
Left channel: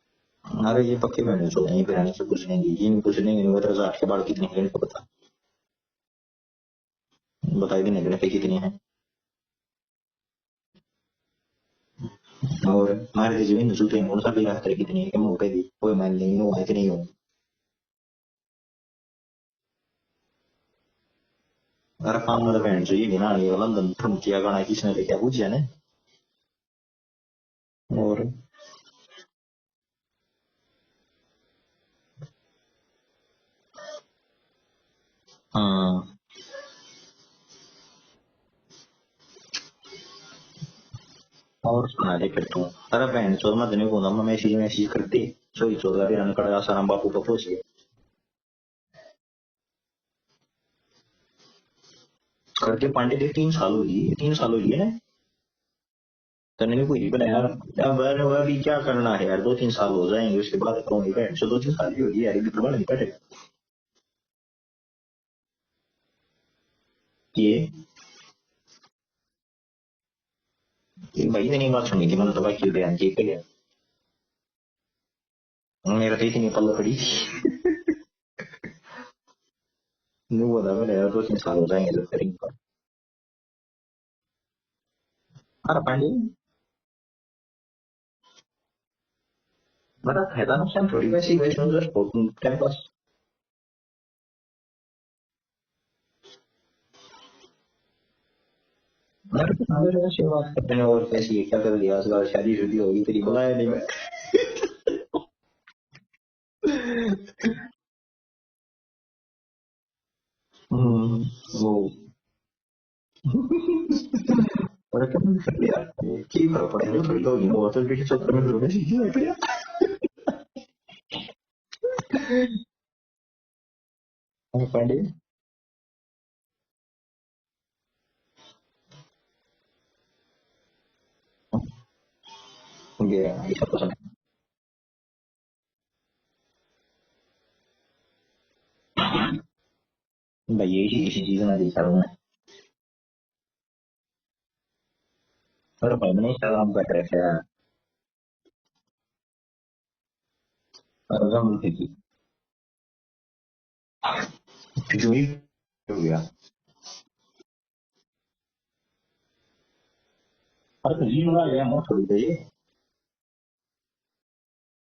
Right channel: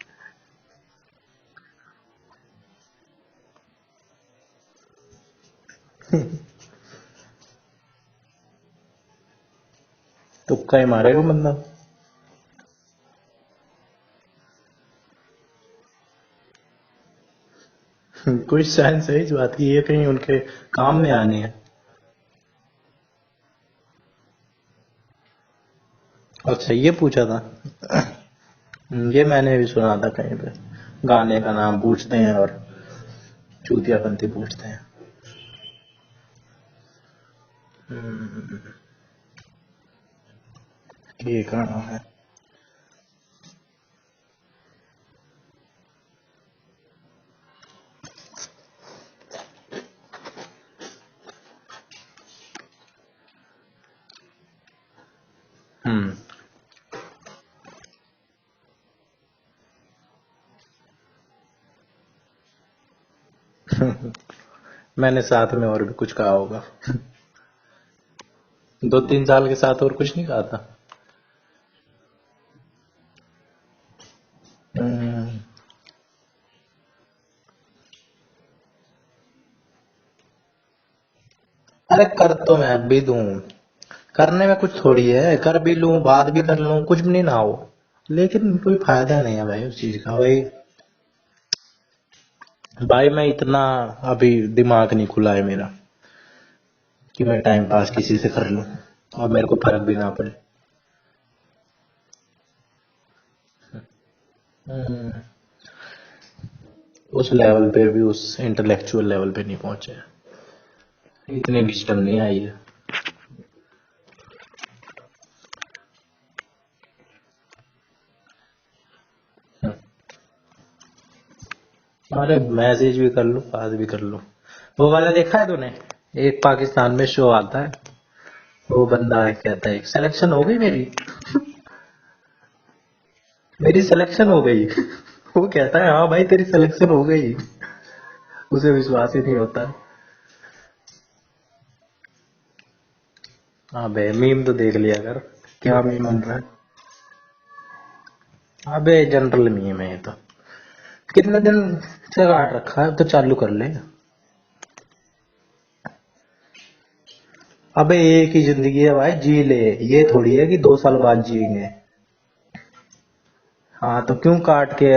अरे ये पक्के मैंने सुने ये फिर से कुछ नहीं ये नहीं कुछ नहीं वो तो के बाल कितने हैं इनको पता बताई भी नहीं देने पे कितनी है तुक्का ही मारेगा बंदा। और हमारे देश में नजूते हैं और सभी रास्ते कितनी है कि मौके भी कोई मान नहीं हो है कि नहीं हो कुछ साइंस है इस बात की, ये कहीं उनके काम में आने है। अरे काम मतलब बहन जो ये भी ना ये लंदन थम किया गाना किसने लेके पूछा ने अच्छा ये पूछा था। और ये मैंने भी सुना था कहीं पे, गाने का नाम पूछते हैं और चूतियापंथी पूछते हैं। हाँ हम्म, ये कहाँ और है। सुना दे फिर तू अरे बहन चोद मत नहीं बोला मैं मैसेज मैसेज करती सोई चोद अरे अन कड़ा सारा बापू को पूछ गया करके पांडे के 3 साल हुई है हम्म तने ने कोई बनाया अब वह भी क्या करना है यार 2-3 साल हो जाएंगे उसके बाद करूंगी बहन चो 2-3 साल ही होगी यार ये भी नहीं पड़े मैंने साथ में और भी कुछ कहा होगा। ये 2-3 साल के साथ और कुछ नहीं कहा था। भाई इतनी बात सुनी थी मैंने तो बाकी बयान की के लिए मेरा तो इतनी पल्ला पड़ी नहीं बोला मैंने यार 2-3 साल हो अरे जाएंगे कर तो मैं भी दूं, करने में कुछ थोड़ी है, कर भी लूं बात भी कर लूं कुछ भी नहीं ना हो, लेकिन कोई फायदा नहीं है भाई उस चीज का। भाई है ना थोड़ी वैसी वैसे टाइम पास भाई मैं इतना अभी दिमाग नहीं खुला है मेरा कि मैं टाइम पास किसी से कर लूं और मेरे को फर्क भी ना ऐसी पड़े। बात करते हैं और कैसी है क्या कर लिया आज शादी शुदी होगी तेरी बुलाया नहीं मैं उस लेवल पे भी, उस इंटेलेक्चुअल लेवल पे नहीं पहुंचे, इतनी विजडम नहीं आई है। और क्या मुझे कर लिया कि फर्क पड़ेगा थोड़ी लोग इनको तो भी चक्कर में लोग सीखी है भैया। अरे मैसेज भी कर लूं, बात भी कर लूं। वो वाला देखा है तूने, एक पाकिस्तान में शो आता है, वो बंदा है कहता है सिलेक्शन हो गई मेरी, मेरी सिलेक्शन हो गई। वो कहता है हाँ भाई तेरी सिलेक्शन हो गई, उसे विश्वास ही नहीं होता। भाई यही किसी चीज में देखा हूं मैं। अबे मीम तो देख लिया कर, क्या मीम बनता है। काम कर रहे हैं अबे जनरल मीम है ये तो, कितने दिन से काट रखा है, अब तो चालू कर ले। जो ही हो गया। अबे एक ही जिंदगी है भाई, जी ले, ये थोड़ी है कि 2 साल बाद जी ले। थोड़ी देर हाँ तो क्यों काट के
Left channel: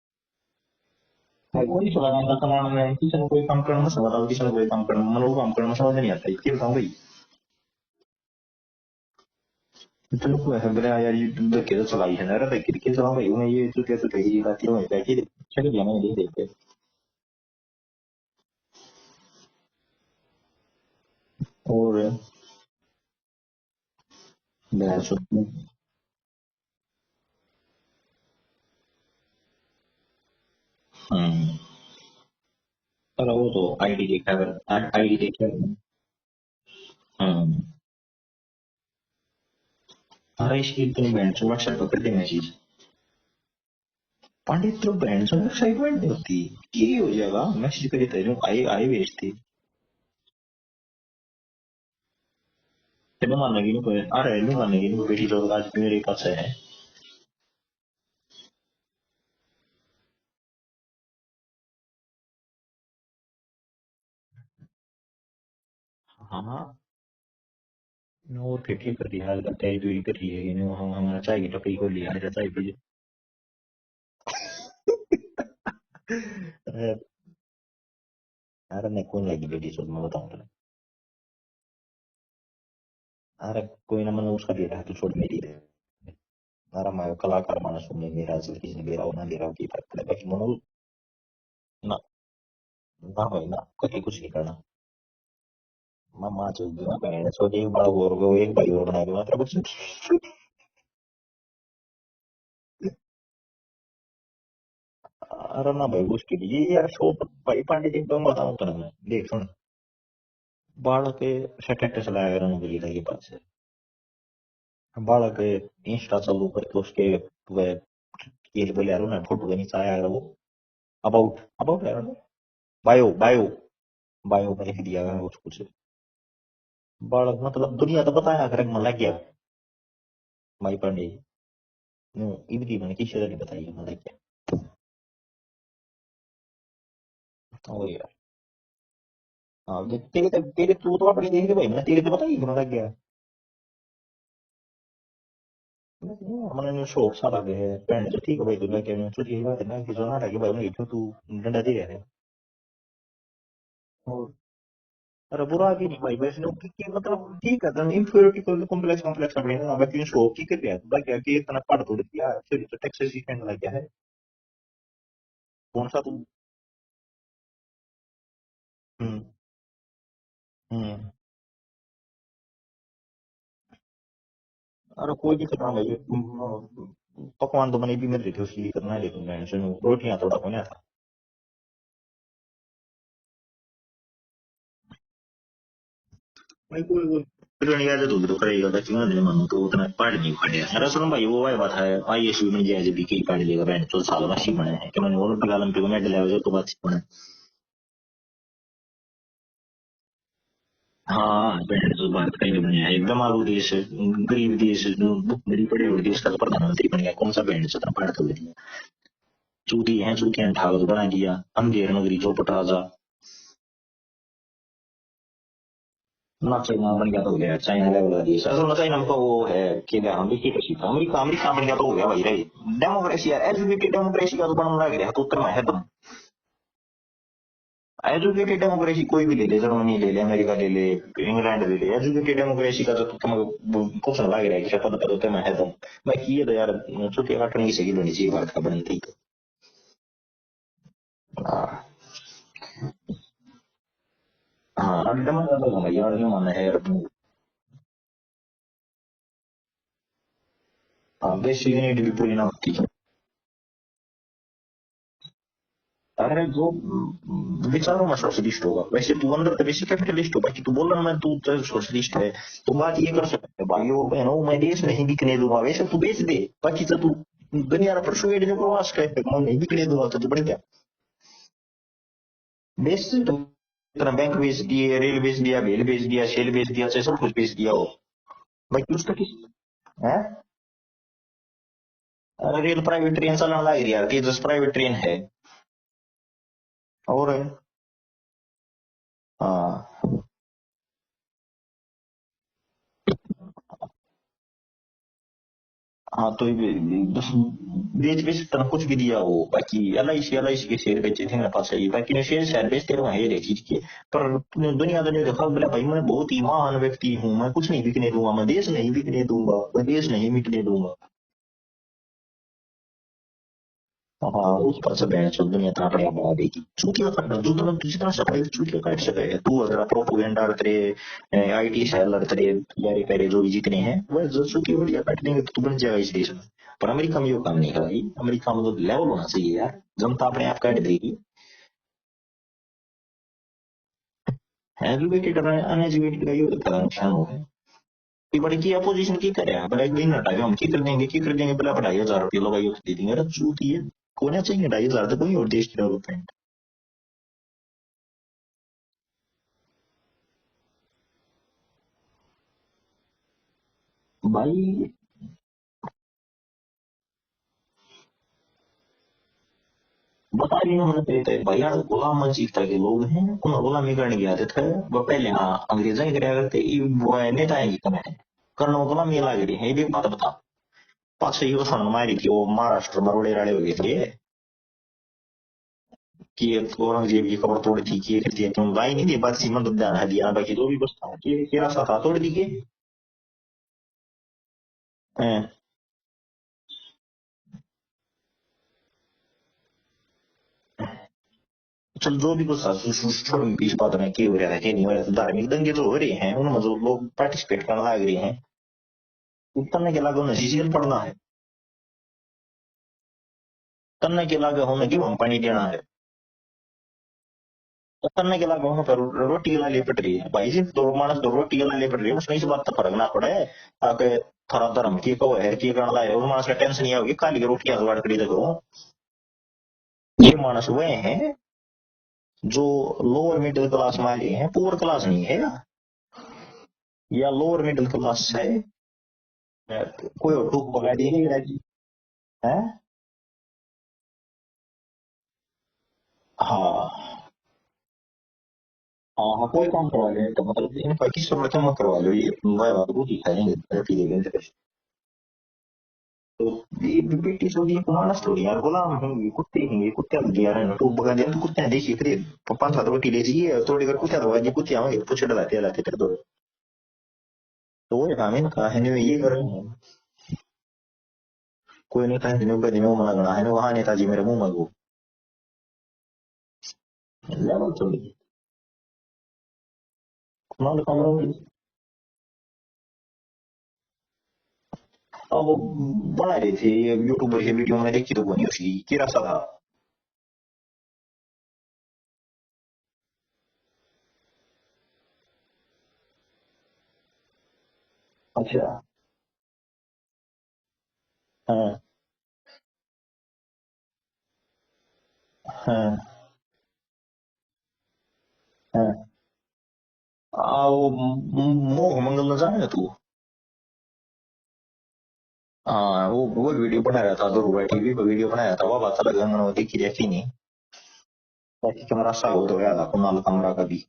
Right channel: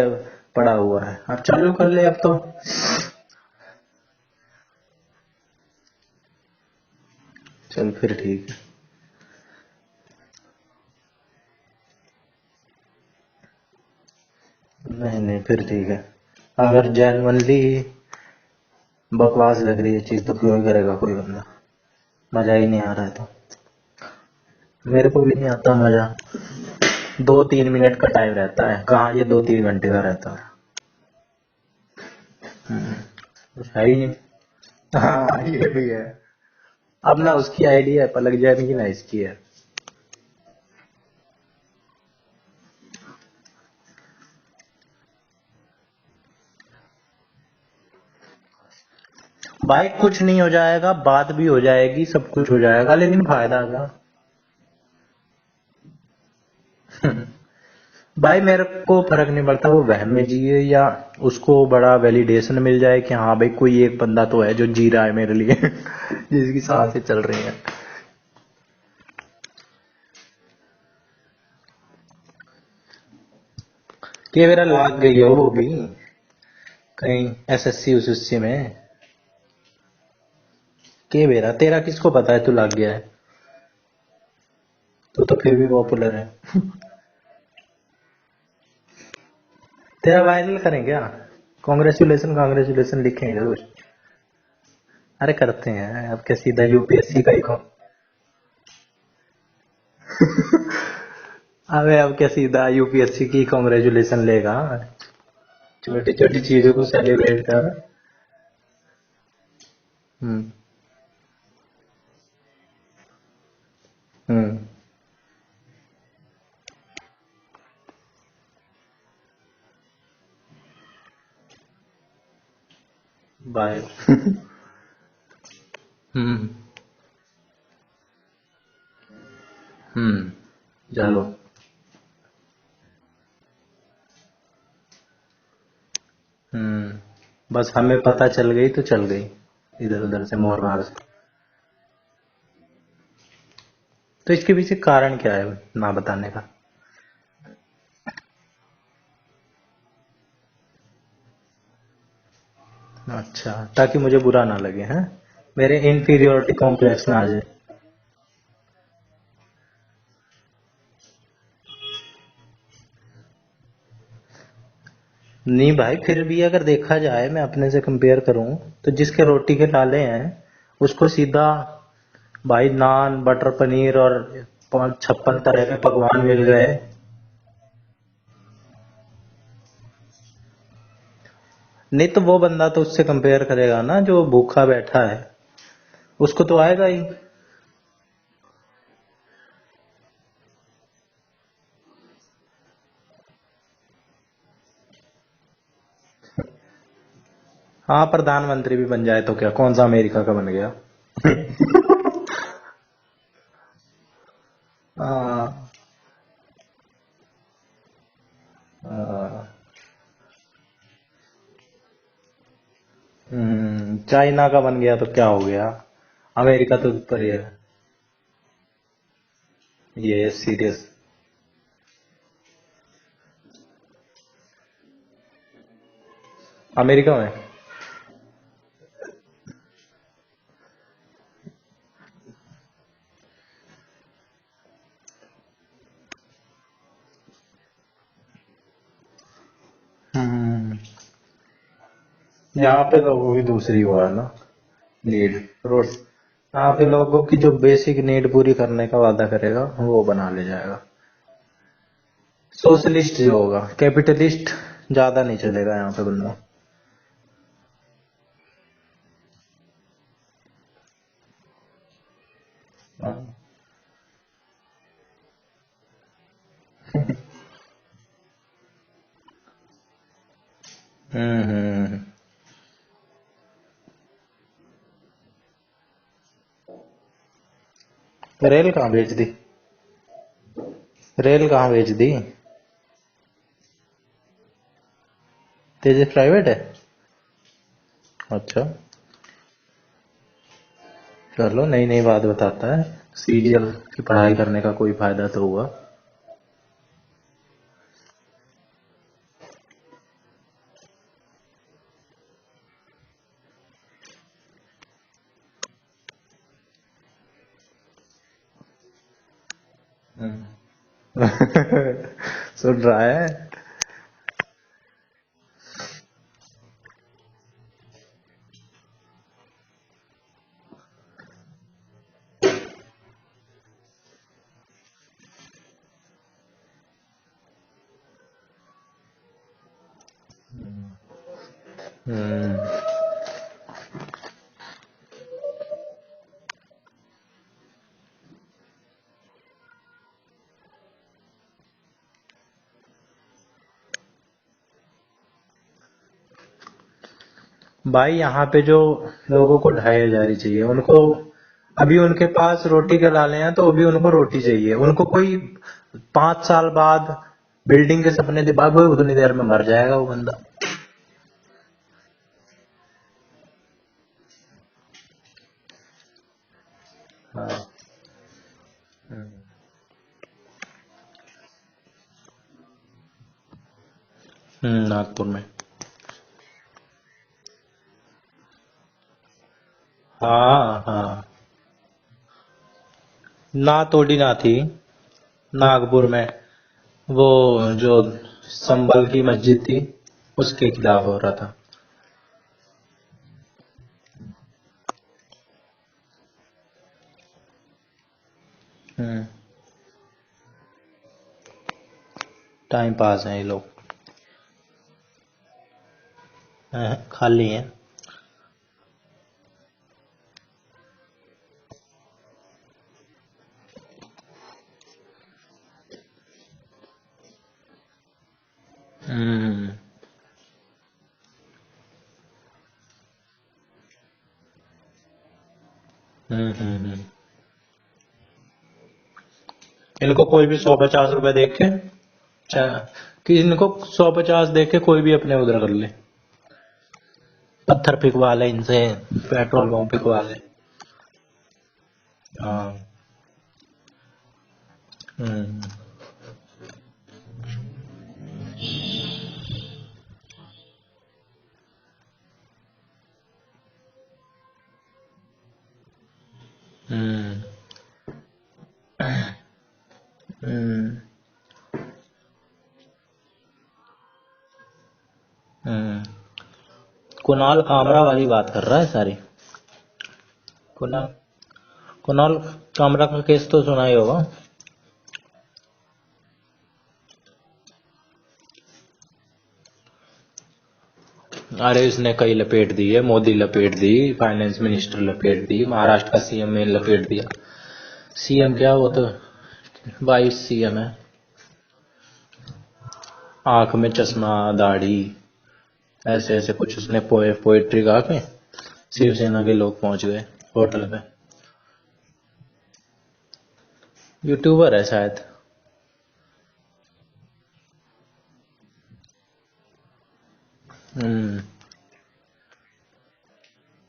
पड़ा हुआ है, अब चालू कर ले अब तो। किसी ने कोई काम करना मत बताओ, किसी ने कोई काम करना मन वो काम करना समझ नहीं आता ये बताऊं भाई। चल फिर ठीक है। चलो कोई है बोले यार ये तुम देख के तो चलाई है ना रे देख के चलाओ भाई मैं ये तो कैसे कही बात है नहीं नहीं फिर ठीक है, अगर जेन्युइनली बकवास लग रही है चीज तो क्यों ही करेगा कोई बंदा, और मजा ही नहीं आ रहा है तो। मेरे को भी नहीं आता मजा, 2-3 मिनट का टाइम रहता है, कहाँ ये 2-3 घंटे का रहता है। पर वो तो है ही आईडी नहीं। देखा कर हाँ ये भी है, अब ना उसकी आईडी है पलक जाएगी ना इसकी है। अरे इसकी इतनी बैंड से व्हाट्सएप पर कर दे मैसेज पंडित तो बैंड से एक्साइटमेंट नहीं होती ये हो जाएगा मैसेज करे तेरे आई आई भेजती भाई कुछ नहीं हो जाएगा, बात भी हो जाएगी, सब कुछ हो जाएगा, लेकिन फायदा नहीं क्या। अरे लूंगा नहीं बेटी तो आज मेरे पास है भाई मेरे को फर्क नहीं पड़ता वो वहम में जिए या उसको बड़ा वैलिडेशन मिल जाए कि हाँ भाई कोई एक बंदा तो है जो जी रहा है मेरे लिए, जिसकी सांसें चल रही हैं। और फिर कर लिया आज चाय दूरी कर लिया कि नहीं हम हमारा चाय की टपरी खोल लिया मेरा चाय पी ये मेरा लग गई है वो भी कहीं एसएससी उसएससी में। अरे मैं कौन लगी बेटी चल मैं बताऊं के मेरा तेरा किसको पता है तू लग गया है। अरे कोई ना मैंने उसका दे रहा है तो छोड़ तू तो फिर भी पॉपुलर है। अरे मैं कलाकार माना सुनने मेरा से किसी ने दे रहा हो ना दे रहा हो की फर्क तेरा पड़ेगा वायरल करें क्या, कांग्रेचुलेशन कांग्रेचुलेशन लिखेंगे कुछ। कुछ नहीं करना अरे करते हैं अब क्या, सीधा यूपीएससी का ही हो। एक बड़ा और एक भाई और बना दूंगा तेरा कुछ अबे अब क्या सीधा यूपीएससी की कांग्रेचुलेशन लेगा, अरे ना भाई छोटी कुछ छोटी चीजों को सेलिब्रेट भाई कर। पंडित जी तो बताऊं तो ना देख सुन बालक सेटेट चलाया रंग के लिए पास बालक इंस्टा चालू करके उसके वह ये बोले यार ना फोटो के नीचे आया वो अबाउट अबाउट यार बायो बायो बाय। बायो में लिख दिया है उस कुछ बालक मतलब दुनिया तो बताया कर मन लग गया माई पर चलो इबती मैंने किसी नहीं बताई मन लग गया बस हमें पता चल गई तो चल गई, इधर उधर से मोर तेरे मार। तू तो अपनी देख ले भाई मैंने तेरे तो बताई मन लग गया तो इसके पीछे कारण क्या है ना बताने का। मैंने शौक सा लगे है फ्रेंड से ठीक है भाई दुनिया के में तो यही बात है ना कि जो ना लगे भाई मैं क्यों तू डंडा दे रहा है अच्छा ताकि मुझे बुरा ना लगे हैं, अरे बुरा मेरे इंफीरियोरिटी कॉम्प्लेक्स ना आ जाए। ठीक है तो इंफीरियोरिटी कॉम्प्लेक्स कॉम्प्लेक्स अपने ना बाकी शौक की कर रहा है बाकी आके इतना पढ़ तो दिया फिर तो टैक्स सीखने लग गया है नहीं भाई फिर भी अगर देखा जाए मैं अपने से कंपेयर करूं तो जिसके रोटी के लाले हैं उसको सीधा भाई नान बटर पनीर और 56 तरह के पकवान मिल गए। पकवान तो मैंने भी मिल रही थी उसकी करना है लेकिन मैं रोटियां तो नहीं आता नहीं तो वो बंदा तो उससे कंपेयर करेगा ना जो भूखा बैठा है, उसको तो आएगा ही। तो करेगा क्यों नहीं मन तो उतना पढ़ नहीं पड़े अरे सुनो भाई वो है बात है आईएसयू में जैसे भी की पढ़ लेगा बैंड तो साल में सी बने हैं कि मैंने ओलंपिक में मेडल आया तो बात बने हाँ प्रधानमंत्री भी बन जाए तो क्या, कौन सा अमेरिका का बन गया। हाँ तो बात कहीं बने एकदम आलू देश गरीब देश बड़ी बड़े देश का प्रधानमंत्री बन गया कौन सा बैंड से पढ़ तो चूटी है चूटियां ठाक बना दिया अंधेर नगरी चौपट राजा चाइना का बन गया तो क्या हो गया, अमेरिका तो ऊपर ही है। चाइना लेवल देश असल में चाइना का वो है कि ये सीरियस। अमेरिका अमेरिका बन गया तो हो गया भाई रे डेमोक्रेसी यार एलजीबीटी डेमोक्रेसी का तो बनना लग रहा है तो उत्तर में है तुम अमेरिका में एजुकेटेड डेमोक्रेसी कोई भी ले ले जर्मनी ले ले अमेरिका ले ले इंग्लैंड ले ले एजुकेटेड डेमोक्रेसी का तो तुम क्वेश्चन लग रहा है कि पद पद में है तुम बाकी ये तो यार छुट्टी काटने की सही होनी चाहिए भारत का बनती यहाँ पे लोगों की दूसरी हुआ है ना, हाँ नीड। रोटी मानना यहाँ पे है। लोगों की जो बेसिक नीड पूरी करने का वादा करेगा वो बना ले जाएगा। हाँ बेसिक नीड भी पूरी ना होती। सोशलिस्ट जो होगा, कैपिटलिस्ट ज्यादा नहीं चलेगा यहाँ पे बंदा। अरे जो विचारों में सोशलिस्ट होगा, वैसे तू अंदर तो बेसिक कैपिटलिस्ट हो, बाकी तू बोल रहा मैं तू तो सोशलिस्ट है। तो बात ये कर सकते है भाई, वो बहनों मैं देश नहीं बिकने दूंगा, वैसे तू बेच दे, बाकी तो तू दुनिया पर परसुएड जो प्रवास करे मैं नहीं बिकने दूंगा तो बढ़ गया। बेच से तो इतना बैंक बेच दिए, रेल बेच दिया, भेल बेच दिया, सेल बेच दिया, सब कुछ बेच दिया हो। रेल कहाँ बेच दी? है रेल कहाँ बेच दी? अरे रेल प्राइवेट ट्रेन चलने लग रही यार, तेजस प्राइवेट ट्रेन है। तेजस प्राइवेट है? और अच्छा, हाँ चलो नई नई बात बताता है। सीरियल की पढ़ाई करने का कोई फायदा तो हुआ। हाँ तो बेच बेच तरह कुछ भी दिया हो, बाकी एल आई सी के शेयर बेचे थे मेरे पास है, बाकी शेयर शेयर बेचते रहो ये चीज के। पर दुनियादारी ने देखा बोले भाई मैं बहुत ही महान व्यक्ति हूँ, मैं कुछ नहीं बिकने दूंगा, मैं देश नहीं बिकने दूंगा, मैं देश नहीं बिकने दूंगा। सुन रहा है? हाँ उस पर से बहन चल दुनिया का अपने बढ़ा देगी, चूतिया काटना जो मतलब जितना सफाई चूतिया काट सके तू, अगर प्रोपोगेंडा तेरे आईटी सेलर तेरे यारे पेरे जो भी जितने हैं वह जो चूतिया बढ़िया काट देंगे तो तू बन जाएगा इस देश में। पर अमेरिका में ये काम नहीं है भाई, अमेरिका में तो लेवल होना चाहिए यार, जनता अपने आप काट देगी। एजुकेटेड और अनएजुकेटेड का ये होता है नुकसान हो गया कि बड़ी की अपोजिशन की करे बड़ा एक दिन हटा के हम की कर देंगे बोला 2,500 रुपये लगाइए दे देंगे, अरे चूती है होना चाहिए 2,500 तो कोई और देश की डेवलपमेंट। भाई यहाँ पे जो लोगों को 2,500 ही चाहिए उनको, अभी उनके पास रोटी के लाले हैं तो अभी उनको रोटी चाहिए, उनको कोई 5 साल बाद बिल्डिंग के सपने दिमाग में, उतनी देर में मर जाएगा वो बंदा। बताइए उन्होंने कहते हैं भैया गुलाम मंजीत के लोग हैं उन्हें गुलामी करने की आदत है, वो पहले हाँ अंग्रेजा ही कराया करते वो नेता है कमें करना वो गुलामी लग रही है, ये भी बात बता। पास से यो सुन मारी थी वो महाराष्ट्र बरोड़े वाले हो गए थे नागपुर में कि औरंगजेब की कबर तोड़ी थी कि थी तुम लाई नहीं थी बात सीमा तो ध्यान है दिया बाकी वो भी हाँ बस हाँ, कि रास्ता था तोड़ दी के। ना तोड़ी ना थी हैं। नागपुर में, वो जो संभल की मस्जिद थी उसके खिलाफ हो रहा था। चल जो भी कुछ छोड़ इस बात में क्या हो रहा है क्या नहीं हो रहा है, धार्मिक दंगे तो हो रहे हैं उनमें जो लोग पार्टिसिपेट करने लग रहे हैं उतरने के लागे उन्हें सीजन पड़ना है, टाइम पास है ये लोग। करने के लागे उन्हें क्यों पानी देना है, खाली है। तो करने के लागे उन्हें पर रोटी के लिए पड़ रही है भाई जी, दो मानस दो रोटी के लिए पड़ रही है उसमें इस बात का फर्क ना पड़े आके थोड़ा धर्म की को है की करना है उस मानस का टेंशन नहीं होगी खाली रोटियां जुगाड़ करी देखो। ये मानस हुए हैं जो लोअर मिडिल क्लास में आ गए हैं, पुअर क्लास नहीं है या लोअर मिडिल क्लास है। इनको कोई भी 150 रुपए देख के कि इनको 150 देख के कोई भी अपने उधर कर ले, हाँ पत्थर फेंकवा ले इनसे, पेट्रोल पंप फेंकवा ले। मतलब इन 25 रुपए में करवा लो ये वो दिखाएंगे रोटी देंगे। तो ये बेटी छोड़ी मानस थोड़ी यार गुलाम होंगे कुत्ते हैं, कुत्ते भी यार है तो बगा दे कुत्ते देसी फिर 5-7 रोटी ले चाहिए थोड़ी कर कुत्ते दवा ये कुत्ते आवे पूछ डलाते लाते कर दो तो वो काम इनका है नहीं ये कर कोई नेता है जिन्होंने बदले में मना है वहां नेताजी मेरे मुंह मलबू कुणाल कामरा वाली बात कर रहा है सारी। कुणाल कामरा का केस तो सुना ही होगा। अब वो बना रहे थे यूट्यूबर की वीडियो में देखी तो बनी उसकी किरा सा था। अरे इसने कई लपेट दी है, मोदी लपेट दी, फाइनेंस मिनिस्टर लपेट दी, महाराष्ट्र का सीएम ने लपेट दिया। सीएम क्या वो तो वाइस सीएम है। आंख में चश्मा दाढ़ी ऐसे ऐसे कुछ उसने पोएट्री गा के शिवसेना के लोग पहुंच गए होटल में। मोह मंगल न जाने तू यूट्यूबर है शायद। हाँ वो वीडियो बना रहा था दुर्गा टीवी पे वीडियो बनाया था वो बात अलग है देखी देखी नहीं ताकि कैमरा सा हो तो गया था कुणाल कामरा का भी।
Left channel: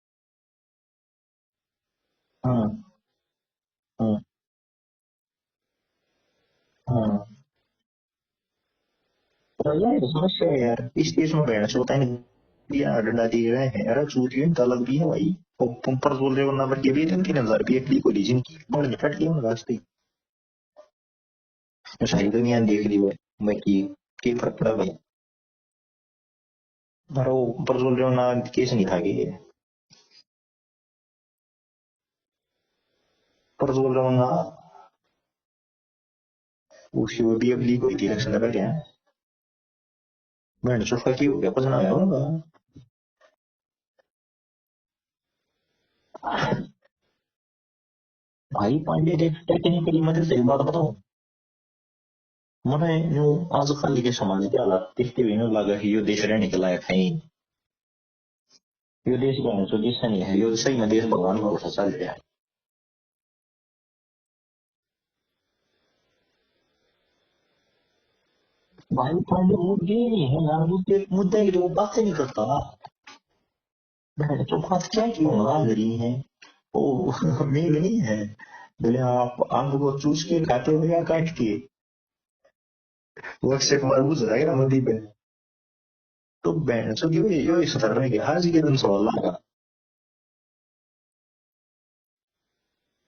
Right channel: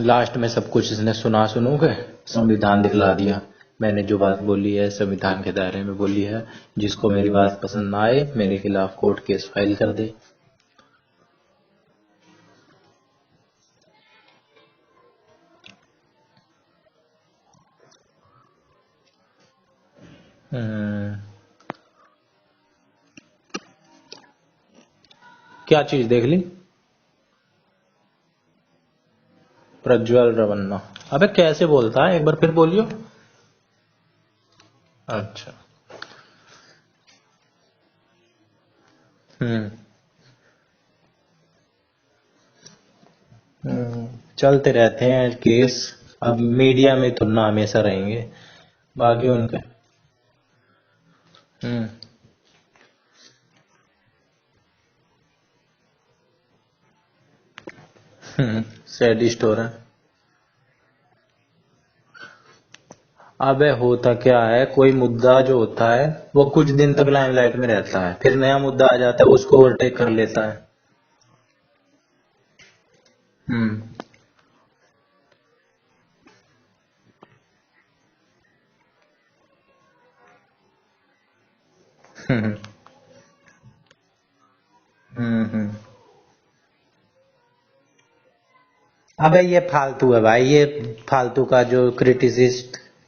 लास्ट में सब कुछ इसने सुना सुनू के संविधान दिखला दिया, मैंने जो बात बोली है संविधान के दायरे में बोली है, जिसको मेरी बात पसंद ना आए मेरे खिलाफ कोर्ट केस फाइल कर दे। समस्या है यार इस देश में रहना होता है दिया डंडा दिए गए हैं यार चूतियों इनका अलग भी है भाई। पर बोल रहे हो ना बट ये भी 3,000 रुपये क्लिक हो लीजिए इनकी बड़े फट गई उनका रास्ते सारी दुनिया देख ली मैं कि फर्क पड़ा भाई। क्या चीज देख ली? पर वो प्रज्वल रेवन्ना केस नहीं था कि प्रज्वल रवन्ना, अबे कैसे बोलता है, एक बार फिर बोलियो। प्रज्वल रेवन्ना अच्छा। उसकी वो भी लीक हुई थी इलेक्शन से पहले। हम्म। मैंने सोचा कि हो गया कुछ ना होगा। चलते रहते हैं केस, अब मीडिया में तो ना हमेशा रहेंगे। भाई पांडे बाकी के उनके। टेक्निकली मुझे सही बात बताओ, हम्म। मैंने न्यू आज खाली के समाज के हालात देखते हुए न्यू लगा कि यो देश रहने के लायक है ही। यो सैड देश स्टोर बहन है। जो देश नहीं है, यो सही में देश भगवान का भरोसा चल रहा है। अबे होता क्या है, कोई मुद्दा जो होता है वो कुछ दिन तक लाइमलाइट में रहता है, फिर नया मुद्दा आ भाई जाता है, वो उसको ओवरटेक मुद्दे कर नहीं लेता है, है। मुद्दे की तो वो बात ही नहीं करता। हम्म। बहन तो बात क्या क्यों लगा रही है, ओ मेल नहीं है। बोले आप आंख को चूस के खाते हो या काट के, हम्म। वो अक्षय कुमार पूछ रहा है ना मंदी पे। हम्म। तो बहन सो यो इस तरह के आज के दिन सवाल। अबे ये फालतू है भाई, ये फालतू का जो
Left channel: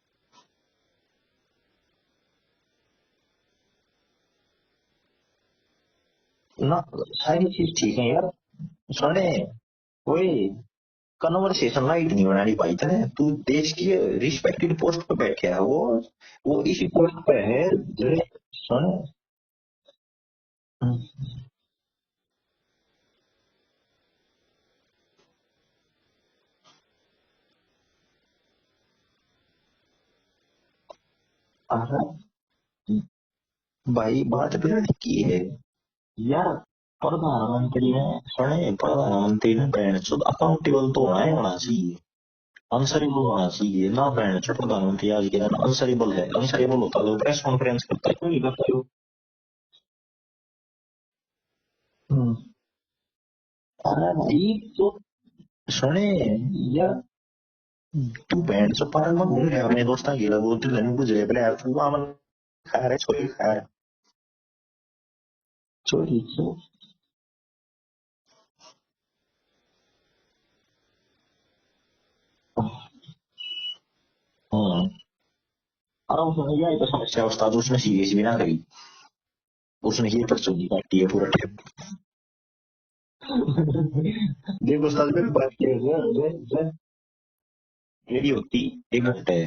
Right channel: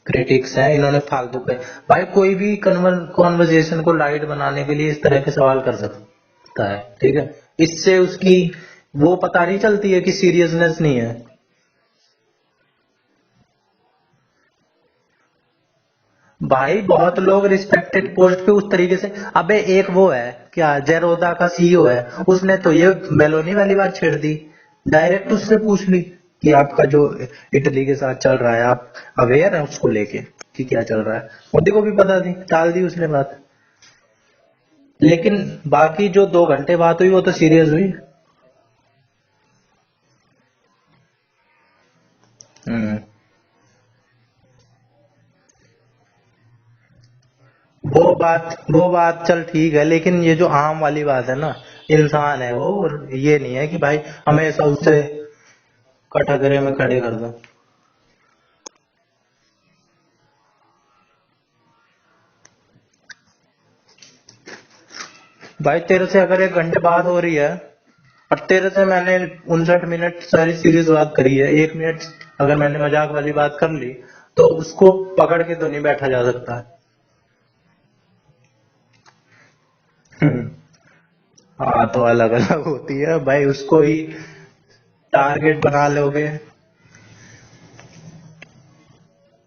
क्रिटिक्स है, इन्होंने फालतू के। भाई कोई भी कॉन्वर्जेशन को लाइट बनाने के लिए इस तरह के सवाल कर सकता ना है, ठीक है। सारी चीज इससे ठीक है यार, उसकी वो सुने पता नहीं चलती है कि कोई सीरियसनेस नहीं है। कन्वर्सेशन लाइट नहीं बनानी पाई तने, तू देश की रिस्पेक्टेड पोस्ट पे बैठे है वो भाई ऐसी बहुत बात पे लोग है। रिस्पेक्टेड मेरे पोस्ट पे उस सुने तरीके से। अबे एक वो है क्या, जेरोदा का सीईओ है, उसने तो ये मेलोनी वाली बात छेड़ दी। डायरेक्ट उससे पूछ ली कि आपका जो इटली के साथ चल रहा है, आप अवेयर है उसको लेके कि क्या चल रहा है। मोदी को भी पता थी, टाल दी उसने बात। भाई बात भी ठीक लेकिन है बाकी जो दो यार। घंटे बात हुई वो तो सीरियस प्रधानमंत्री हुई। ने सुने प्रधानमंत्री ने बहन चुद अकाउंटेबल तो होना चाहिए, हम्म। आंसरेबल होना चाहिए ना। बहन चुद प्रधानमंत्री आज के दिन आंसरेबल है, आंसरेबल होता तो प्रेस कॉन्फ्रेंस वो करता क्यों नहीं बात करता। वो बात चल ठीक है, लेकिन ये जो आम वाली बात है ना, इंसान है वो, और ये नहीं है कि भाई हमेशा उसे सुने कटघरे में खड़े कर दो। तू बैंड से पार्क में घूम रहा है अपने दोस्तों के लिए, वो तो नहीं बुझे पहले यार तू आमन खा रहा है, छोरी खा रहा है। भाई तेरे से छोरी अगर एक घंटे बात हो रही है, और तेरे से मैंने 59 मिनट सारी सीरीज बात करी है, 1 मिनट अगर मैंने मजाक वाली बात कर ली, तो उसको पकड़ के तो नहीं बैठा जा हाँ तो सकता। भैया ये तो समस्या उस्ताद उसने सीरियस भी ना करी, उसने ही हम्म। परसों की काटी है पूरा टेप। हाँ तो अलग अलग होती है भाई, उसको ही देखो उस्ताद जो भी टारगेट काटी बना लोगे। है मेरी होती 1 घंटे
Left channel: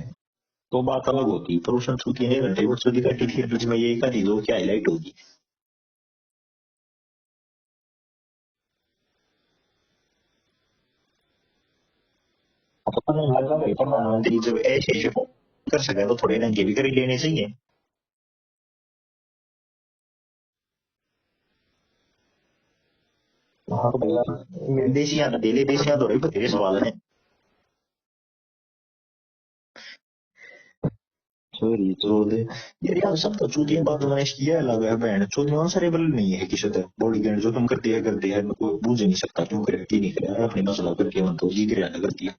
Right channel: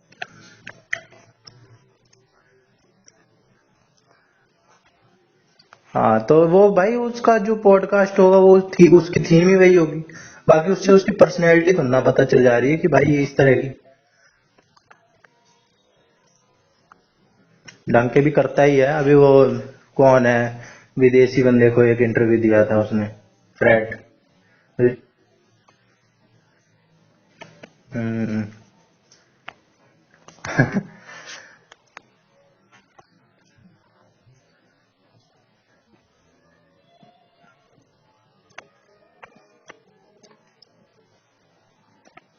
तो बात अलग होती, पर उसने छुट्टी 1 घंटे परसों की काटी, फिर बीच में ये काटी दो क्या हाईलाइट होगी। हाँ तो वो भाई उसका जो पॉडकास्ट होगा वो थी, उसकी थीम ही वही होगी। बाकी उससे उसकी पर्सनैलिटी तो ना पता चल जा रही है कि भाई ये इस तरह की। प्रधानमंत्री जब ऐसे ऐसे कर सके तो थोड़े रंगे भी कर ही लेने चाहिए। ढंग के भी करता ही है। अभी वो कौन है, विदेशी बंदे को एक इंटरव्यू दिया था उसने, हाँ फ्रेट। तो भैया विदेशियां तो डेली देशियां तो बतेरे सवाल है। हम्म। सॉरी चोद यार, यार सब तो चूतिया बात मैंने किया लगा है बहन चोद आंसरेबल नहीं है किसी तरह बॉडी गार्ड जो तुम करती है मैं तो बूझ नहीं सकता क्यों करे की नहीं करे अपनी मसला करके मन तो जी गिरा करती है।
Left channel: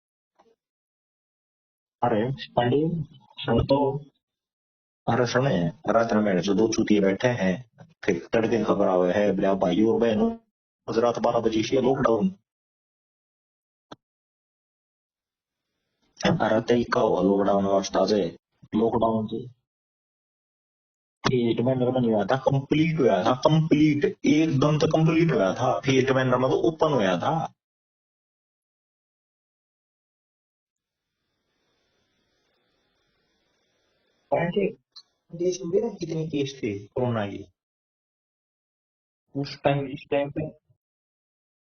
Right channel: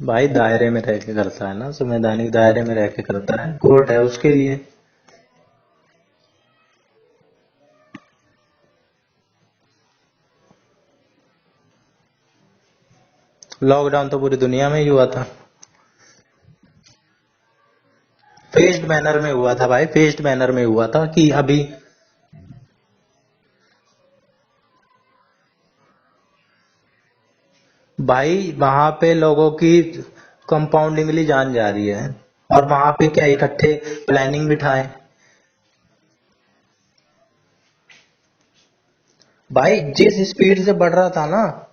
भाई दायरे में रह के करता है ना, अरे संवैधानिक दायरे में रह के करता है, कोर्ट है उसके लिए। अरे सुने रात में मेरे जो दो चूतिए बैठे हैं, फिर तड़के खबर आवे है बोले भाई और बहनों आज रात 12 बजे से लॉकडाउन। लॉकडाउन तो पूरी दुनिया में ही हुआ था। अरे तय का हुआ लॉकडाउन वास्ता से फेस्ड मैनर लॉकडाउन में हुआ था भाई, फेस्ड मैनर में हुआ था कि फेट अभी। मैनर में नहीं हुआ था, कंप्लीट हुआ था, कंप्लीट एकदम तो कंप्लीट हुआ था, फेट मैनर में तो ओपन हुआ था। भाई वहां पे लोगों की कंपाउंडिंगली जान जा रही है, और वहां पे क्या इकट्ठे प्लानिंग बिठाए। देश में देखा कितने केस थे कोरोना के उस भाई टाइम जिस पे। स्पीड से बढ़ रहा था ना,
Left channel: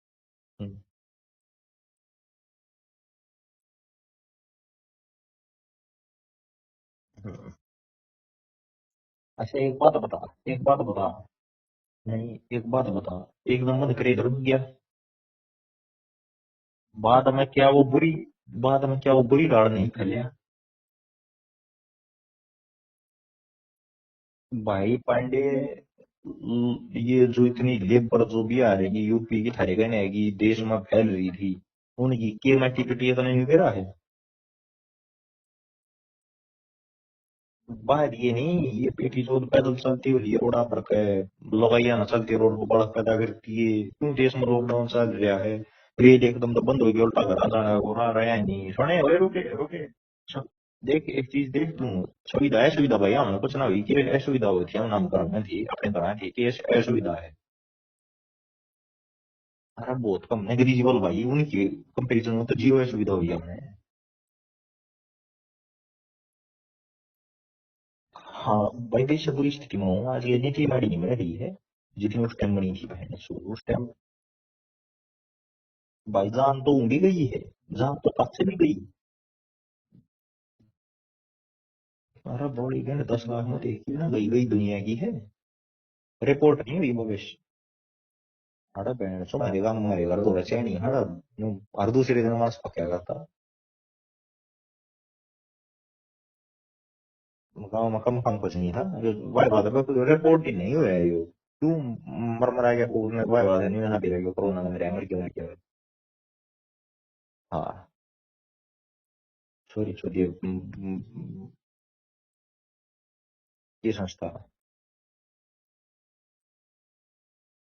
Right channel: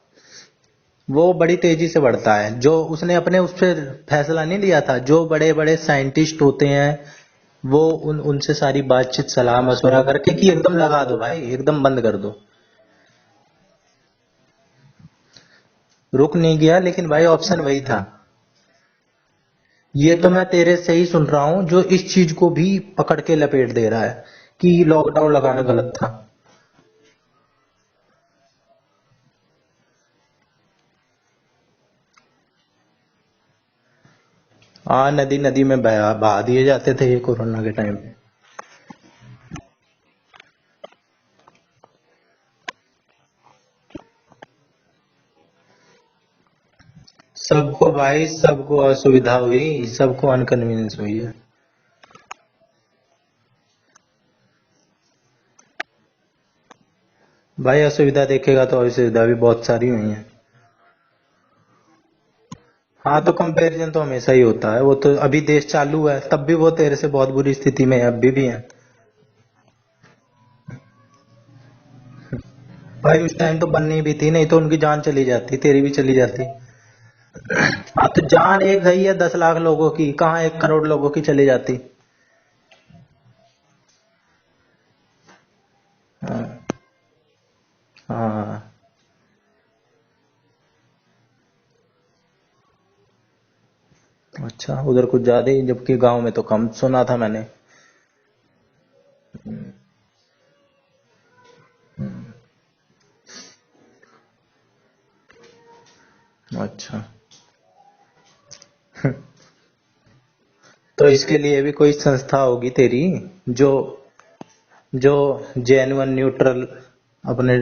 वो बड़ी तेजी से बढ़ता है। जो उसने अपने उस पर फैसला नहीं लिया था, जो बड़े बड़े साइंटिस्ट होते हैं वो उनसे सारी बातचीत सलाह एक मशवरा बात करके कि एक एकदम बात लगा बताओ, दो भाई, एकदम बंद कर दो। एक बात बताओ, एकदम बंद करे रुक गया, रुक नहीं गया, लेकिन भाई बाद में ऑप्शन क्या वही वो था। बुरी, बाद में क्या वो बुरी दाड़ नहीं ये निकली। तो मैं तेरे से ही सुन रहा हूँ, जो इस चीज को भी पकड़ के लपेट दे रहा है कि भाई लॉकडाउन पांडे लगाना गलत था। ये जो इतनी लेबर जो भी आ रही यूपी की थारे कहने की देश में फैल रही थी, उनकी के एक्टिविटी तो नहीं दे रहा है। हाँ, नदी नदी में बहा दिए जाते थे ये कोरोना के टाइम पे। बात ये नहीं, ये पेटी जो पैदल चलती हुई है रोड़ा पर पे लगाइया ना चलती रोड को बड़ा पैदा करती है, क्यों देश में लॉकडाउन चल रहा है, रेल एकदम तो बंद हो गई उल्टा कर सबको भाई, लगाया नहीं है सबको मैंने असुविधा हुई, सबको अनकन्वीनियंस देख हुई एक है। चीज देख तू, सुविधा है सुविधा भैया हमने कुछ ना हुई कि असुविधा होती है हम नाम करना थी अपने तरह थी कि असुविधा है। भाई असुविधा देखेगा तो असुविधा भी बहुत सारी हाँ हुई है। बहुत कम नेग्लिजिबल भाई, उनके कंपेरिजन में तो जीरो सुविधा हाँ दी तो है मैंने। कंपैरिजन तो हमेशा ही होता है, वो तो अभी देश चालू है तब भी वो तेरे से बहुत बुरी स्थिति में है, अभी भी है। हाँ भाई देश से बुरी स्थिति में हूँ, आज ये नीति हमारी नहीं बन रही है जितनी उस टाइम बनी थी। भाई उस टाइम तो बननी भी थी, नहीं तो उनकी जान चली जाती, तेरी भी चली भाई जाती। जान तो उनकी गई है, जान हाँ तो तो कहाँ जान गई एक है। गई है 10 लाख लोगों की, कहाँ 1 करोड़ लोगों की चली जाती। अरे बॉडी बैंड 10 लाख में देखती ना, गई गई दुनिया की है, हाँ। रिपोर्ट नहीं हुई भविष्य। हाँ। हड़ा बैंड सो मेरे गांव में मेरे घर तो वैसे नहीं हड़ा, हर दूसरे दिन मांस पक्या करता। अच्छा, उधर कुछ ज्यादा ही, जबकि गांव में तो कम सुना था मैंने। गाँव में कम कम कुछ नहीं था, जो वाई बात है कोई रिपोर्ट ही नहीं हुआ है यो, क्यों मर मरा गया को ने वाई बात नहीं ना दिया कोरोना में मर गया क्यों। अच्छा। हाँ सॉरी सॉरी। तो इसके लिए भी कोई संस्था होगी तेरी, जो की संस्था। जो जेन्युइन न्यूट्रल अपने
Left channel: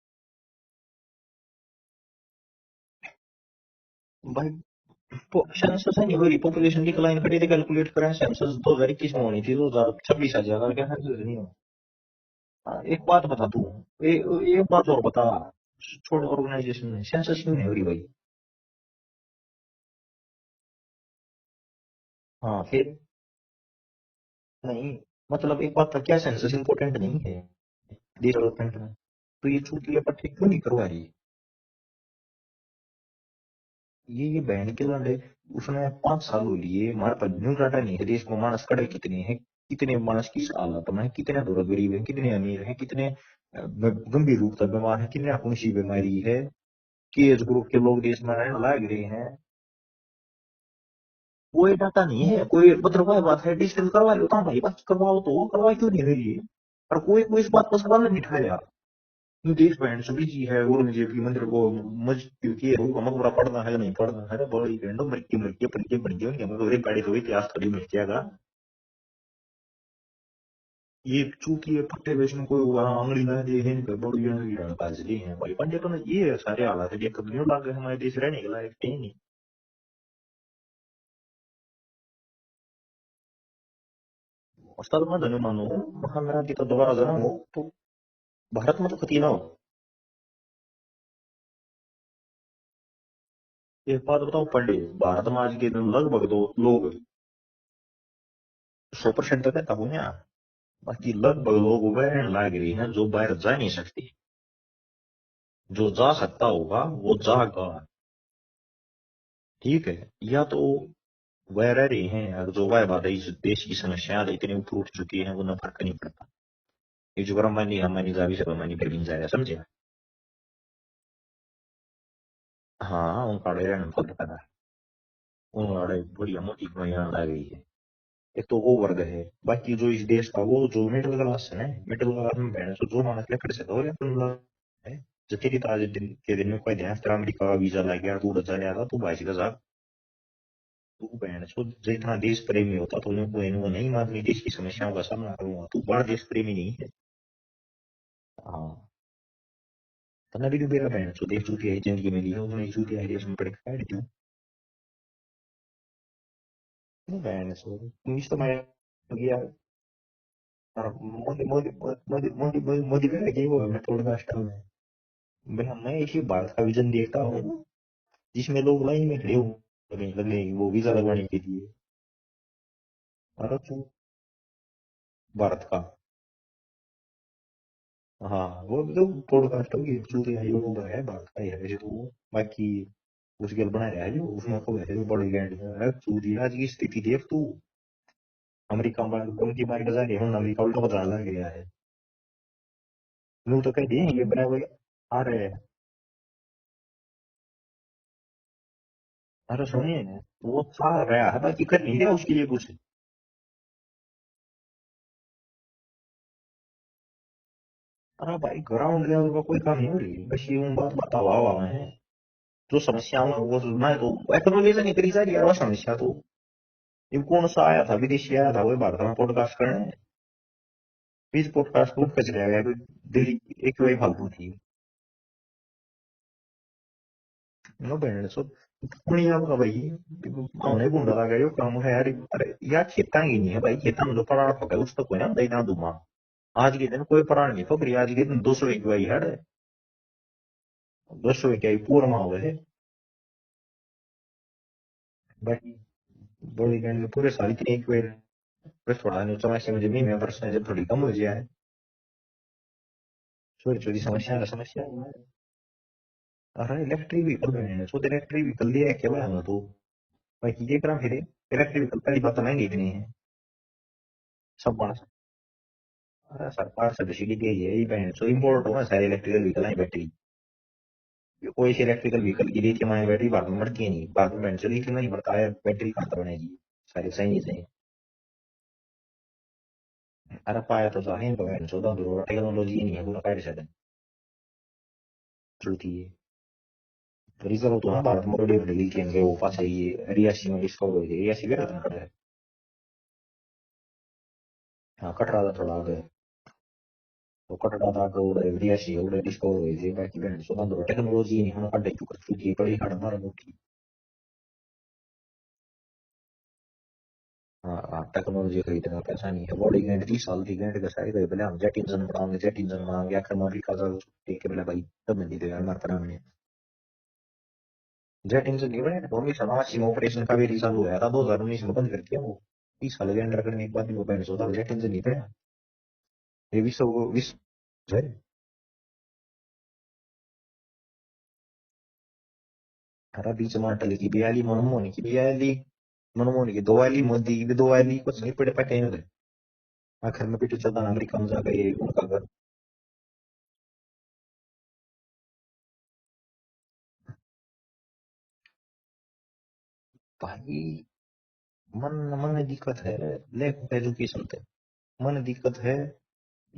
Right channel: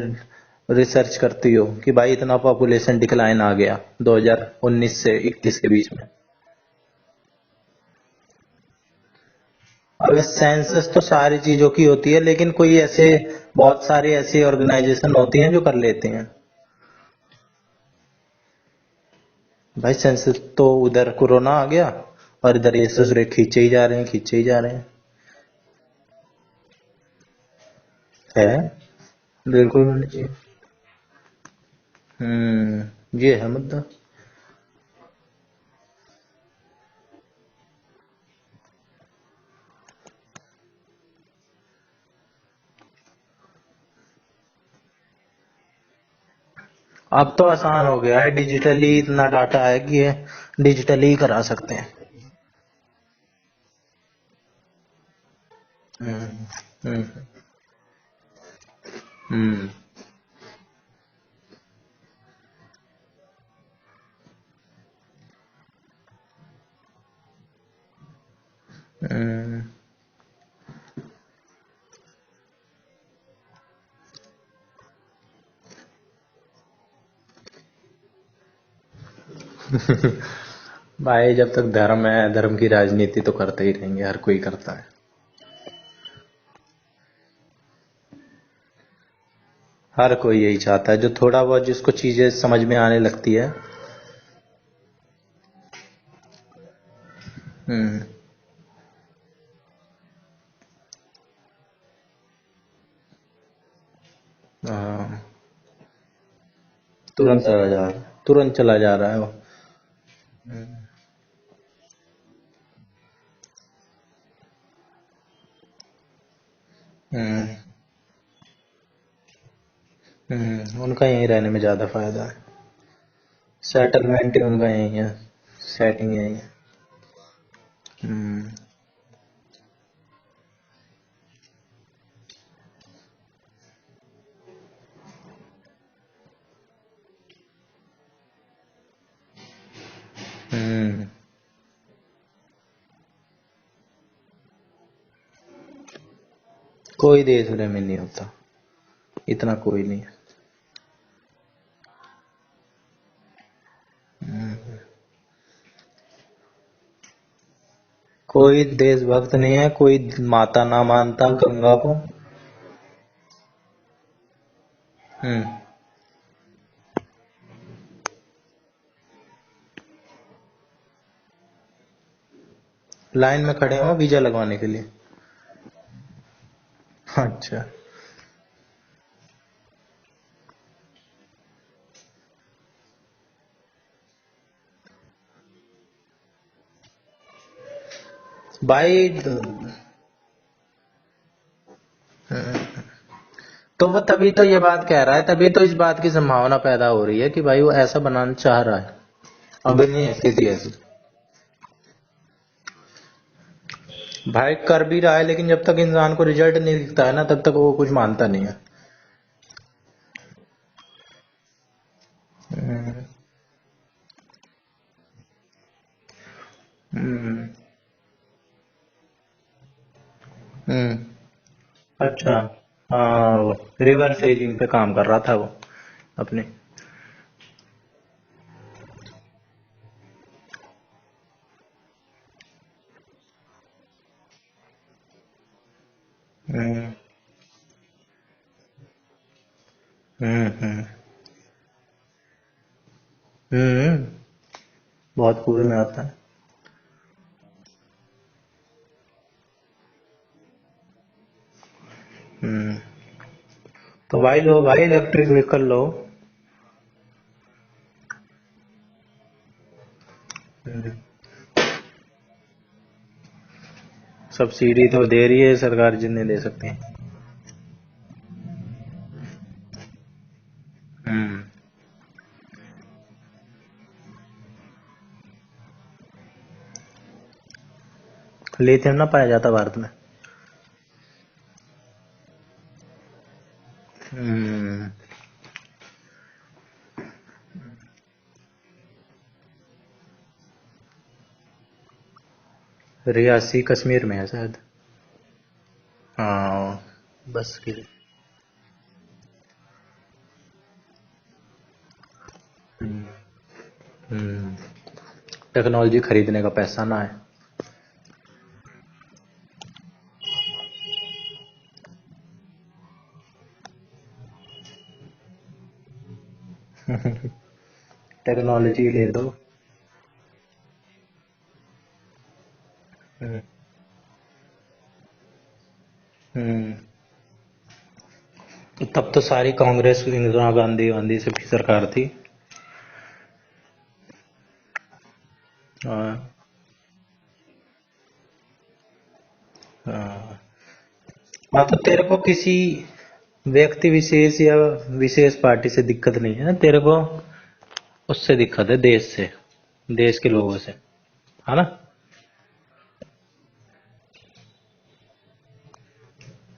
रिसर्च करती हो कि भाई इतना पॉपुलेशन डिक्लाइन आ गया भाई 2019 से 21 के बीच सेंसस में। नहीं हो रही, पॉपुलेशन डिक्लाइन करी थी, कैलकुलेट करें सेंसस 2021 में होनी थी, अबे 2024 आ गया सेंसस तो है सारी चीजों की होती है, लेकिन कोई एक ऐसे बात बता तू, बहुत सारी ऐसी एक बात और ऑर्गेनाइजेशन बता, होती हैं जो कर लेते कोई हैं। ऑर्गेनाइजेशन सेंसस क्यों नहीं हो रही भाई। भाई सेंसस तो उधर कोरोना आ गया, और हाँ इधर ये फिर दूसरे खींचे ही जा रहे हैं, खींचे ही जा रहे हैं। नहीं, मतलब एक बात था, क्या सेंसस इंपॉर्टेंट नहीं है देश है। डेवलपमेंट में, तो ये कोई बिल्कुल। लेटेस्ट क्यों नहीं करवा रही। ये है मुद्दा। ये बहन के लंडे, उसने 5 साल हो लिए हमारे पास न्यू डाटा नहीं है देश में, मानस कड़े कितने हैं, कितने मानस किस हालत में है, कितने दौलत गरीब है, कितने अमीर है, कितने गंभीर रूप से बीमार है, कितने कौन सी बीमारी है, अब तेज तो रोग के आसान हो लोग गया है, हैं, लाइट डिजिटली हैं। इतना डाटा है कि ये डिजिटली ही करा सकते कोई हैं। डाटा नहीं है, कोई मतलब वह बात है डिजिटल करवा लो, कहाँ भाई बात करवाओ तो करवा क्यों नहीं रही है। और हम्म। कोई कोई इस बात पर सवाल नहीं उठाया। ये हम्म। देश बैंड सभी चीज है, औरंगजेब की मंदिर को मस्जिद की मकबरा पढ़ना है नहीं पढ़ना है, बड़ी बैंड मृत्यु मृत्यु परिचय बन गई हमें, एक गाड़ी तो इतिहास थोड़ी मिल जाएगा। हम्म। ये चूंकि ये पट्टे बेचने कोई आंगली ना दे है इनका बड़ी आंगली डाल दी है भाई पंजे तो ये सारे हालात है, ये कभी नहीं लागे हमारे देश रहने के लायक है ही नहीं। भाई जब तक धर्म है, धर्म की राजनीति तो करते ही रहेंगे, हर कोई करता है। असल में धनु मानो, मतलब मेरा तो दोबारा जन्म हो तो भारत में तो कती ना हो। हर कोई यही चाहता है, जो थोड़ा बहुत जिसको चीजें समझ में आने लगती है। एक बात बताओ पंडित, भारत में आज के दिन लगभग दो लोग हम्म। 100% तो कहता हूँ ना, बाकी लगभग लोग वह लाग रही हैं जो बाहर जा नहीं सकती। हाँ। जो जा सकता होगा वो जा तुरंत चला रहा जा है। रहा है, तुरंत चला जा रहा है वो। ठीक है, या तो वह रह रही हैं, और जो वह बात है इस देश की समस्या इतनी ऊपर उठ चुकी है उन्हें फर्क नहीं पड़ता। ईश्वर हम्म। मानी हमारी जावी से मानी फिर जाएगा समझे। उनका यहीं रहने में ज्यादा फायदा है। हाँ उनका रहने का सेटलमेंट ही उनका यहीं है। सेटिंग उन्होंने यहीं बड़ी है। मोटी कमाइयां ला गई है। ये हम्म। तो वो वर्ग है, बाकी जो इस देश का वो जो मिडिल क्लास है ना, मिडिल क्लास में बहन तो जो मानस लकड़ से दो है। जो तेरी तो आज दिन के दिन में कोई ध्यान तेरा अमेरिका का वीजा लग गया, तू उड़ जाने आता, तू 22 का हम्म। तू बहन सो जितना देश प्रेमी होता तो उन्हें कोई वो नहीं मारनी देश की समस्याओं का सामना करूंगा, तू बड़ा देश प्रेमी नहीं है। कोई देश में नहीं होता, हाँ इतना कोई नहीं है। सना भी मेरा बहन सो देश चूतिया है जिंदगी में लिया उसने चूतिया है देश में पड़े काट क्यों। हम्म। क्यों बहन सो तुम इस कोई तरह देशभक्त ये नहीं है, कोई माता ना हाँ मानता मोदी मोदी गंगा को। मोदी मोदी मोदी का ये वो है पॉडकास्ट में हम्म। भाई, मैं इसी भारत का विजन देखता हूँ जिसमें लोग लाइन में खड़े हो लगे वो वीजा लगवाने के लिए। लाइन में भारत खड़े हो वीजा लगवाने के लिए। भारत का। अच्छा। हाँ वो तो पॉडकास्ट होगी चूतिया है लोगों का है, भारत का ही है वैसे तो वो, बाकी उसके बना रहा है जो उसमें तो वैसे भी बड़ी लैंड है चूतिया आज की स्थिति देख तू। अमेरिका भाई में उनकी पार्टी का जारी है अमेरिका उल्टा बदला लग गया है। हम्म, यूं तो तो कहती वो है तभी तो अपने ये बात कह रहा है, आप तभी रहे। तो इस बात की संभावना पैदा हो रही है कि भाई वो ऐसा बनाना चाह रहा है। अरे अभी नहीं नहीं है स्थिति वो ऐसी। था रहा है बाकी कर नहीं रहा उसके लिए कुछ। भाई कर भी रहा है, लेकिन जब तक इंसान को रिजल्ट नहीं दिखता है ना, तब तक वो कुछ मानता हाँ नहीं है। भाई ग्राउंड लेवल का कोई काम नहीं हो रही, बस ये उन बात बतावा हुआ है जो हम्म। समस्याओं में वो मैं तो एक्नोलेज नहीं करी जा रही यार वो समस्या तो। ये कौन हम्म। सा आया था विदेशी आया था वो भारत में पॉडकास्ट करने, हम्म। बीच पॉडकास्ट को ऊपर अच्छा। चला गया दिल्ली हाँ, एक रिवर खाली था। सेजिंग पे काम कर रहा था वो अपने। नो बैंड सो दुनिया का भाई कौन है गुंडा लगा यो काम है यार। अरे यार खेता ही नहीं है भाई, खेता में जो पराड़ पका है उस पर कोई ना देना दूंगा। आज के हम्म। दिन कोई पराड़ नहीं पकड़ी, आज के दिन 200 एक भाई है। दसों क्या ही पूरा में हो गए। बहुत पूर्ण में आता है। बड़ी बैंड में पूरे साल की एक बार बस थोड़ा नहीं 84 में जब भी मैं वर्ष जब थोड़ी कम हो जाए थोड़ी थोड़ी तो भाई समस्या लो भाई इलेक्ट्रिक व्हीकल लो। अरे इलेक्ट्रिक व्हीकल में तो इलेक्ट्रिक व्हीकल लिया क्या भाई तो भाई ये करा फिर इलेक्ट्रिक व्हीकल पहली बात तो महंगी इतनी है। सब्सिडी तो दे रही है सरकार जितने दे सकती है। सरकार सब्सिडी दे रही है ये बैंड तो इम्पोर्ट हुआ सारे इलेक्ट्रिकल व्हीकल है बैटरी कोई से इलेक्ट्रिकल व्हीकल की लिथियम आयन बैटरी भारत में बढ़ती है नहीं भारत में बैंड से लिथियम नहीं बढ़ता है बैटरी कहाँ बनेगी सारे सही है। लिथियम ना पाया जाता भारत में। अरे पाया तो है तो बैंड चौदह तो टेक्नोलॉजी नहीं है पूरा पाया से चलती है रिजर्व तो भारत में बड़ी बड़ी लिथियम के वो पास है ये रियासी में डिस्कवर हुई थी रियासी गया था पड़ा है रियासी कश्मीर में है शायद। हाँ कटरा था थोड़ा आगे हाँ बस। वो कटरा था तो रियासी वो डिस्कवर हुई थी बाकी बैंड चौदह तो टेक्नोलॉजी नहीं होना पड़े क्योंकि बड़ी हड़ मार टेक्नोलॉजी खरीदने का पैसा ना है। हाँ टेक्नोलॉजी खरीदने का पैसा नहीं है बॉडी में 30 साल की बैंड का शायद है भले हम जेट इंजन बनाएंगे आखिर में अमेरिका का देख के भले भाई तब नहीं देगा हमारे पर हमने जेट इंजन टेक्नोलॉजी ले दो। 1989 में ऑपरेशन कावेरी चालू हुआ था 2019 में बंद कर दिया वो 30 साल एंटर करने के बाद भी वो बैंड चौदह जेट इंजन नहीं पड़ा ये विश्व तब तो सारी कांग्रेस इंदिरा गांधी गांधी सबकी सरकार थी। हरा बीच में अटल की बियाली मनमोहन की बियाली हाँ, मनमोहन की दो वाली मोदी की दो वाली कुछ नहीं पड़े पटे हैं आखिर हाँ। में पीछे चलता अमेरिका में जाकर हाँ, तो तेरे को किसी व्यक्ति विशेष या विशेष पार्टी से दिक्कत नहीं है ना तेरे को। उससे दिक्कत है देश से, देश के लोगों से, है ना। मन मन में दिक्कत है लेक एजुकेशन पे मन दिक्कत है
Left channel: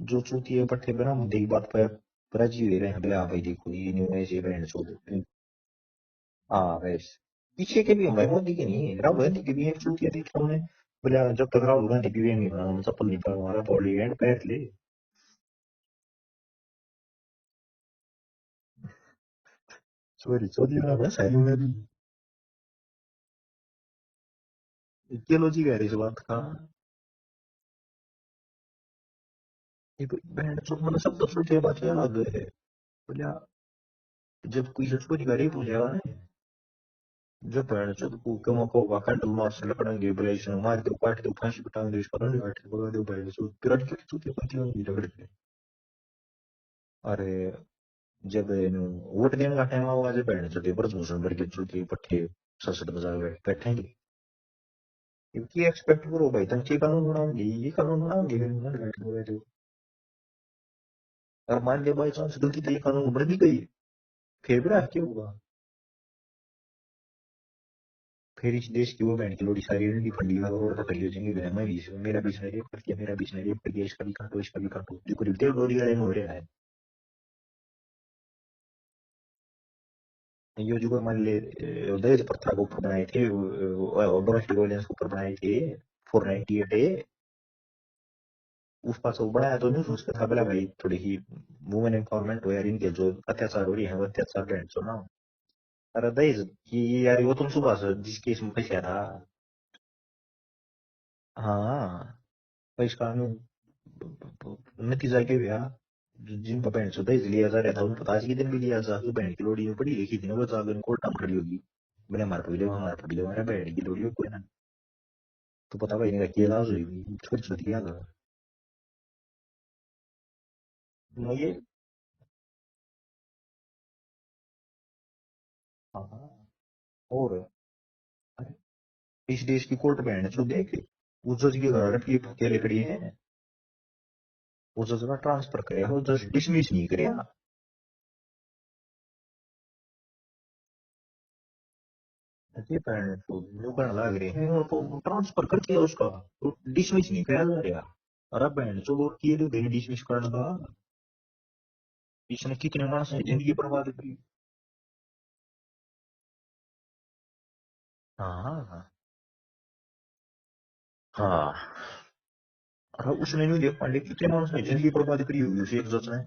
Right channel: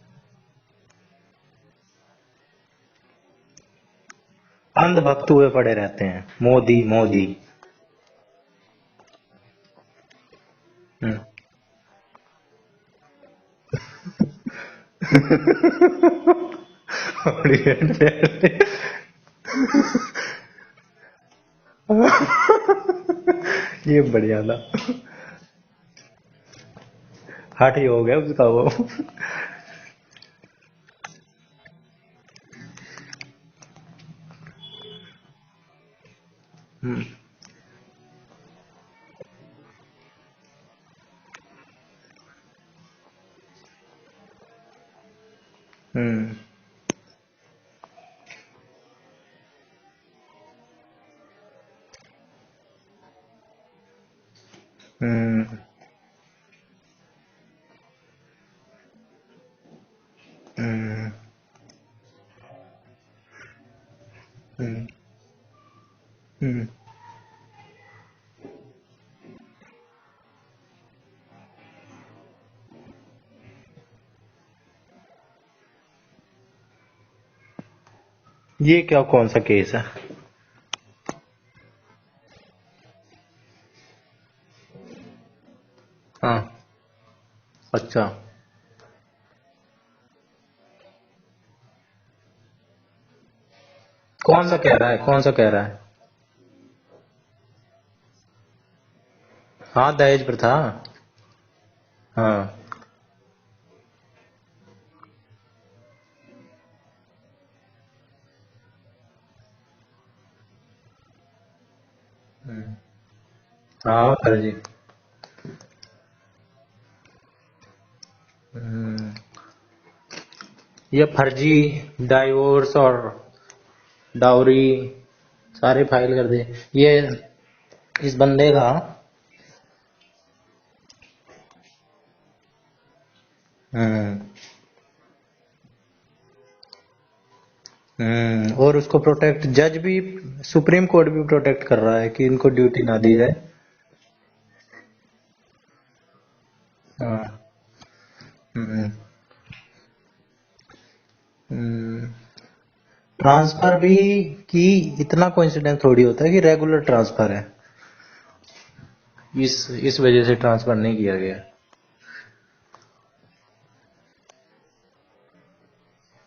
जो चूतिए पट्टे पर हम देख बात पर राजी हुए रहे हैं भाई देखो ये न्यू ऐसे बैंड अंधभक्त हुए पड़े रहते हैं मोदी हाँ मोदी। पीछे के भी हम भाई मोदी के नहीं राहुल गांधी के भी एक चूतिया देखे हमने बोला जब तक राहुल गांधी की नहीं बना चप्पल नहीं पड़ा हमारा पहले बैंड पैर ले और चोरी चोरी ना बस है ये बढ़िया था। थियोलॉजी कह रही इस बात का हट ही हो गया उसका वो। ये बैंड तो मतलब सब तो सोचे बात अलग है बोला जब कोई चोरी करे पूछेगा ना जब बैंड जब कम को वाकई तो मार से लकड़ेंगे ब्रेस मार के पार्ट के फांसी उठाएंगे देश पर बैठ के बोला दो बैंड सो पिराट के चूतिया पाती होगी झगड़ के अरे जब वोट देने का टाइम आएगा जब बैंड चोटी पर दूसरे बड़े चूतिए पट्टे ससुर बजा बैठेंगे ये एक्सपेक्ट करो भाई तुम ये कानून बनाओगे ये कानून बनाओगे और मान लिया बाई चांस गलती से ये कानून बन भी गई फिर भी क्या होगा फिर इस देश की वो बहन की लोड़ी सारी रंडी फंडी का रोड पकड़ लियो जिंगे मैं मेरा बीच में रेप कर दिया मेरा बीच में रेप कर दिया इसका भी काटो जो करीब 1.5 लोड़ी वाले हो रहा है। ये क्या कौन सा केस है। ये जो मान ले दहेज प्रथा को ऊपर बनाए थे डोमेस्टिक वायलेंस के ऊपर बनाए थे 498 अच्छा उस पास वो बनाया तो नहीं उसका था बोला भाई थोड़ी ही वुमेन एम्पावरमेंट हो यार इनके जो अत्याचार हो रही है वो अत्याचार कौन सा कह रहा है कौन सा कह रहा है। अरे दहेज कि यार वो तुम सुबह से जिस केस में फंसा था हाँ दहेज प्रथा। हाँ हाँ तो इस कानून नतीजा क्या हुआ जिनका बहन से दहेज लिया जा रहा था उनको आज के दिन भी लिया जा तो बहन की लोड़ी पड़ी लिखी थी ना वो जाकर कोर्ट में खड़ी होगी मैंने मार पड़ी हमारा बहन की हाँ सर जी। तो पता भाई इनका क्या इलाज हुई छोटी छोटी याद ये फर्जी डाइवोर्स और डाउरी सारे फाइल कर दे ये और इस बंदे का। इस देश की कोर्ट बहन जो देख उस जज की घर की अकेले खड़ी है उस जज का ट्रांसफर करे वो जज डिसमिस नहीं करे और उसको प्रोटेक्ट जज भी सुप्रीम कोर्ट भी प्रोटेक्ट कर रहा है कि इनको ड्यूटी ना दी जाए लग रहे हैं ट्रांसफर कर दिया उसका डिसमिस नहीं किया जा रहा और अब जो ये डिसमिस करने का इसने कितने मास ट्रांसफर भी की इतना कोइंसिडेंस थोड़ी होता है कि रेगुलर ट्रांसफर है। हाँ इस वजह से ट्रांसफर नहीं किया गया। और उसने नहीं देख पांडे कितने मास ने जिंदगी बर्बाद करी होगी उसे एक जज ने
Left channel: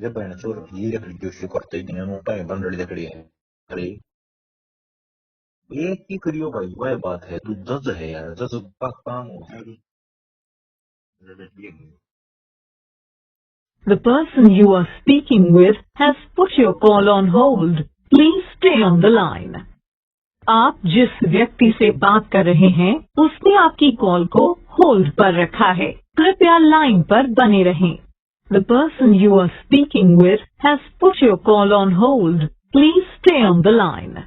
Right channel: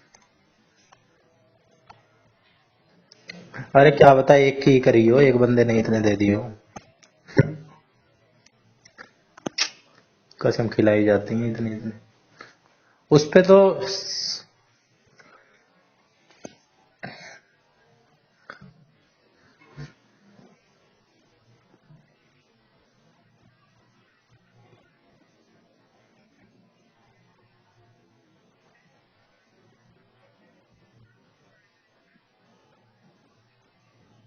जब बहन चोर ये लकड़ी उससे करते दिन नोटा है बंदड़ी लकड़ी है। अरे क्या बता एक की करी हो एक बंदे ने इतने दे दिए भाई वह बात है तू जज है यार जज का काम कसम खिलाई जाती है इतनी इतनी। उस पे तो The person you are speaking with has put your call on hold. Please stay on the line. आप जिस व्यक्ति से बात कर रहे हैं उसने आपकी कॉल को होल्ड पर रखा है, कृपया लाइन पर बने रहें। The person you are speaking with has put your call on hold. Please stay on the line.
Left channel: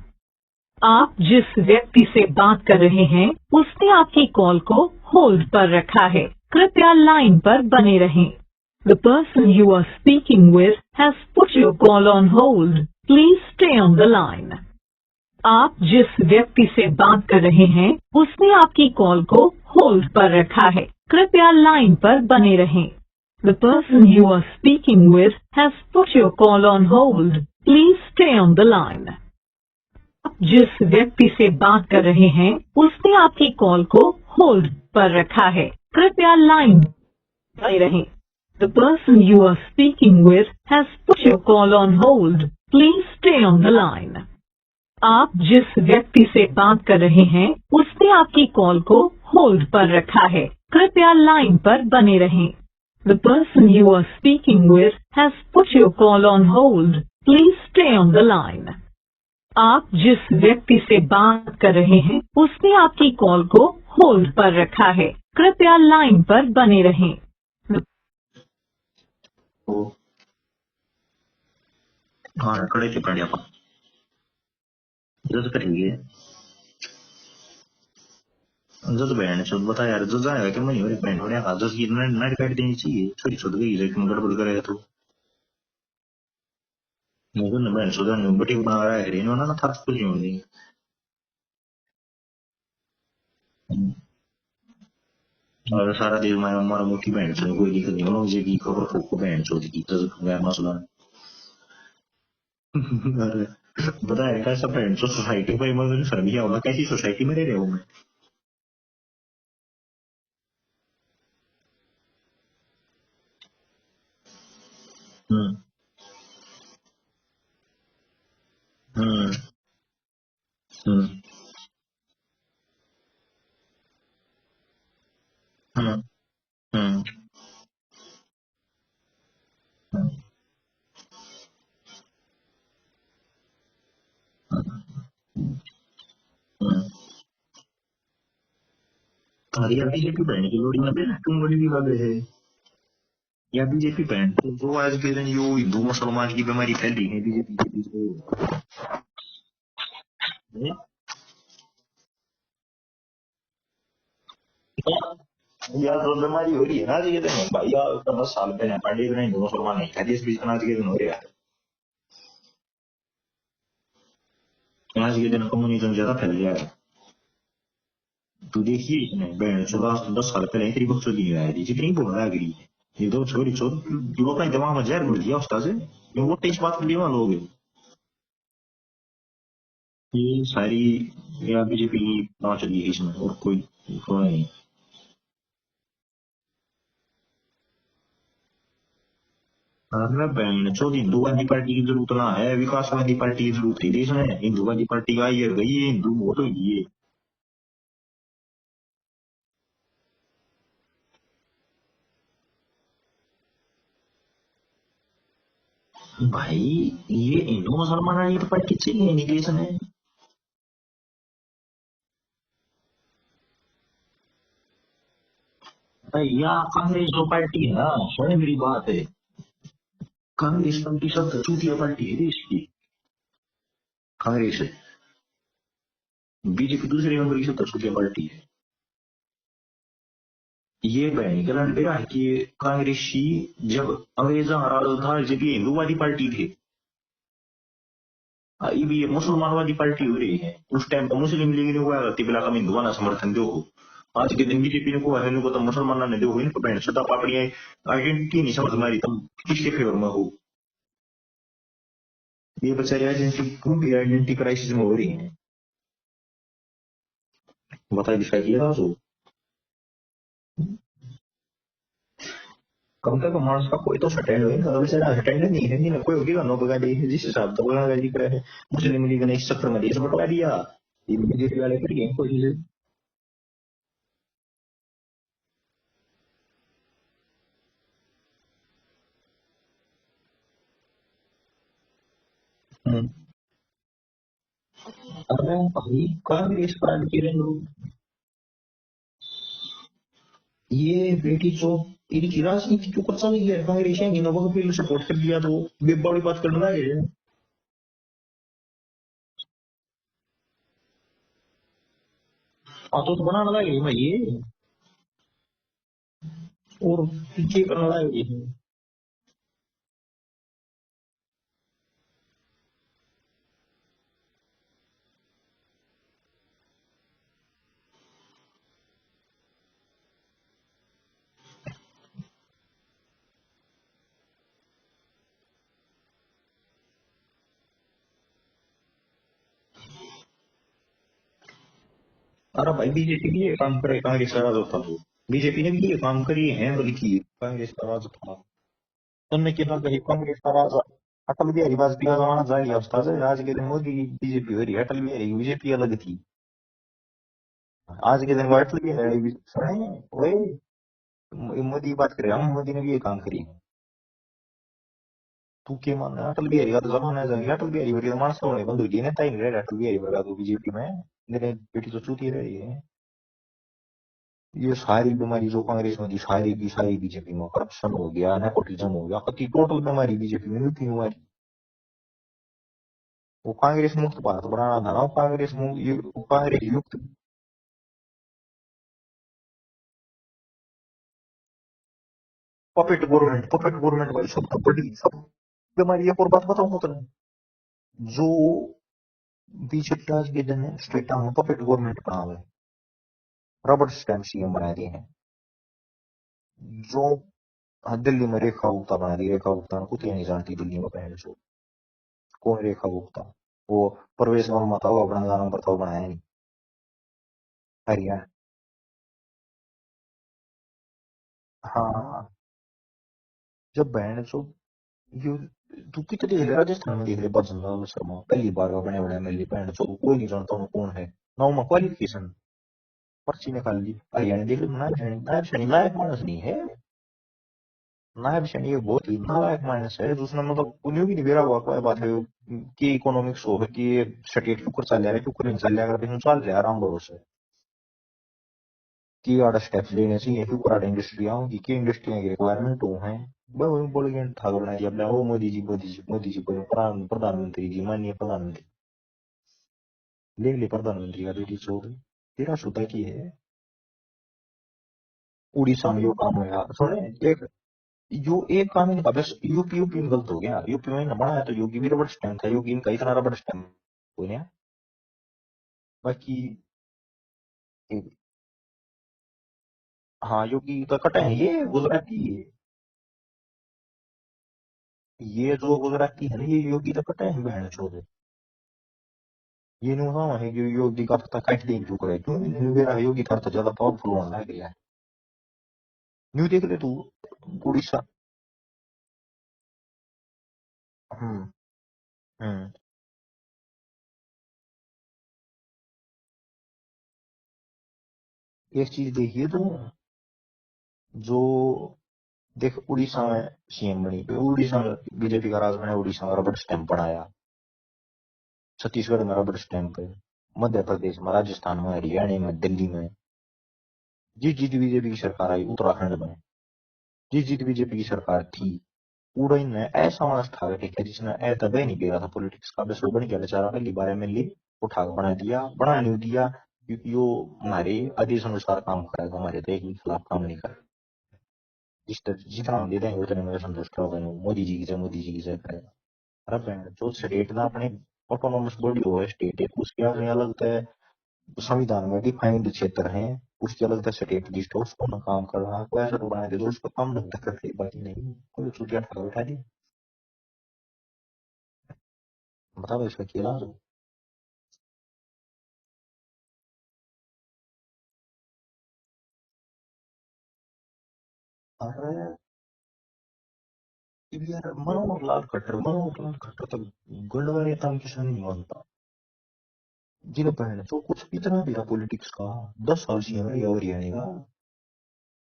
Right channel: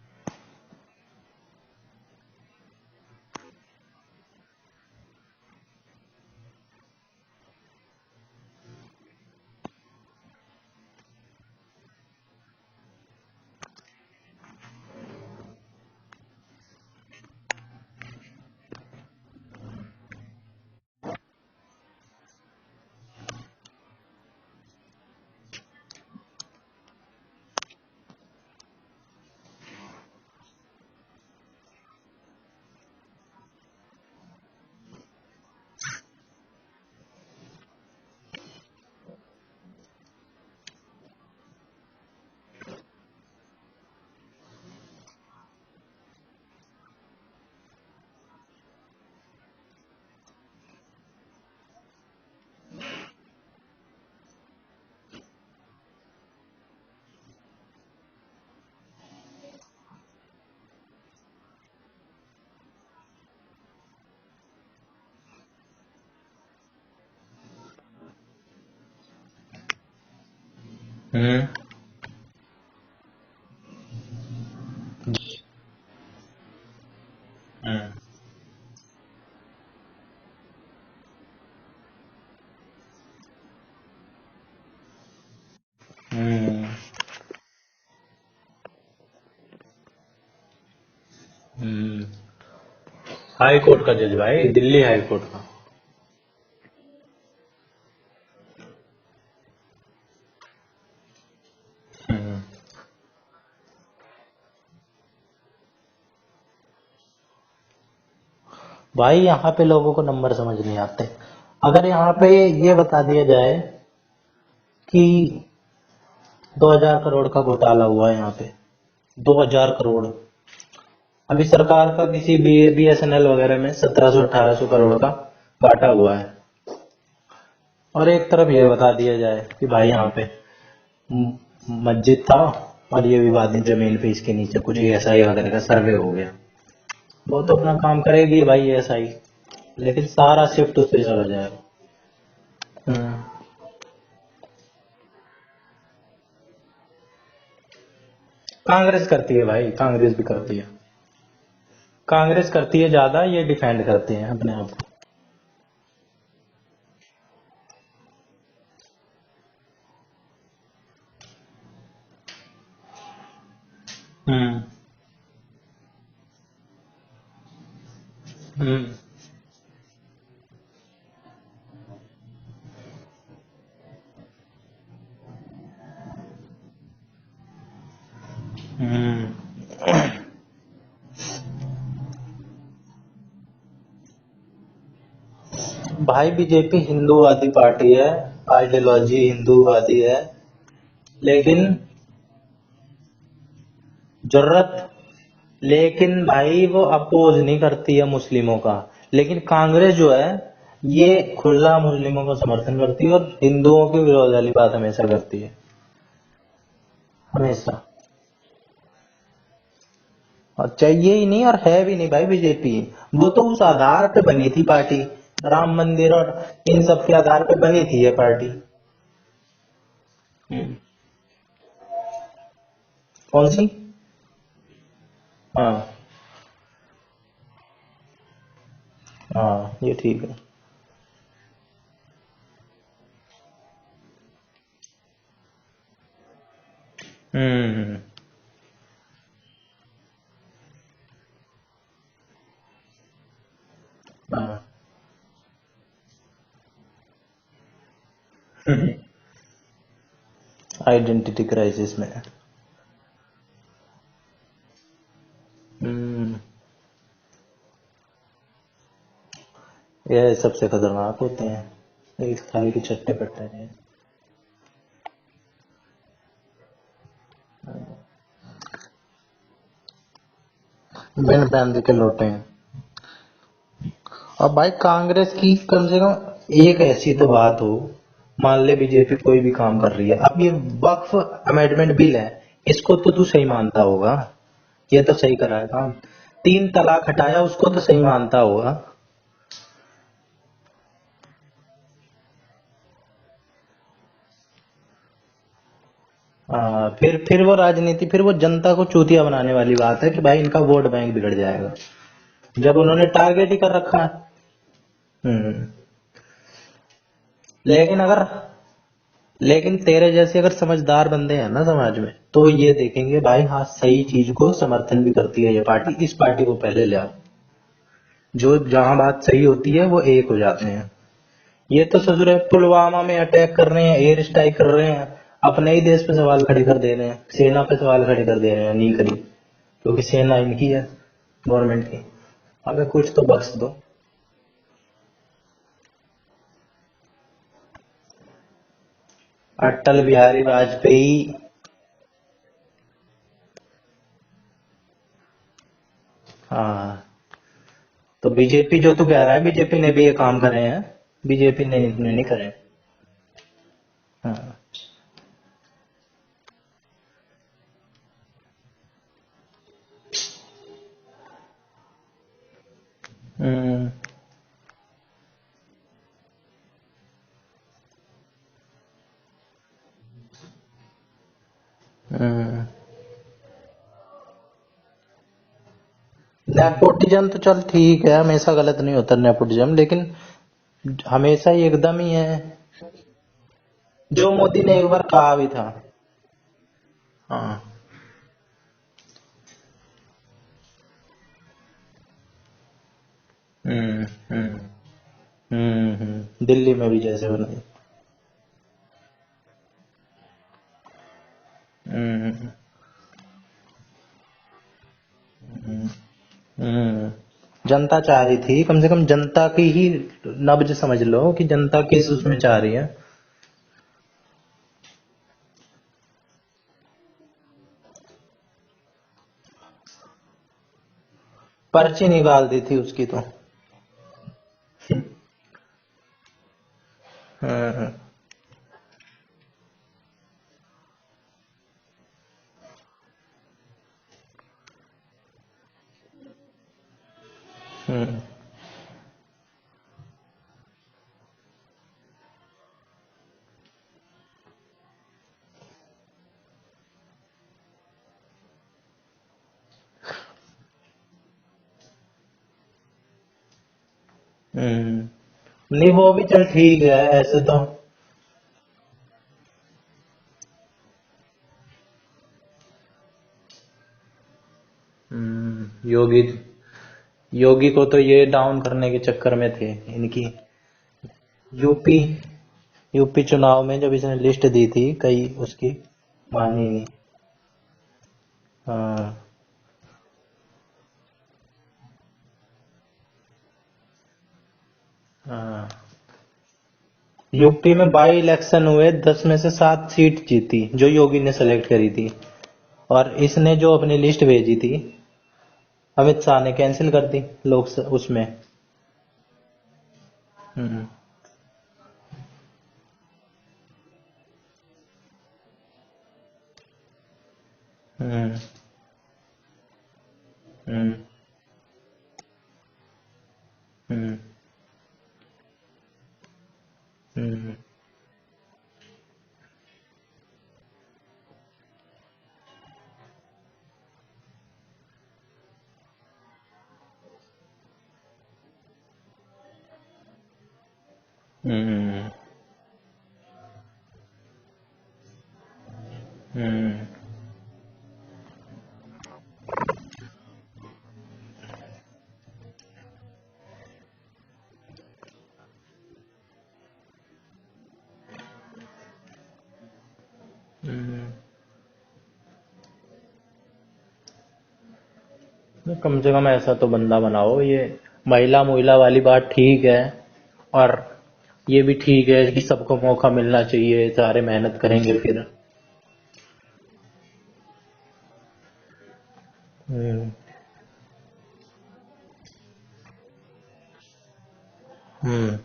आप जिस व्यक्ति से बात कर रहे हैं उसने आपकी कॉल को होल्ड पर रखा है, कृपया लाइन पर बने रहें। The person you are speaking with has put your call on hold. Please stay on the line. आप जिस व्यक्ति से बात कर रहे हैं उसने आपकी कॉल को होल्ड पर रखा है, कृपया लाइन पर बने रहें। The person you are speaking with has put your call on hold. Please stay on the line. आप जिस व्यक्ति से बात कर रहे हैं उसने आपकी कॉल को होल्ड पर रखा है, कृपया लाइन पर बने रहें। The person you are speaking with has put your call on hold. Please stay on the line. आप जिस व्यक्ति से बात कर रहे हैं उसने आपकी कॉल को होल्ड पर रखा है, कृपया लाइन पर बने रहें। The person you are speaking with has put your call on hold. Please stay on the line. आप जिस व्यक्ति से बात कर रहे हैं उसने आपकी कॉल को होल्ड पर रखा है, कृपया लाइन पर बने रहें। वो हाँ कड़े से पड़े आप जज करेंगे जज बहन चल बता यार जज आएगा कि मनी मेरी बहन होने का जज की नाइट काट देनी चाहिए छोटी छोटी गई लेकिन गड़बड़ करे तो मुझे ना बहन सुधा नहीं बटी बना रहा है इन्होंने ना था कुछ नहीं होनी हाई कोर्ट का जज भाई, दिल्ली हाई कोर्ट का। और सारा दिन मैं हमारा मुखी बहन से कोई दिक्कत नहीं मुझे की खबर को बहन चोद की जज मैं मसला अरे बताए कैसा बहन तो सोसाइटी में मगर सर्विया होगा कैसी सोसाइटी में रह रहे हो मैं भाई यहाँ पे लोगों को नंबर समझ नहीं आते। अगर यहाँ पे ये बता दिया जाए कि 2000 करोड़ का घोटाला हुआ है यहाँ पे, 2000 करोड़, अभी सरकार का किसी BSNL वगैरह में 1700-1800 करोड़ का घाटा हुआ है, और एक तरफ ये बता दिया जाए कि भाई यहाँ पे मस्जिद था और ये विवादित जमीन पे इसके नीचे कुछ SI वगैरह का सर्वे हो गया, वो तो अपना काम करेगी भाई SI, लेकिन सारा शिफ्ट होते चला जाए। या बीजेपी बैंड जो आज के दिन यो हिंदू मुसलमान की बीमारी फैली है बीजेपी कांग्रेस करती है भाई, कांग्रेस भी करती है, कांग्रेस करती है ज्यादा, ये डिफेंड करते हैं अपने आप को। यार तो बीमारी हो रही है ना आज के दिन भाई यार 10 साल पहले पंडित ने हिंदू मुसलमान नहीं था इस बीच आज के दिन हो रहा है आज के दिन कम्युनिज्म ज्यादा फैल गया है तो देखिए बहन 10 साल पहले तेरी बच्चों की नहीं आई जितनी बोल रहा है ये दो छोरी छोर वो अपने दिमाग में जहर घुल दिया उसका से वो तेज बात कर लिया लोग ये सारी या बीजेपी ना चली है इसमें और कोई नहीं भाई बीजेपी हिंदूवादी पार्टी है, आइडियोलॉजी हिंदूवादी है, लेकिन की जरूरत ना है विकासवादी पार्टी की जरूरत थी देश में जरूरत पार्टी आई है लेकिन भाई वो अपोज नहीं करती है मुस्लिमों का, लेकिन कांग्रेस जो है ये खुला मुस्लिमों का समर्थन करती है और हिंदुओं के विरोध वाली बात हमेशा करती है भाई ये हिंदू मुसलमान ये तो पार्टी चाहिए नहीं देश में और चाहिए ही नहीं और है भी नहीं भाई बीजेपी, वो तो उस आधार पे बनी थी पार्टी, राम मंदिर और इन सब के आधार पे बनी थी ये पार्टी। बात है कांग्रेस पार्टी सबसे चूतिया पार्टी है देश की। कौन सी? कांग्रेस है। हाँ बीजेपी दूसरे नंबर की सबसे चूतिया पार्टी है। हाँ ये ठीक है। ये बहन गलत बेरा है कि कांग्रेसी जब अंग्रेजा राज था जब ये हिंदूवादी पार्टी थी ये मुसलमानवादी पार्टी हो रही है उस टाइम पर मुस्लिम लीग ने हुआ तिबला का हिंदुआ ना समर्थन दो आज के दिन बीजेपी ने को है को तो मुसलमान ने दो इनको बहन सदा पापड़ी आइडेंटिटी नहीं समझ मारी तुम किसके फेवर में हो आइडेंटिटी क्राइसिस में ये बेचारे आइडेंटिटी क्राइसिस में हो रही है बताइए दिखा किया ये सबसे खतरनाक होते हैं इस थाली की चक्कर को मानस का कोई तो सटेंड होगा बेचारा सटेंड नहीं है नहीं कोई होगी नो बगा दी जिस हिसाब से बोला गाली कर है मुस्लिम लीग ने इस चक्कर में देश बटवा दिया बिन फैमिली के लोग हैं। और भाई कांग्रेस की कम से कम एक ऐसी तो बात हो मान ले बीजेपी कोई भी काम कर रही है, अब ये वक्फ अमेंडमेंट बिल है, इसको तो तू सही मानता होगा, ये तो सही करा है। 3 तलाक हटाया, उसको तो सही मानता होगा। ये बेटी जो इनकी राजनीति के ऊपर चली है, कांग्रेस है इन्होंने वह बिल सपोर्ट कर दिया तो ये बड़ी बात करना हाँ, है। फिर वो राजनीति, फिर वो जनता को चूतिया बनाने वाली बात है कि भाई इनका वोट बैंक बिगड़ जाएगा, जब उन्होंने टारगेट ही कर रखा है। और पीछे लेकिन तेरे जैसे अगर समझदार बंदे हैं ना समाज में, तो ये देखेंगे भाई हाँ सही चीज को समर्थन भी करती है ये पार्टी, इस पार्टी को पहले ले आओ। जो जहां बात सही होती है वो एक हो जाते हैं। ये तो ससुर है, पुलवामा में अटैक कर रहे हैं, एयर स्ट्राइक कर रहे हैं, अपने ही देश पे सवाल खड़े कर दे रहे हैं, सेना पे सवाल खड़े कर दे रहे हैं, नहीं करी क्योंकि सेना इनकी है, गवर्नमेंट की। अरे भाई कुछ तो बीजेपी बख्श भी ये दे। काम करे, कांग्रेस का राज था तो बीजेपी ने भी ये काम करी है, बल्कि कांग्रेस का राज था। तुमने क्या अटल बिहारी वाजपेयी, अटल बिहारी वाजपेयी का जमाना जा गया, उसका आज के दिन मोदी की बीजेपी हो रही है, अटल बिहारी की बीजेपी अलग थी। हाँ आज तो के दिन बीजेपी जो तू कह रहा है, वाजपेयी बीजेपी ने भी ये काम करे हैं, बीजेपी ने मोदी बात नहीं कर रहे करे हैं, हैं। मोदी ने भी ये काम करी। हाँ। तू क्या मान रहा है? अटल बिहारी का तो जमाना है, जा गया। अटल बिहारी वर्गी मानस तो बंद हुई नेता ही नहीं रहे अटल बिहारी वर्गा तो बीजेपी में, मेरे बेटी तो चूती रही है। हम्म, ये सारी बीमारी जो कांग्रेस में थी, सारी की सारी बीजेपी में, करप्शन हो गया, नेपोटिज्म हो गया, कति टोटल बीमारी बीजेपी में भी बीमारी। हम्म। वो कांग्रेस मुक्त भारत बनाना था ना, कांग्रेस मुक्त, ये कांग्रेस नेपोटिज्म तो चल ठीक है, हमेशा गलत नहीं होता नेपोटिज्म, लेकिन हमेशा ही एकदम ही है। पपेट गवर्नमेंट जो मोदी ने एक बार कहा भी था। बीमारी। एक और बात बताऊं मैं तुम्हें, हाँ। जो बीजेपी आज के दिन स्टेट में पपेट गवर्नमेंट बना हुआ है, रबड़ हम्म, स्टैम्प सीएम बना दिए हैं। दिल्ली में भी जो जैसे बनाई। हाँ, दिल्ली में रेखा गुप्ता बना दी, रेखा गुप्ता कुछ नहीं जानती दिल्ली में पहले से। हम्म, कौन रेखा गुप्ता? वो प्रवेश वर्मा था, वो अपना गाना पर तो बनाया नहीं। हम्म। जनता पहले चाह रही थी, कम से कम जनता की ही नब्ज समझ लो कि जनता किस उसमें चाह रही है। जब बहन जो ये तू कितने देख रहे राजस्थान में देख रहे बजरंग शर्मा पहली बार का बने बने मेरी बहन जो कोई नहीं जानता हूँ कौन है ना, मैं पर्ची क्वालिफिकेशन निकाल दी थी उसकी तो। पर्ची निकाल ली। हरियाणा देख लो, नायब मानस नहीं है। हम्म, नायब शनि ये बहुत ही नालायक माइनस है, दूसरा मतलब उन्हें भी नहीं बेरा हुआ कोई बात है कि इकोनॉमिक्स हो कि स्टेट के ऊपर चल रहा है कि ऊपर नहीं चल रहा है, अगर चल रहा है आराम भरोसे हम्म, कि आड़ा स्टेप्स लेने चाहिए कि ऊपर आड़ा इंडस्ट्री आऊंगी कि इंडस्ट्री की रिक्वायरमेंट हो है। वही बोल गए था बना दिया अपना वो मोदी जी बोले प्रधानमंत्री जी, माननीय प्रधानमंत्री ले ले प्रधानमंत्री का बेटी चोर तेरा सुता की है। नहीं उड़ीसा में वो जो भी काम चल है ना, ठीक है ऐसे तो। यो एक कानून का बस यूपी में गलत हो गया, यूपी में ना बनाया तो योगी भी रबड़ स्टैम्प था, योगी इनका इतना रबड़ स्टैम्प हो गया। योगी, बाकी योगी को तो ये डाउन करने के चक्कर में थे इनकी। हाँ, योगी का कटा है ये यूपी, गुजराती, यूपी चुनाव में जब इसने लिस्ट दी थी कई ये उसकी। जो गुजराती है ये योगी का कटा है बहन चोर। हाँ। ये नहीं बताना है कि योगी का पता काट देंगे क्यों करे, क्यों मेरा योगी का तो ज्यादा पावरफुल होने लग गया है। हाँ। न्यू देख ले तू यूपी में उड़ीसा। बाई इलेक्शन हुए, 10 में से 7 सीट जीती जो योगी ने सेलेक्ट करी थी, हम्म और इसने जो अपनी लिस्ट भेजी थी अमित शाह ने कैंसिल कर दी लोग उसमें। एक चीज देखिए तो हम्म, जो देख उड़ीसा में सीएम बनी, उड़ीसा में बीजेपी का राज बना, उड़ीसा में रबड़ स्टैंप बनाया, हम्म, छत्तीसगढ़ में रबड़ स्टैंप है, मध्य हम्म, प्रदेश में, राजस्थान में, हरियाणा में, दिल्ली में हम्म, जिस जिस बीजेपी की सरकार आई, उत्तराखंड में जिस हम्म, जिस बीजेपी की सरकार थी, पूरा इनमें ऐसा मानस था कि जिसने ऐसा नहीं किया था पॉलिटिक्स का, बस वो बन गया बेचारा, पहली बार एमएलए उठा के बना नहीं दिया क्योंकि वो हमारे आदेश अनुसार काम करेगा, हमारे देश के खिलाफ काम नहीं कर। हम्म, जिस तरह जितना हम दे देंगे उतने में संतुष्ट होगा, मोदी जी की जय, मोदी जी की जय करेगा। अरे हम्म, बहन, जो स्टेट ना अपने ऑटोनोमस बॉडी हो, स्टेट है उसकी अपनी अलग है, संविधान में डिफाइंड क्षेत्र है, उसकी अलग से स्टेट लिस्ट है, उसको अपना काम करना, कोई ऐसा तो बना दे तो उसका काम ढंग से कर दे, बाकी नहीं तो चुटिया ठाक उठा दी। हम्म। बताओ इसका क्या इलाज हो? कम से कम ऐसा तो बंदा बनाओ, ये महिला महिला वाली बात ठीक है, और ये भी ठीक है कि सबको मौका मिलना चाहिए, सारे मेहनत करेंगे फिर। खट्टर तक गंडवा नेता हम किसी नहीं मानता हम्म, जिन्हें पहले तो कुछ इतना भी था पॉलिटिक्स का, 10 साल सीएम रही और हरियाणा का। हम्म,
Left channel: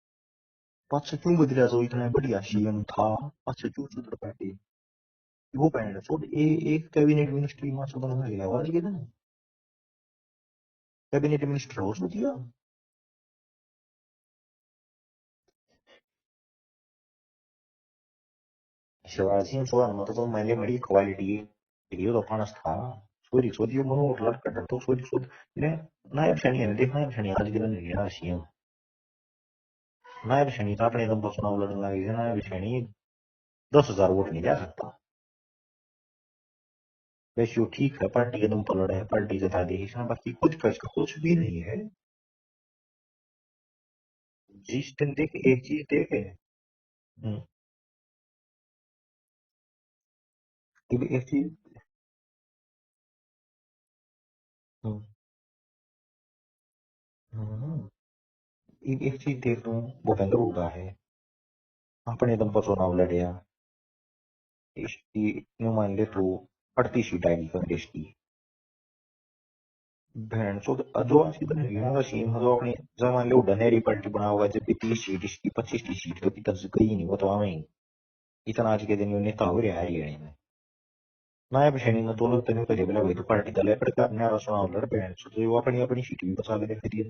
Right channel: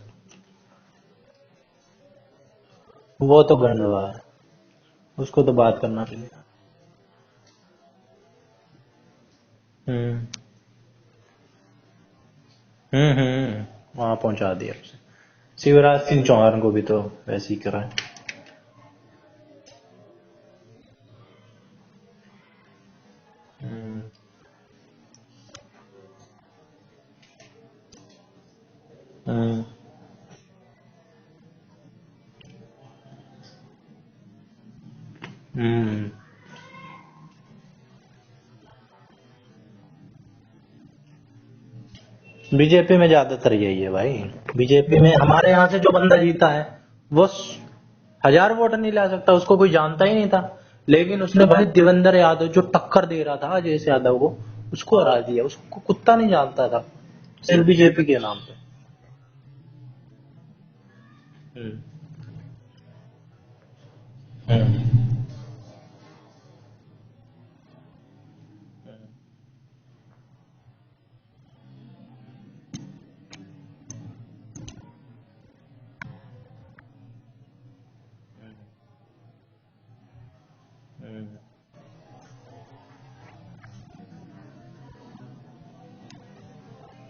बात से क्यों बदला? तो इतना बढ़िया सीएम था, वो तो गंड हुआ है, उसको तो वो बात बहन करना चोद चाहिए। एक कैबिनेट मिनिस्ट्री में से बनवा गया आज के दिन, हम्म कैबिनेट मिनिस्टर हो दिया। वहां पहुंचा दिया उसे। शिवराज सिंह चौहान को भी तो वैसे ही करा है। शिवराज सिंह चौहान में तो मैंने बड़ी क्वालिटी वीडियो तो फानस था, सोरी सोरी मनो लट कट तो सोरी सोरी ने नायब शनि ने देखना शनि आज के दिन गया सीएम, हम्म नायब शनि था अपने दम पर चुनाव लड़ने लगे थे, नायब शनि 10,000 वोट नहीं ले सकता। हम्म रेशियो ठीक है, पार्टी के दम पर लड़े हैं, पार्टी जिता दी है, बाकी कुछ का इसका कुछ भी नहीं है। बीजेपी में ज्यादातर यही है भाई। बीजेपी में बीजेपी हमारे यहाँ से जो बंदा एक जीता है वो 1,000 वोट नहीं ला सकता, उसको कोई जानता ही नहीं था, लेकिन उसने भाई देवेंद्र यादव जो टक्कर दे रहा था अजय यादव को, उसको हरा दिया। उसको कुत्ता नहीं जानता था, सिर्फ बीजेपी के नाम पे। एक चीज देख लूं, भूपेंद्र हुड्डा है, हम्म अपने दम पर चुनाव लड़े, हम्म इसकी यूं मान ले तो 38 सीट आएगी कांग्रेस की। बहन चो जो आज बन गया सीएम जो अपनी जब मान लो उड्डा नहरी पार्टी बना हुआ है, जबकि 30 सीट इसकी 25 की सीट होती तब से कहीं नहीं, वो तो आवे ही इतना आज के दिन में नेता हो रहा है ये नायब शनि में तो लगता नहीं करे बोला भाई तो पार्टी दल पर का अपने चुनाव लड़ बहन चो वो अपनी अपनी सीट भी बचा ले फिर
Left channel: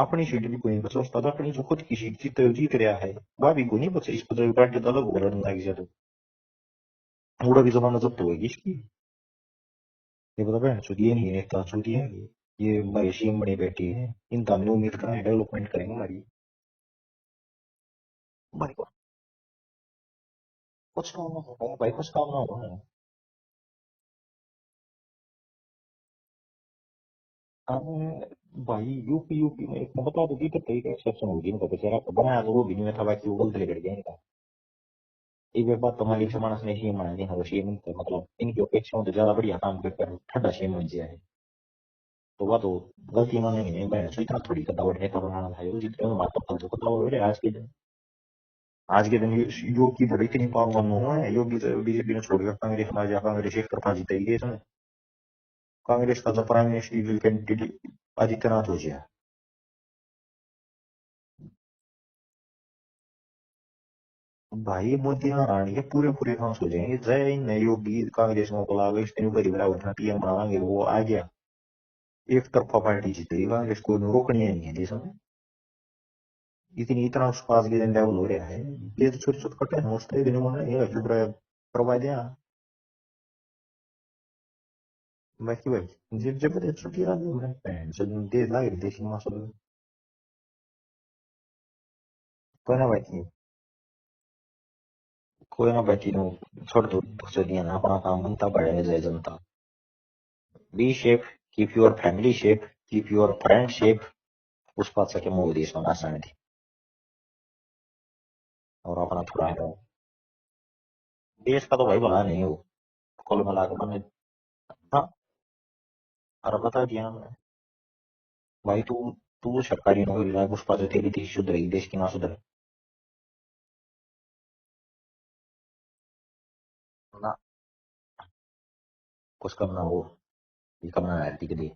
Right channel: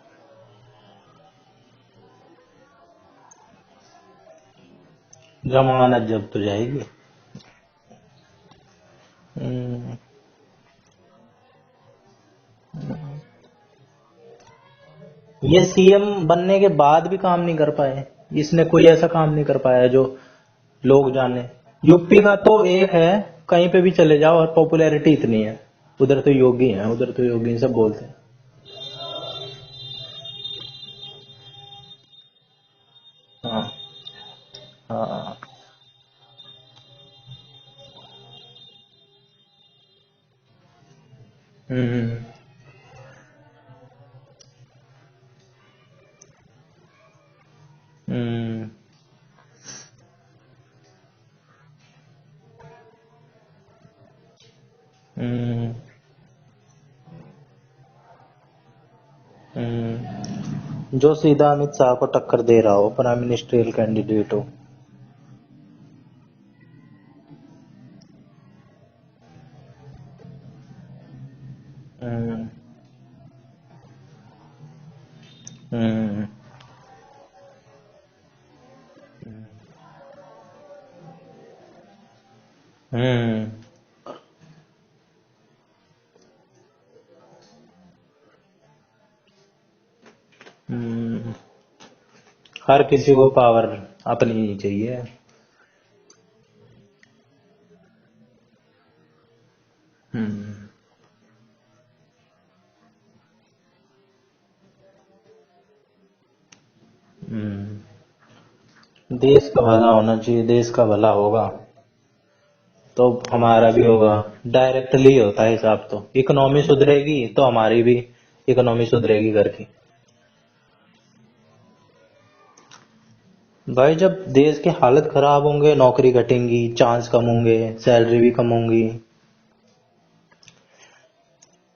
अपनी सीट भी कोई बचा उसका अपनी जो खुद की सीट जीत रहा है वह भी को नहीं बचे, इस पर पार्टी तो अलग हो रहा है, जमानत जब तो जाएगी। थोड़ा भी जमाना जब्त होगी इसकी। हम्म, ये बता बहन चो ये नहीं नेता चुनती है, ये हमारे सीएम बनी बैठी है, इनका हमने उम्मीद करा है लोग ये सीएम बनने के बाद भी काम नहीं कर पाए। इसने कोई ऐसा काम नहीं कर पाया जो लोग जाने। यूपी का तो एक है, कहीं पे भी चले जाओ और पॉपुलैरिटी इतनी है। उधर तो योगी है, उधर तो योगी सब बोलते हैं। भाई यूपी यूपी में एक बता दो इधर कहीं एक्सेप्शन होगी इनका बेचारा बनाया तो वो भी नहीं था, बाकी वो बंद कर गया इनका। हाँ एक बात तो हमारी समाज ने सीएम बना दिया, सीएम से मतलब इनकी अपेक्षा तो ज्यादा बढ़िया काम करता है, ठंडा सीएम बन गया है। हम्म तो वह तो गलती इन्होंने नहीं है, मैं इतना थोड़ी कटावट है तो बनाना था ये जितने बात तो जो कटाव हो रहा है आज के दिन। हम्म आज के दिन योग की बड़ी इतनी पावर हुआ है, योगी तो बीजेपी ने छोड़कर कांग्रेस में आ गया, कांग्रेस एक तरफा जीतेगी इसमें, कांग्रेस का जो प्राइम मिनिस्टर कैंडिडेट आदित्यनाथ हो गया। जो सीधा अमित शाह को टक्कर दे रहा हो, प्राइम मिनिस्ट्रियल कैंडिडेट हो। भाई मोदी हराने के पूरे पूरे काम हो जाएंगे, जय इन योगी कांग्रेस में को लागो इस दिन पर बड़ा उठना पीएम बनाएंगे, वो आ गया एक तरफा पार्टी जीतेगी, कांग्रेस को रोकनी नहीं है देश में। इतना उसका आज के दिन लेवल हो रहा है, ये तो छोटे छोटे कटे हैं उसके दिन में ये करवा दिया। बाकी भाई जब जब छुट्टी आ गई चल दे लागे देश में सब हर किसी को पावर अपनी ही चाहिए। कोई ना बैठी नो छोड़ दो चलिए ना अपना काम बनता पड़े जय जनता। Be safe, keep your family safe, keep your friend safe, उस बात से क्या मोदी देश में आसान थी। और अपना देश का भला होना चाहिए, देश का भला होगा देश का तो भाई भला नहीं हो तो हमारा भी होगा। डायरेक्टली होता है हिसाब, तो इकोनॉमी सुधरेगी तो हमारी भी इकोनॉमी सुधरेगी करके। सरकारी नौकरी उस पर तेरी देश सुधरेगी, देश की ना सुधरे भाई जब देश के हालत खराब होंगे, नौकरी घटेंगी, चांस कम होंगे, सैलरी भी कम होंगी। कुछ करना हो करना है ठीक है।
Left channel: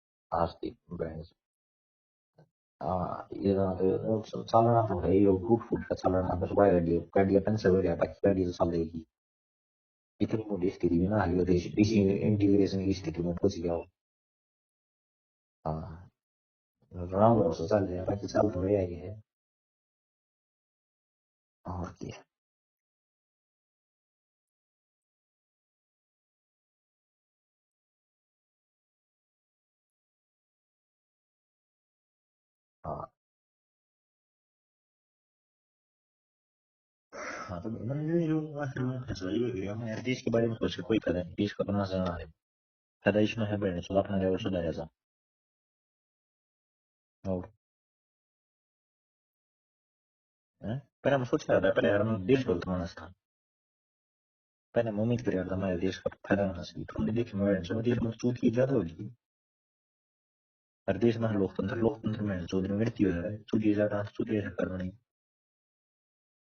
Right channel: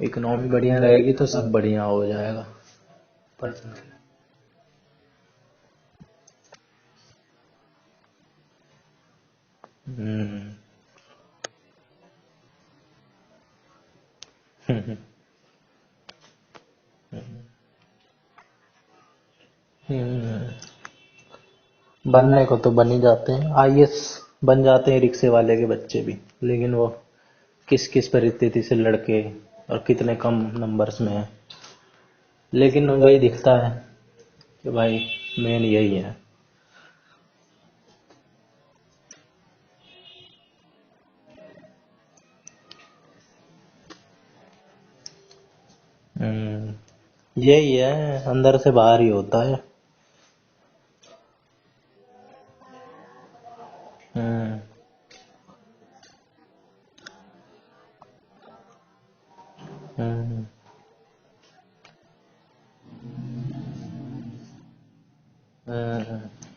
इकोनॉमी बढ़िया रहेगी तो सब बढ़िया हो जाएगा। हाँ चालना तो है ये गुड फूड का चालना बस बाय गाड़ी अपन से हो गया, बाकी गाड़ी तो चलेगी। इतनी मोटी स्थिति में ना हाल देश इसी इंटीग्रेशन की स्थिति में पहुंच गया हो। हाँ राम से चल जाए, बाकी चल तो रहा ही है। बनने को तो बन ही जाते हैं, आईएएस बन जाते हैं रिक्शे वाले के बच्चे भी, लेकिन वो किस किस परिस्थिति से लड़के और कितने कम नंबर्स में है, लेकिन वही दिखता है कि भाई मेन यही है। हाँ तो मैंने जो आखिर में फैसला ये किया मैं देश के बारे में सोच के कोई फायदा नहीं, देश का अपना चलना है, फायदा इसमें है बड़े सुधार अपना लेवल सुधारा जा। यही है, अंदर से बाहर ही होता है। पहले मैं सोच रहा था पहले यार मैं देश बोलता हूँ ऐसा, पहले मैं उम्मीद कर रहा था हमारे देश का फायदा होना चाहिए, तो देखिए मैं जो देश में चूत की ज्यादा होगी, हर देश में लोकतंत्र में चौधरी में गिरती हो रहा है, चूत की ज्यादा चूत की सरकार बनी,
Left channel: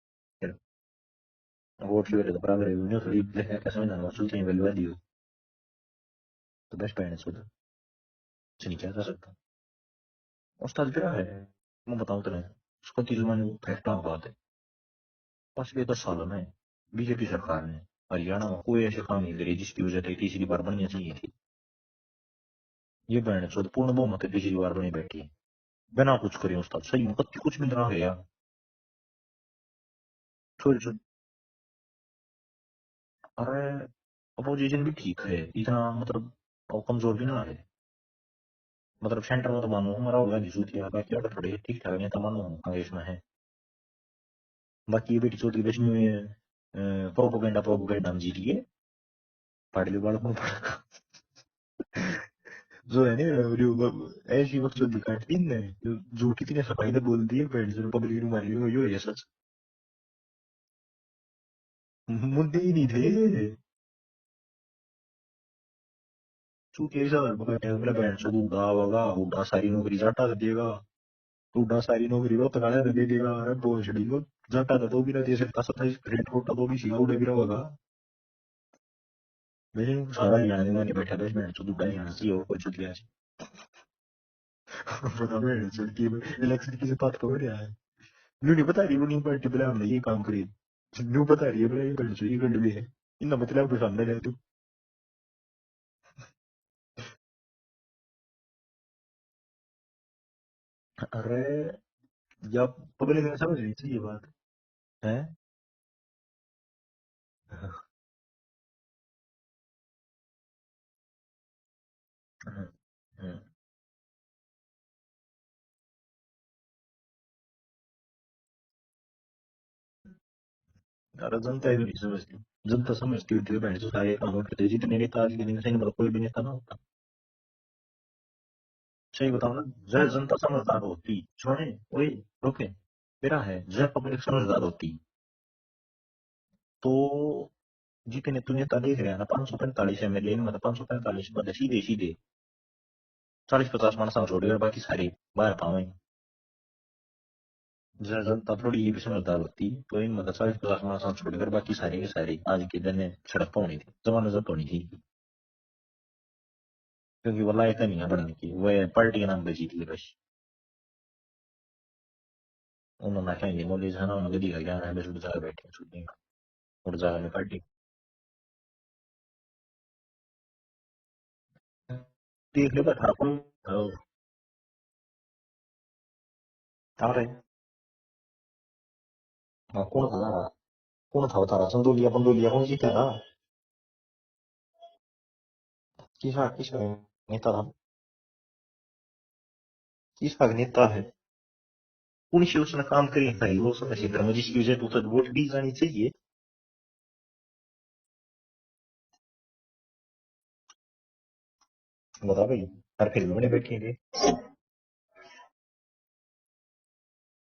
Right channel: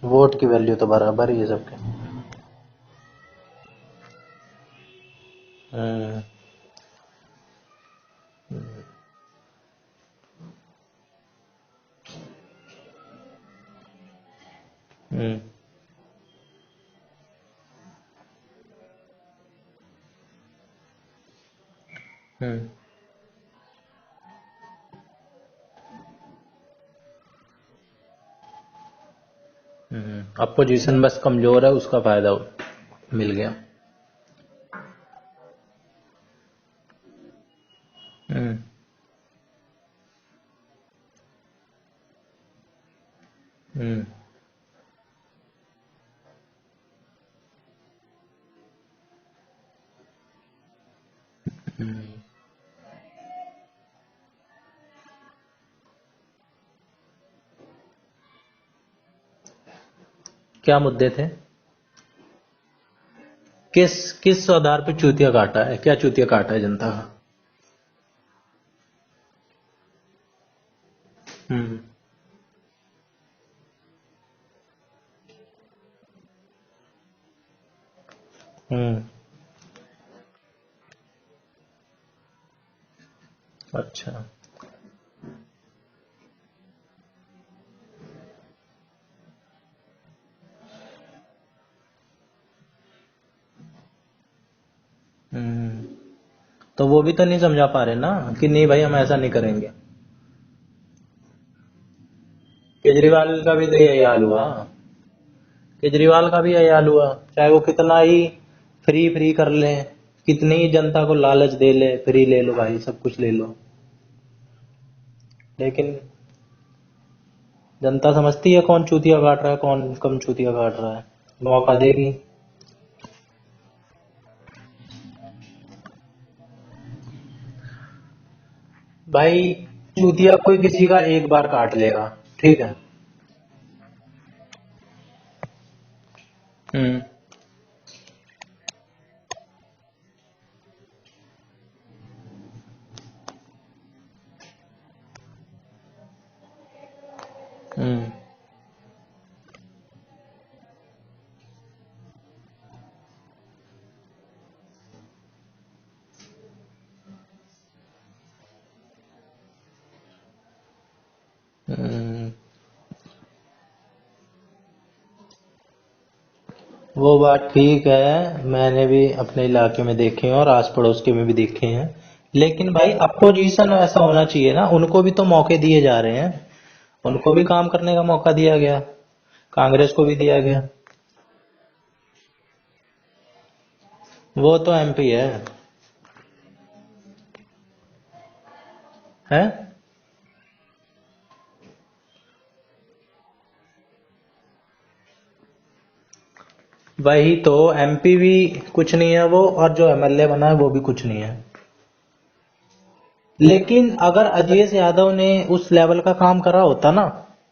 वोट की वैल्यू तो बराबर ही है सबके। वोट की वैल्यू बराबर है, न्यूज़ रीड देखने कैसे में ना चूत की वैल्यू तो बेस्ट है चूत कुछ नहीं चाहता सकता। उस्ताद क्या है, मैं बताऊं तेरे, उसका तीन महीने फैक्टा बात है, पिछले 10 सालों में बीजेपी सरकार ने हरियाणा में कोई ऐसे काम नहीं करे जिसकी वजह से तीसरी बार बननी चाहिए थी। ये बहन चौथ पूर्ण बहुमत है, तीसरी बार बनी बैठी है बिना कुछ करे उस्ताद, सही में कुछ भी ना है यार। अपोजिशन बस कमजोर है, उसका फायदा मिल गया। अपोजिशन भी ठीक है, इतना मतलब कमजोर भी ना है। मतलब सेंटर में तो मानो हमारा होगा नहीं, बाकी और थोड़े ठीक ठाक नेता मानो कांग्रेस में है। बाकी ये बेटी चौथ की बेचनी हुई है, प्रोपोगेंडा हम जीत लिए, पार्टी बालक में जो है ना ऐसी वक्त जो दिखाती है जो कितने सफाई से बोल दिए बैठ जो पब्लिक में मारी हुई ये सच। क्या मुद्दे थे? मुद्दे ही नहीं थे। किस आधार पे चूतिया काटा है? क्या चूतिया काटा है जनता का? हुड्डा सारी नौकरी जाटा दे देगा, हुड्डा सारी नौकरी रो तकाने दे देगा, अरे बोझड़ी को जाटा तो भी ना दे सकता, 27 ग्रेड कोटा तो भी सीधा उड़े भी रहेगा। लेकिन सारा ज्ञान नहीं बैठा था इसमें, तो दुबई यहाँ से हो कोई चुतिया है। अच्छा बता मैं चुटकी इलेक्शन की बात कर रहा है, न्यू नहीं बता रही, रूलिंग पार्टी बोला हमने ये काम करी, न्यू बता रही है बोला ये कर ये गंड भी है, इतना मतलब पसंद है तू। तो वो भी तो नहीं समझा पा रहे ना कि नहीं भाई हम ऐसा नहीं करेंगे। अरे जब केजरीवाल का भी तो यही हाल हुआ है, केजरीवाल का भी यही हाल हुआ, चाहे वो कितना ही फ्री कर ले, कितनी ही जनता को लालच दे ले, फ्री ले लो भाई, सब कुछ ले लो, लेकिन जनता समझती है कौन चूतिया काट रहा है, कौन कम चूतिया काट रहा है, मौका देगी। जनता समझती होती है बहन जो सारे काम करते जितने नेता आज के दिन से कोई भी नेता ना भाई चूतिया कोई किसी का एक बार काट लेगा, ठीक है, मेरा है जब पब्लिक समझदार होती तो जितने तू नेता देख रहे हैं ना 545 एमएलए मतलब 545 बंदे सीधे सीधे 40-50 माणसांना छोड़कर बाकी सारे बाहर पावे। जनता थोड़ी ये भी समझदार होती तो इन मतलब 40-50 माणसांना छोड़कर बाकी सारे के सारे आज के दिन में सड़क पर होनी थी, जमाना जब होनी थी, क्योंकि वो लायक नहीं है बनने की, वह पार्टी के नाम पे जीत ली बस। उन्होंने कहेंगे नॉलेज है ना, उन्होंने दिखा ज्ञान है, बस बेचारे बैठे वो बात ठीक है, मैंने भी अपने इलाके में देखे हैं और आस पड़ोस के में भी देखे हैं, लेकिन भाई अपोजिशन ऐसा होना चाहिए ना, उनको भी तो मौके दिए जा रहे हैं, उनको भी काम करने का मौका दिया गया, कांग्रेस को भी दिया गया। कौन था तारा संदोलिया पंदोलिया कौन जीता था? वो तो एमपी है। किसका नेता था हैं? किसका नेता है? उनसे उसने काम करे भाई, वो समझ में जिसकी वजह से तो वोट दी जानी चाहिए। वही तो, एमपी भी कुछ नहीं है वो, और जो एमएलए बना है वो भी कुछ नहीं है। बता भाई, लेकिन अगर अजय यादव ने उस लेवल का काम करा होता ना,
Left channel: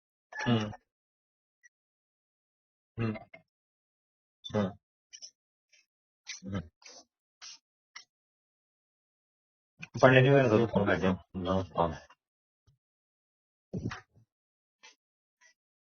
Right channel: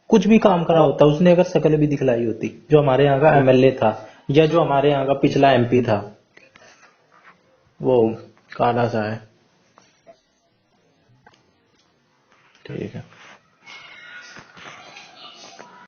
कुछ भी काम करा होता, उसने अगर शकल भी दिखलाई होती, जो हमारे यहाँ का एमएलए था या जो हमारे यहाँ का पिछला एमपी था, वो काला सा है। पढ़ने में फोन कर दिया, ठीक है।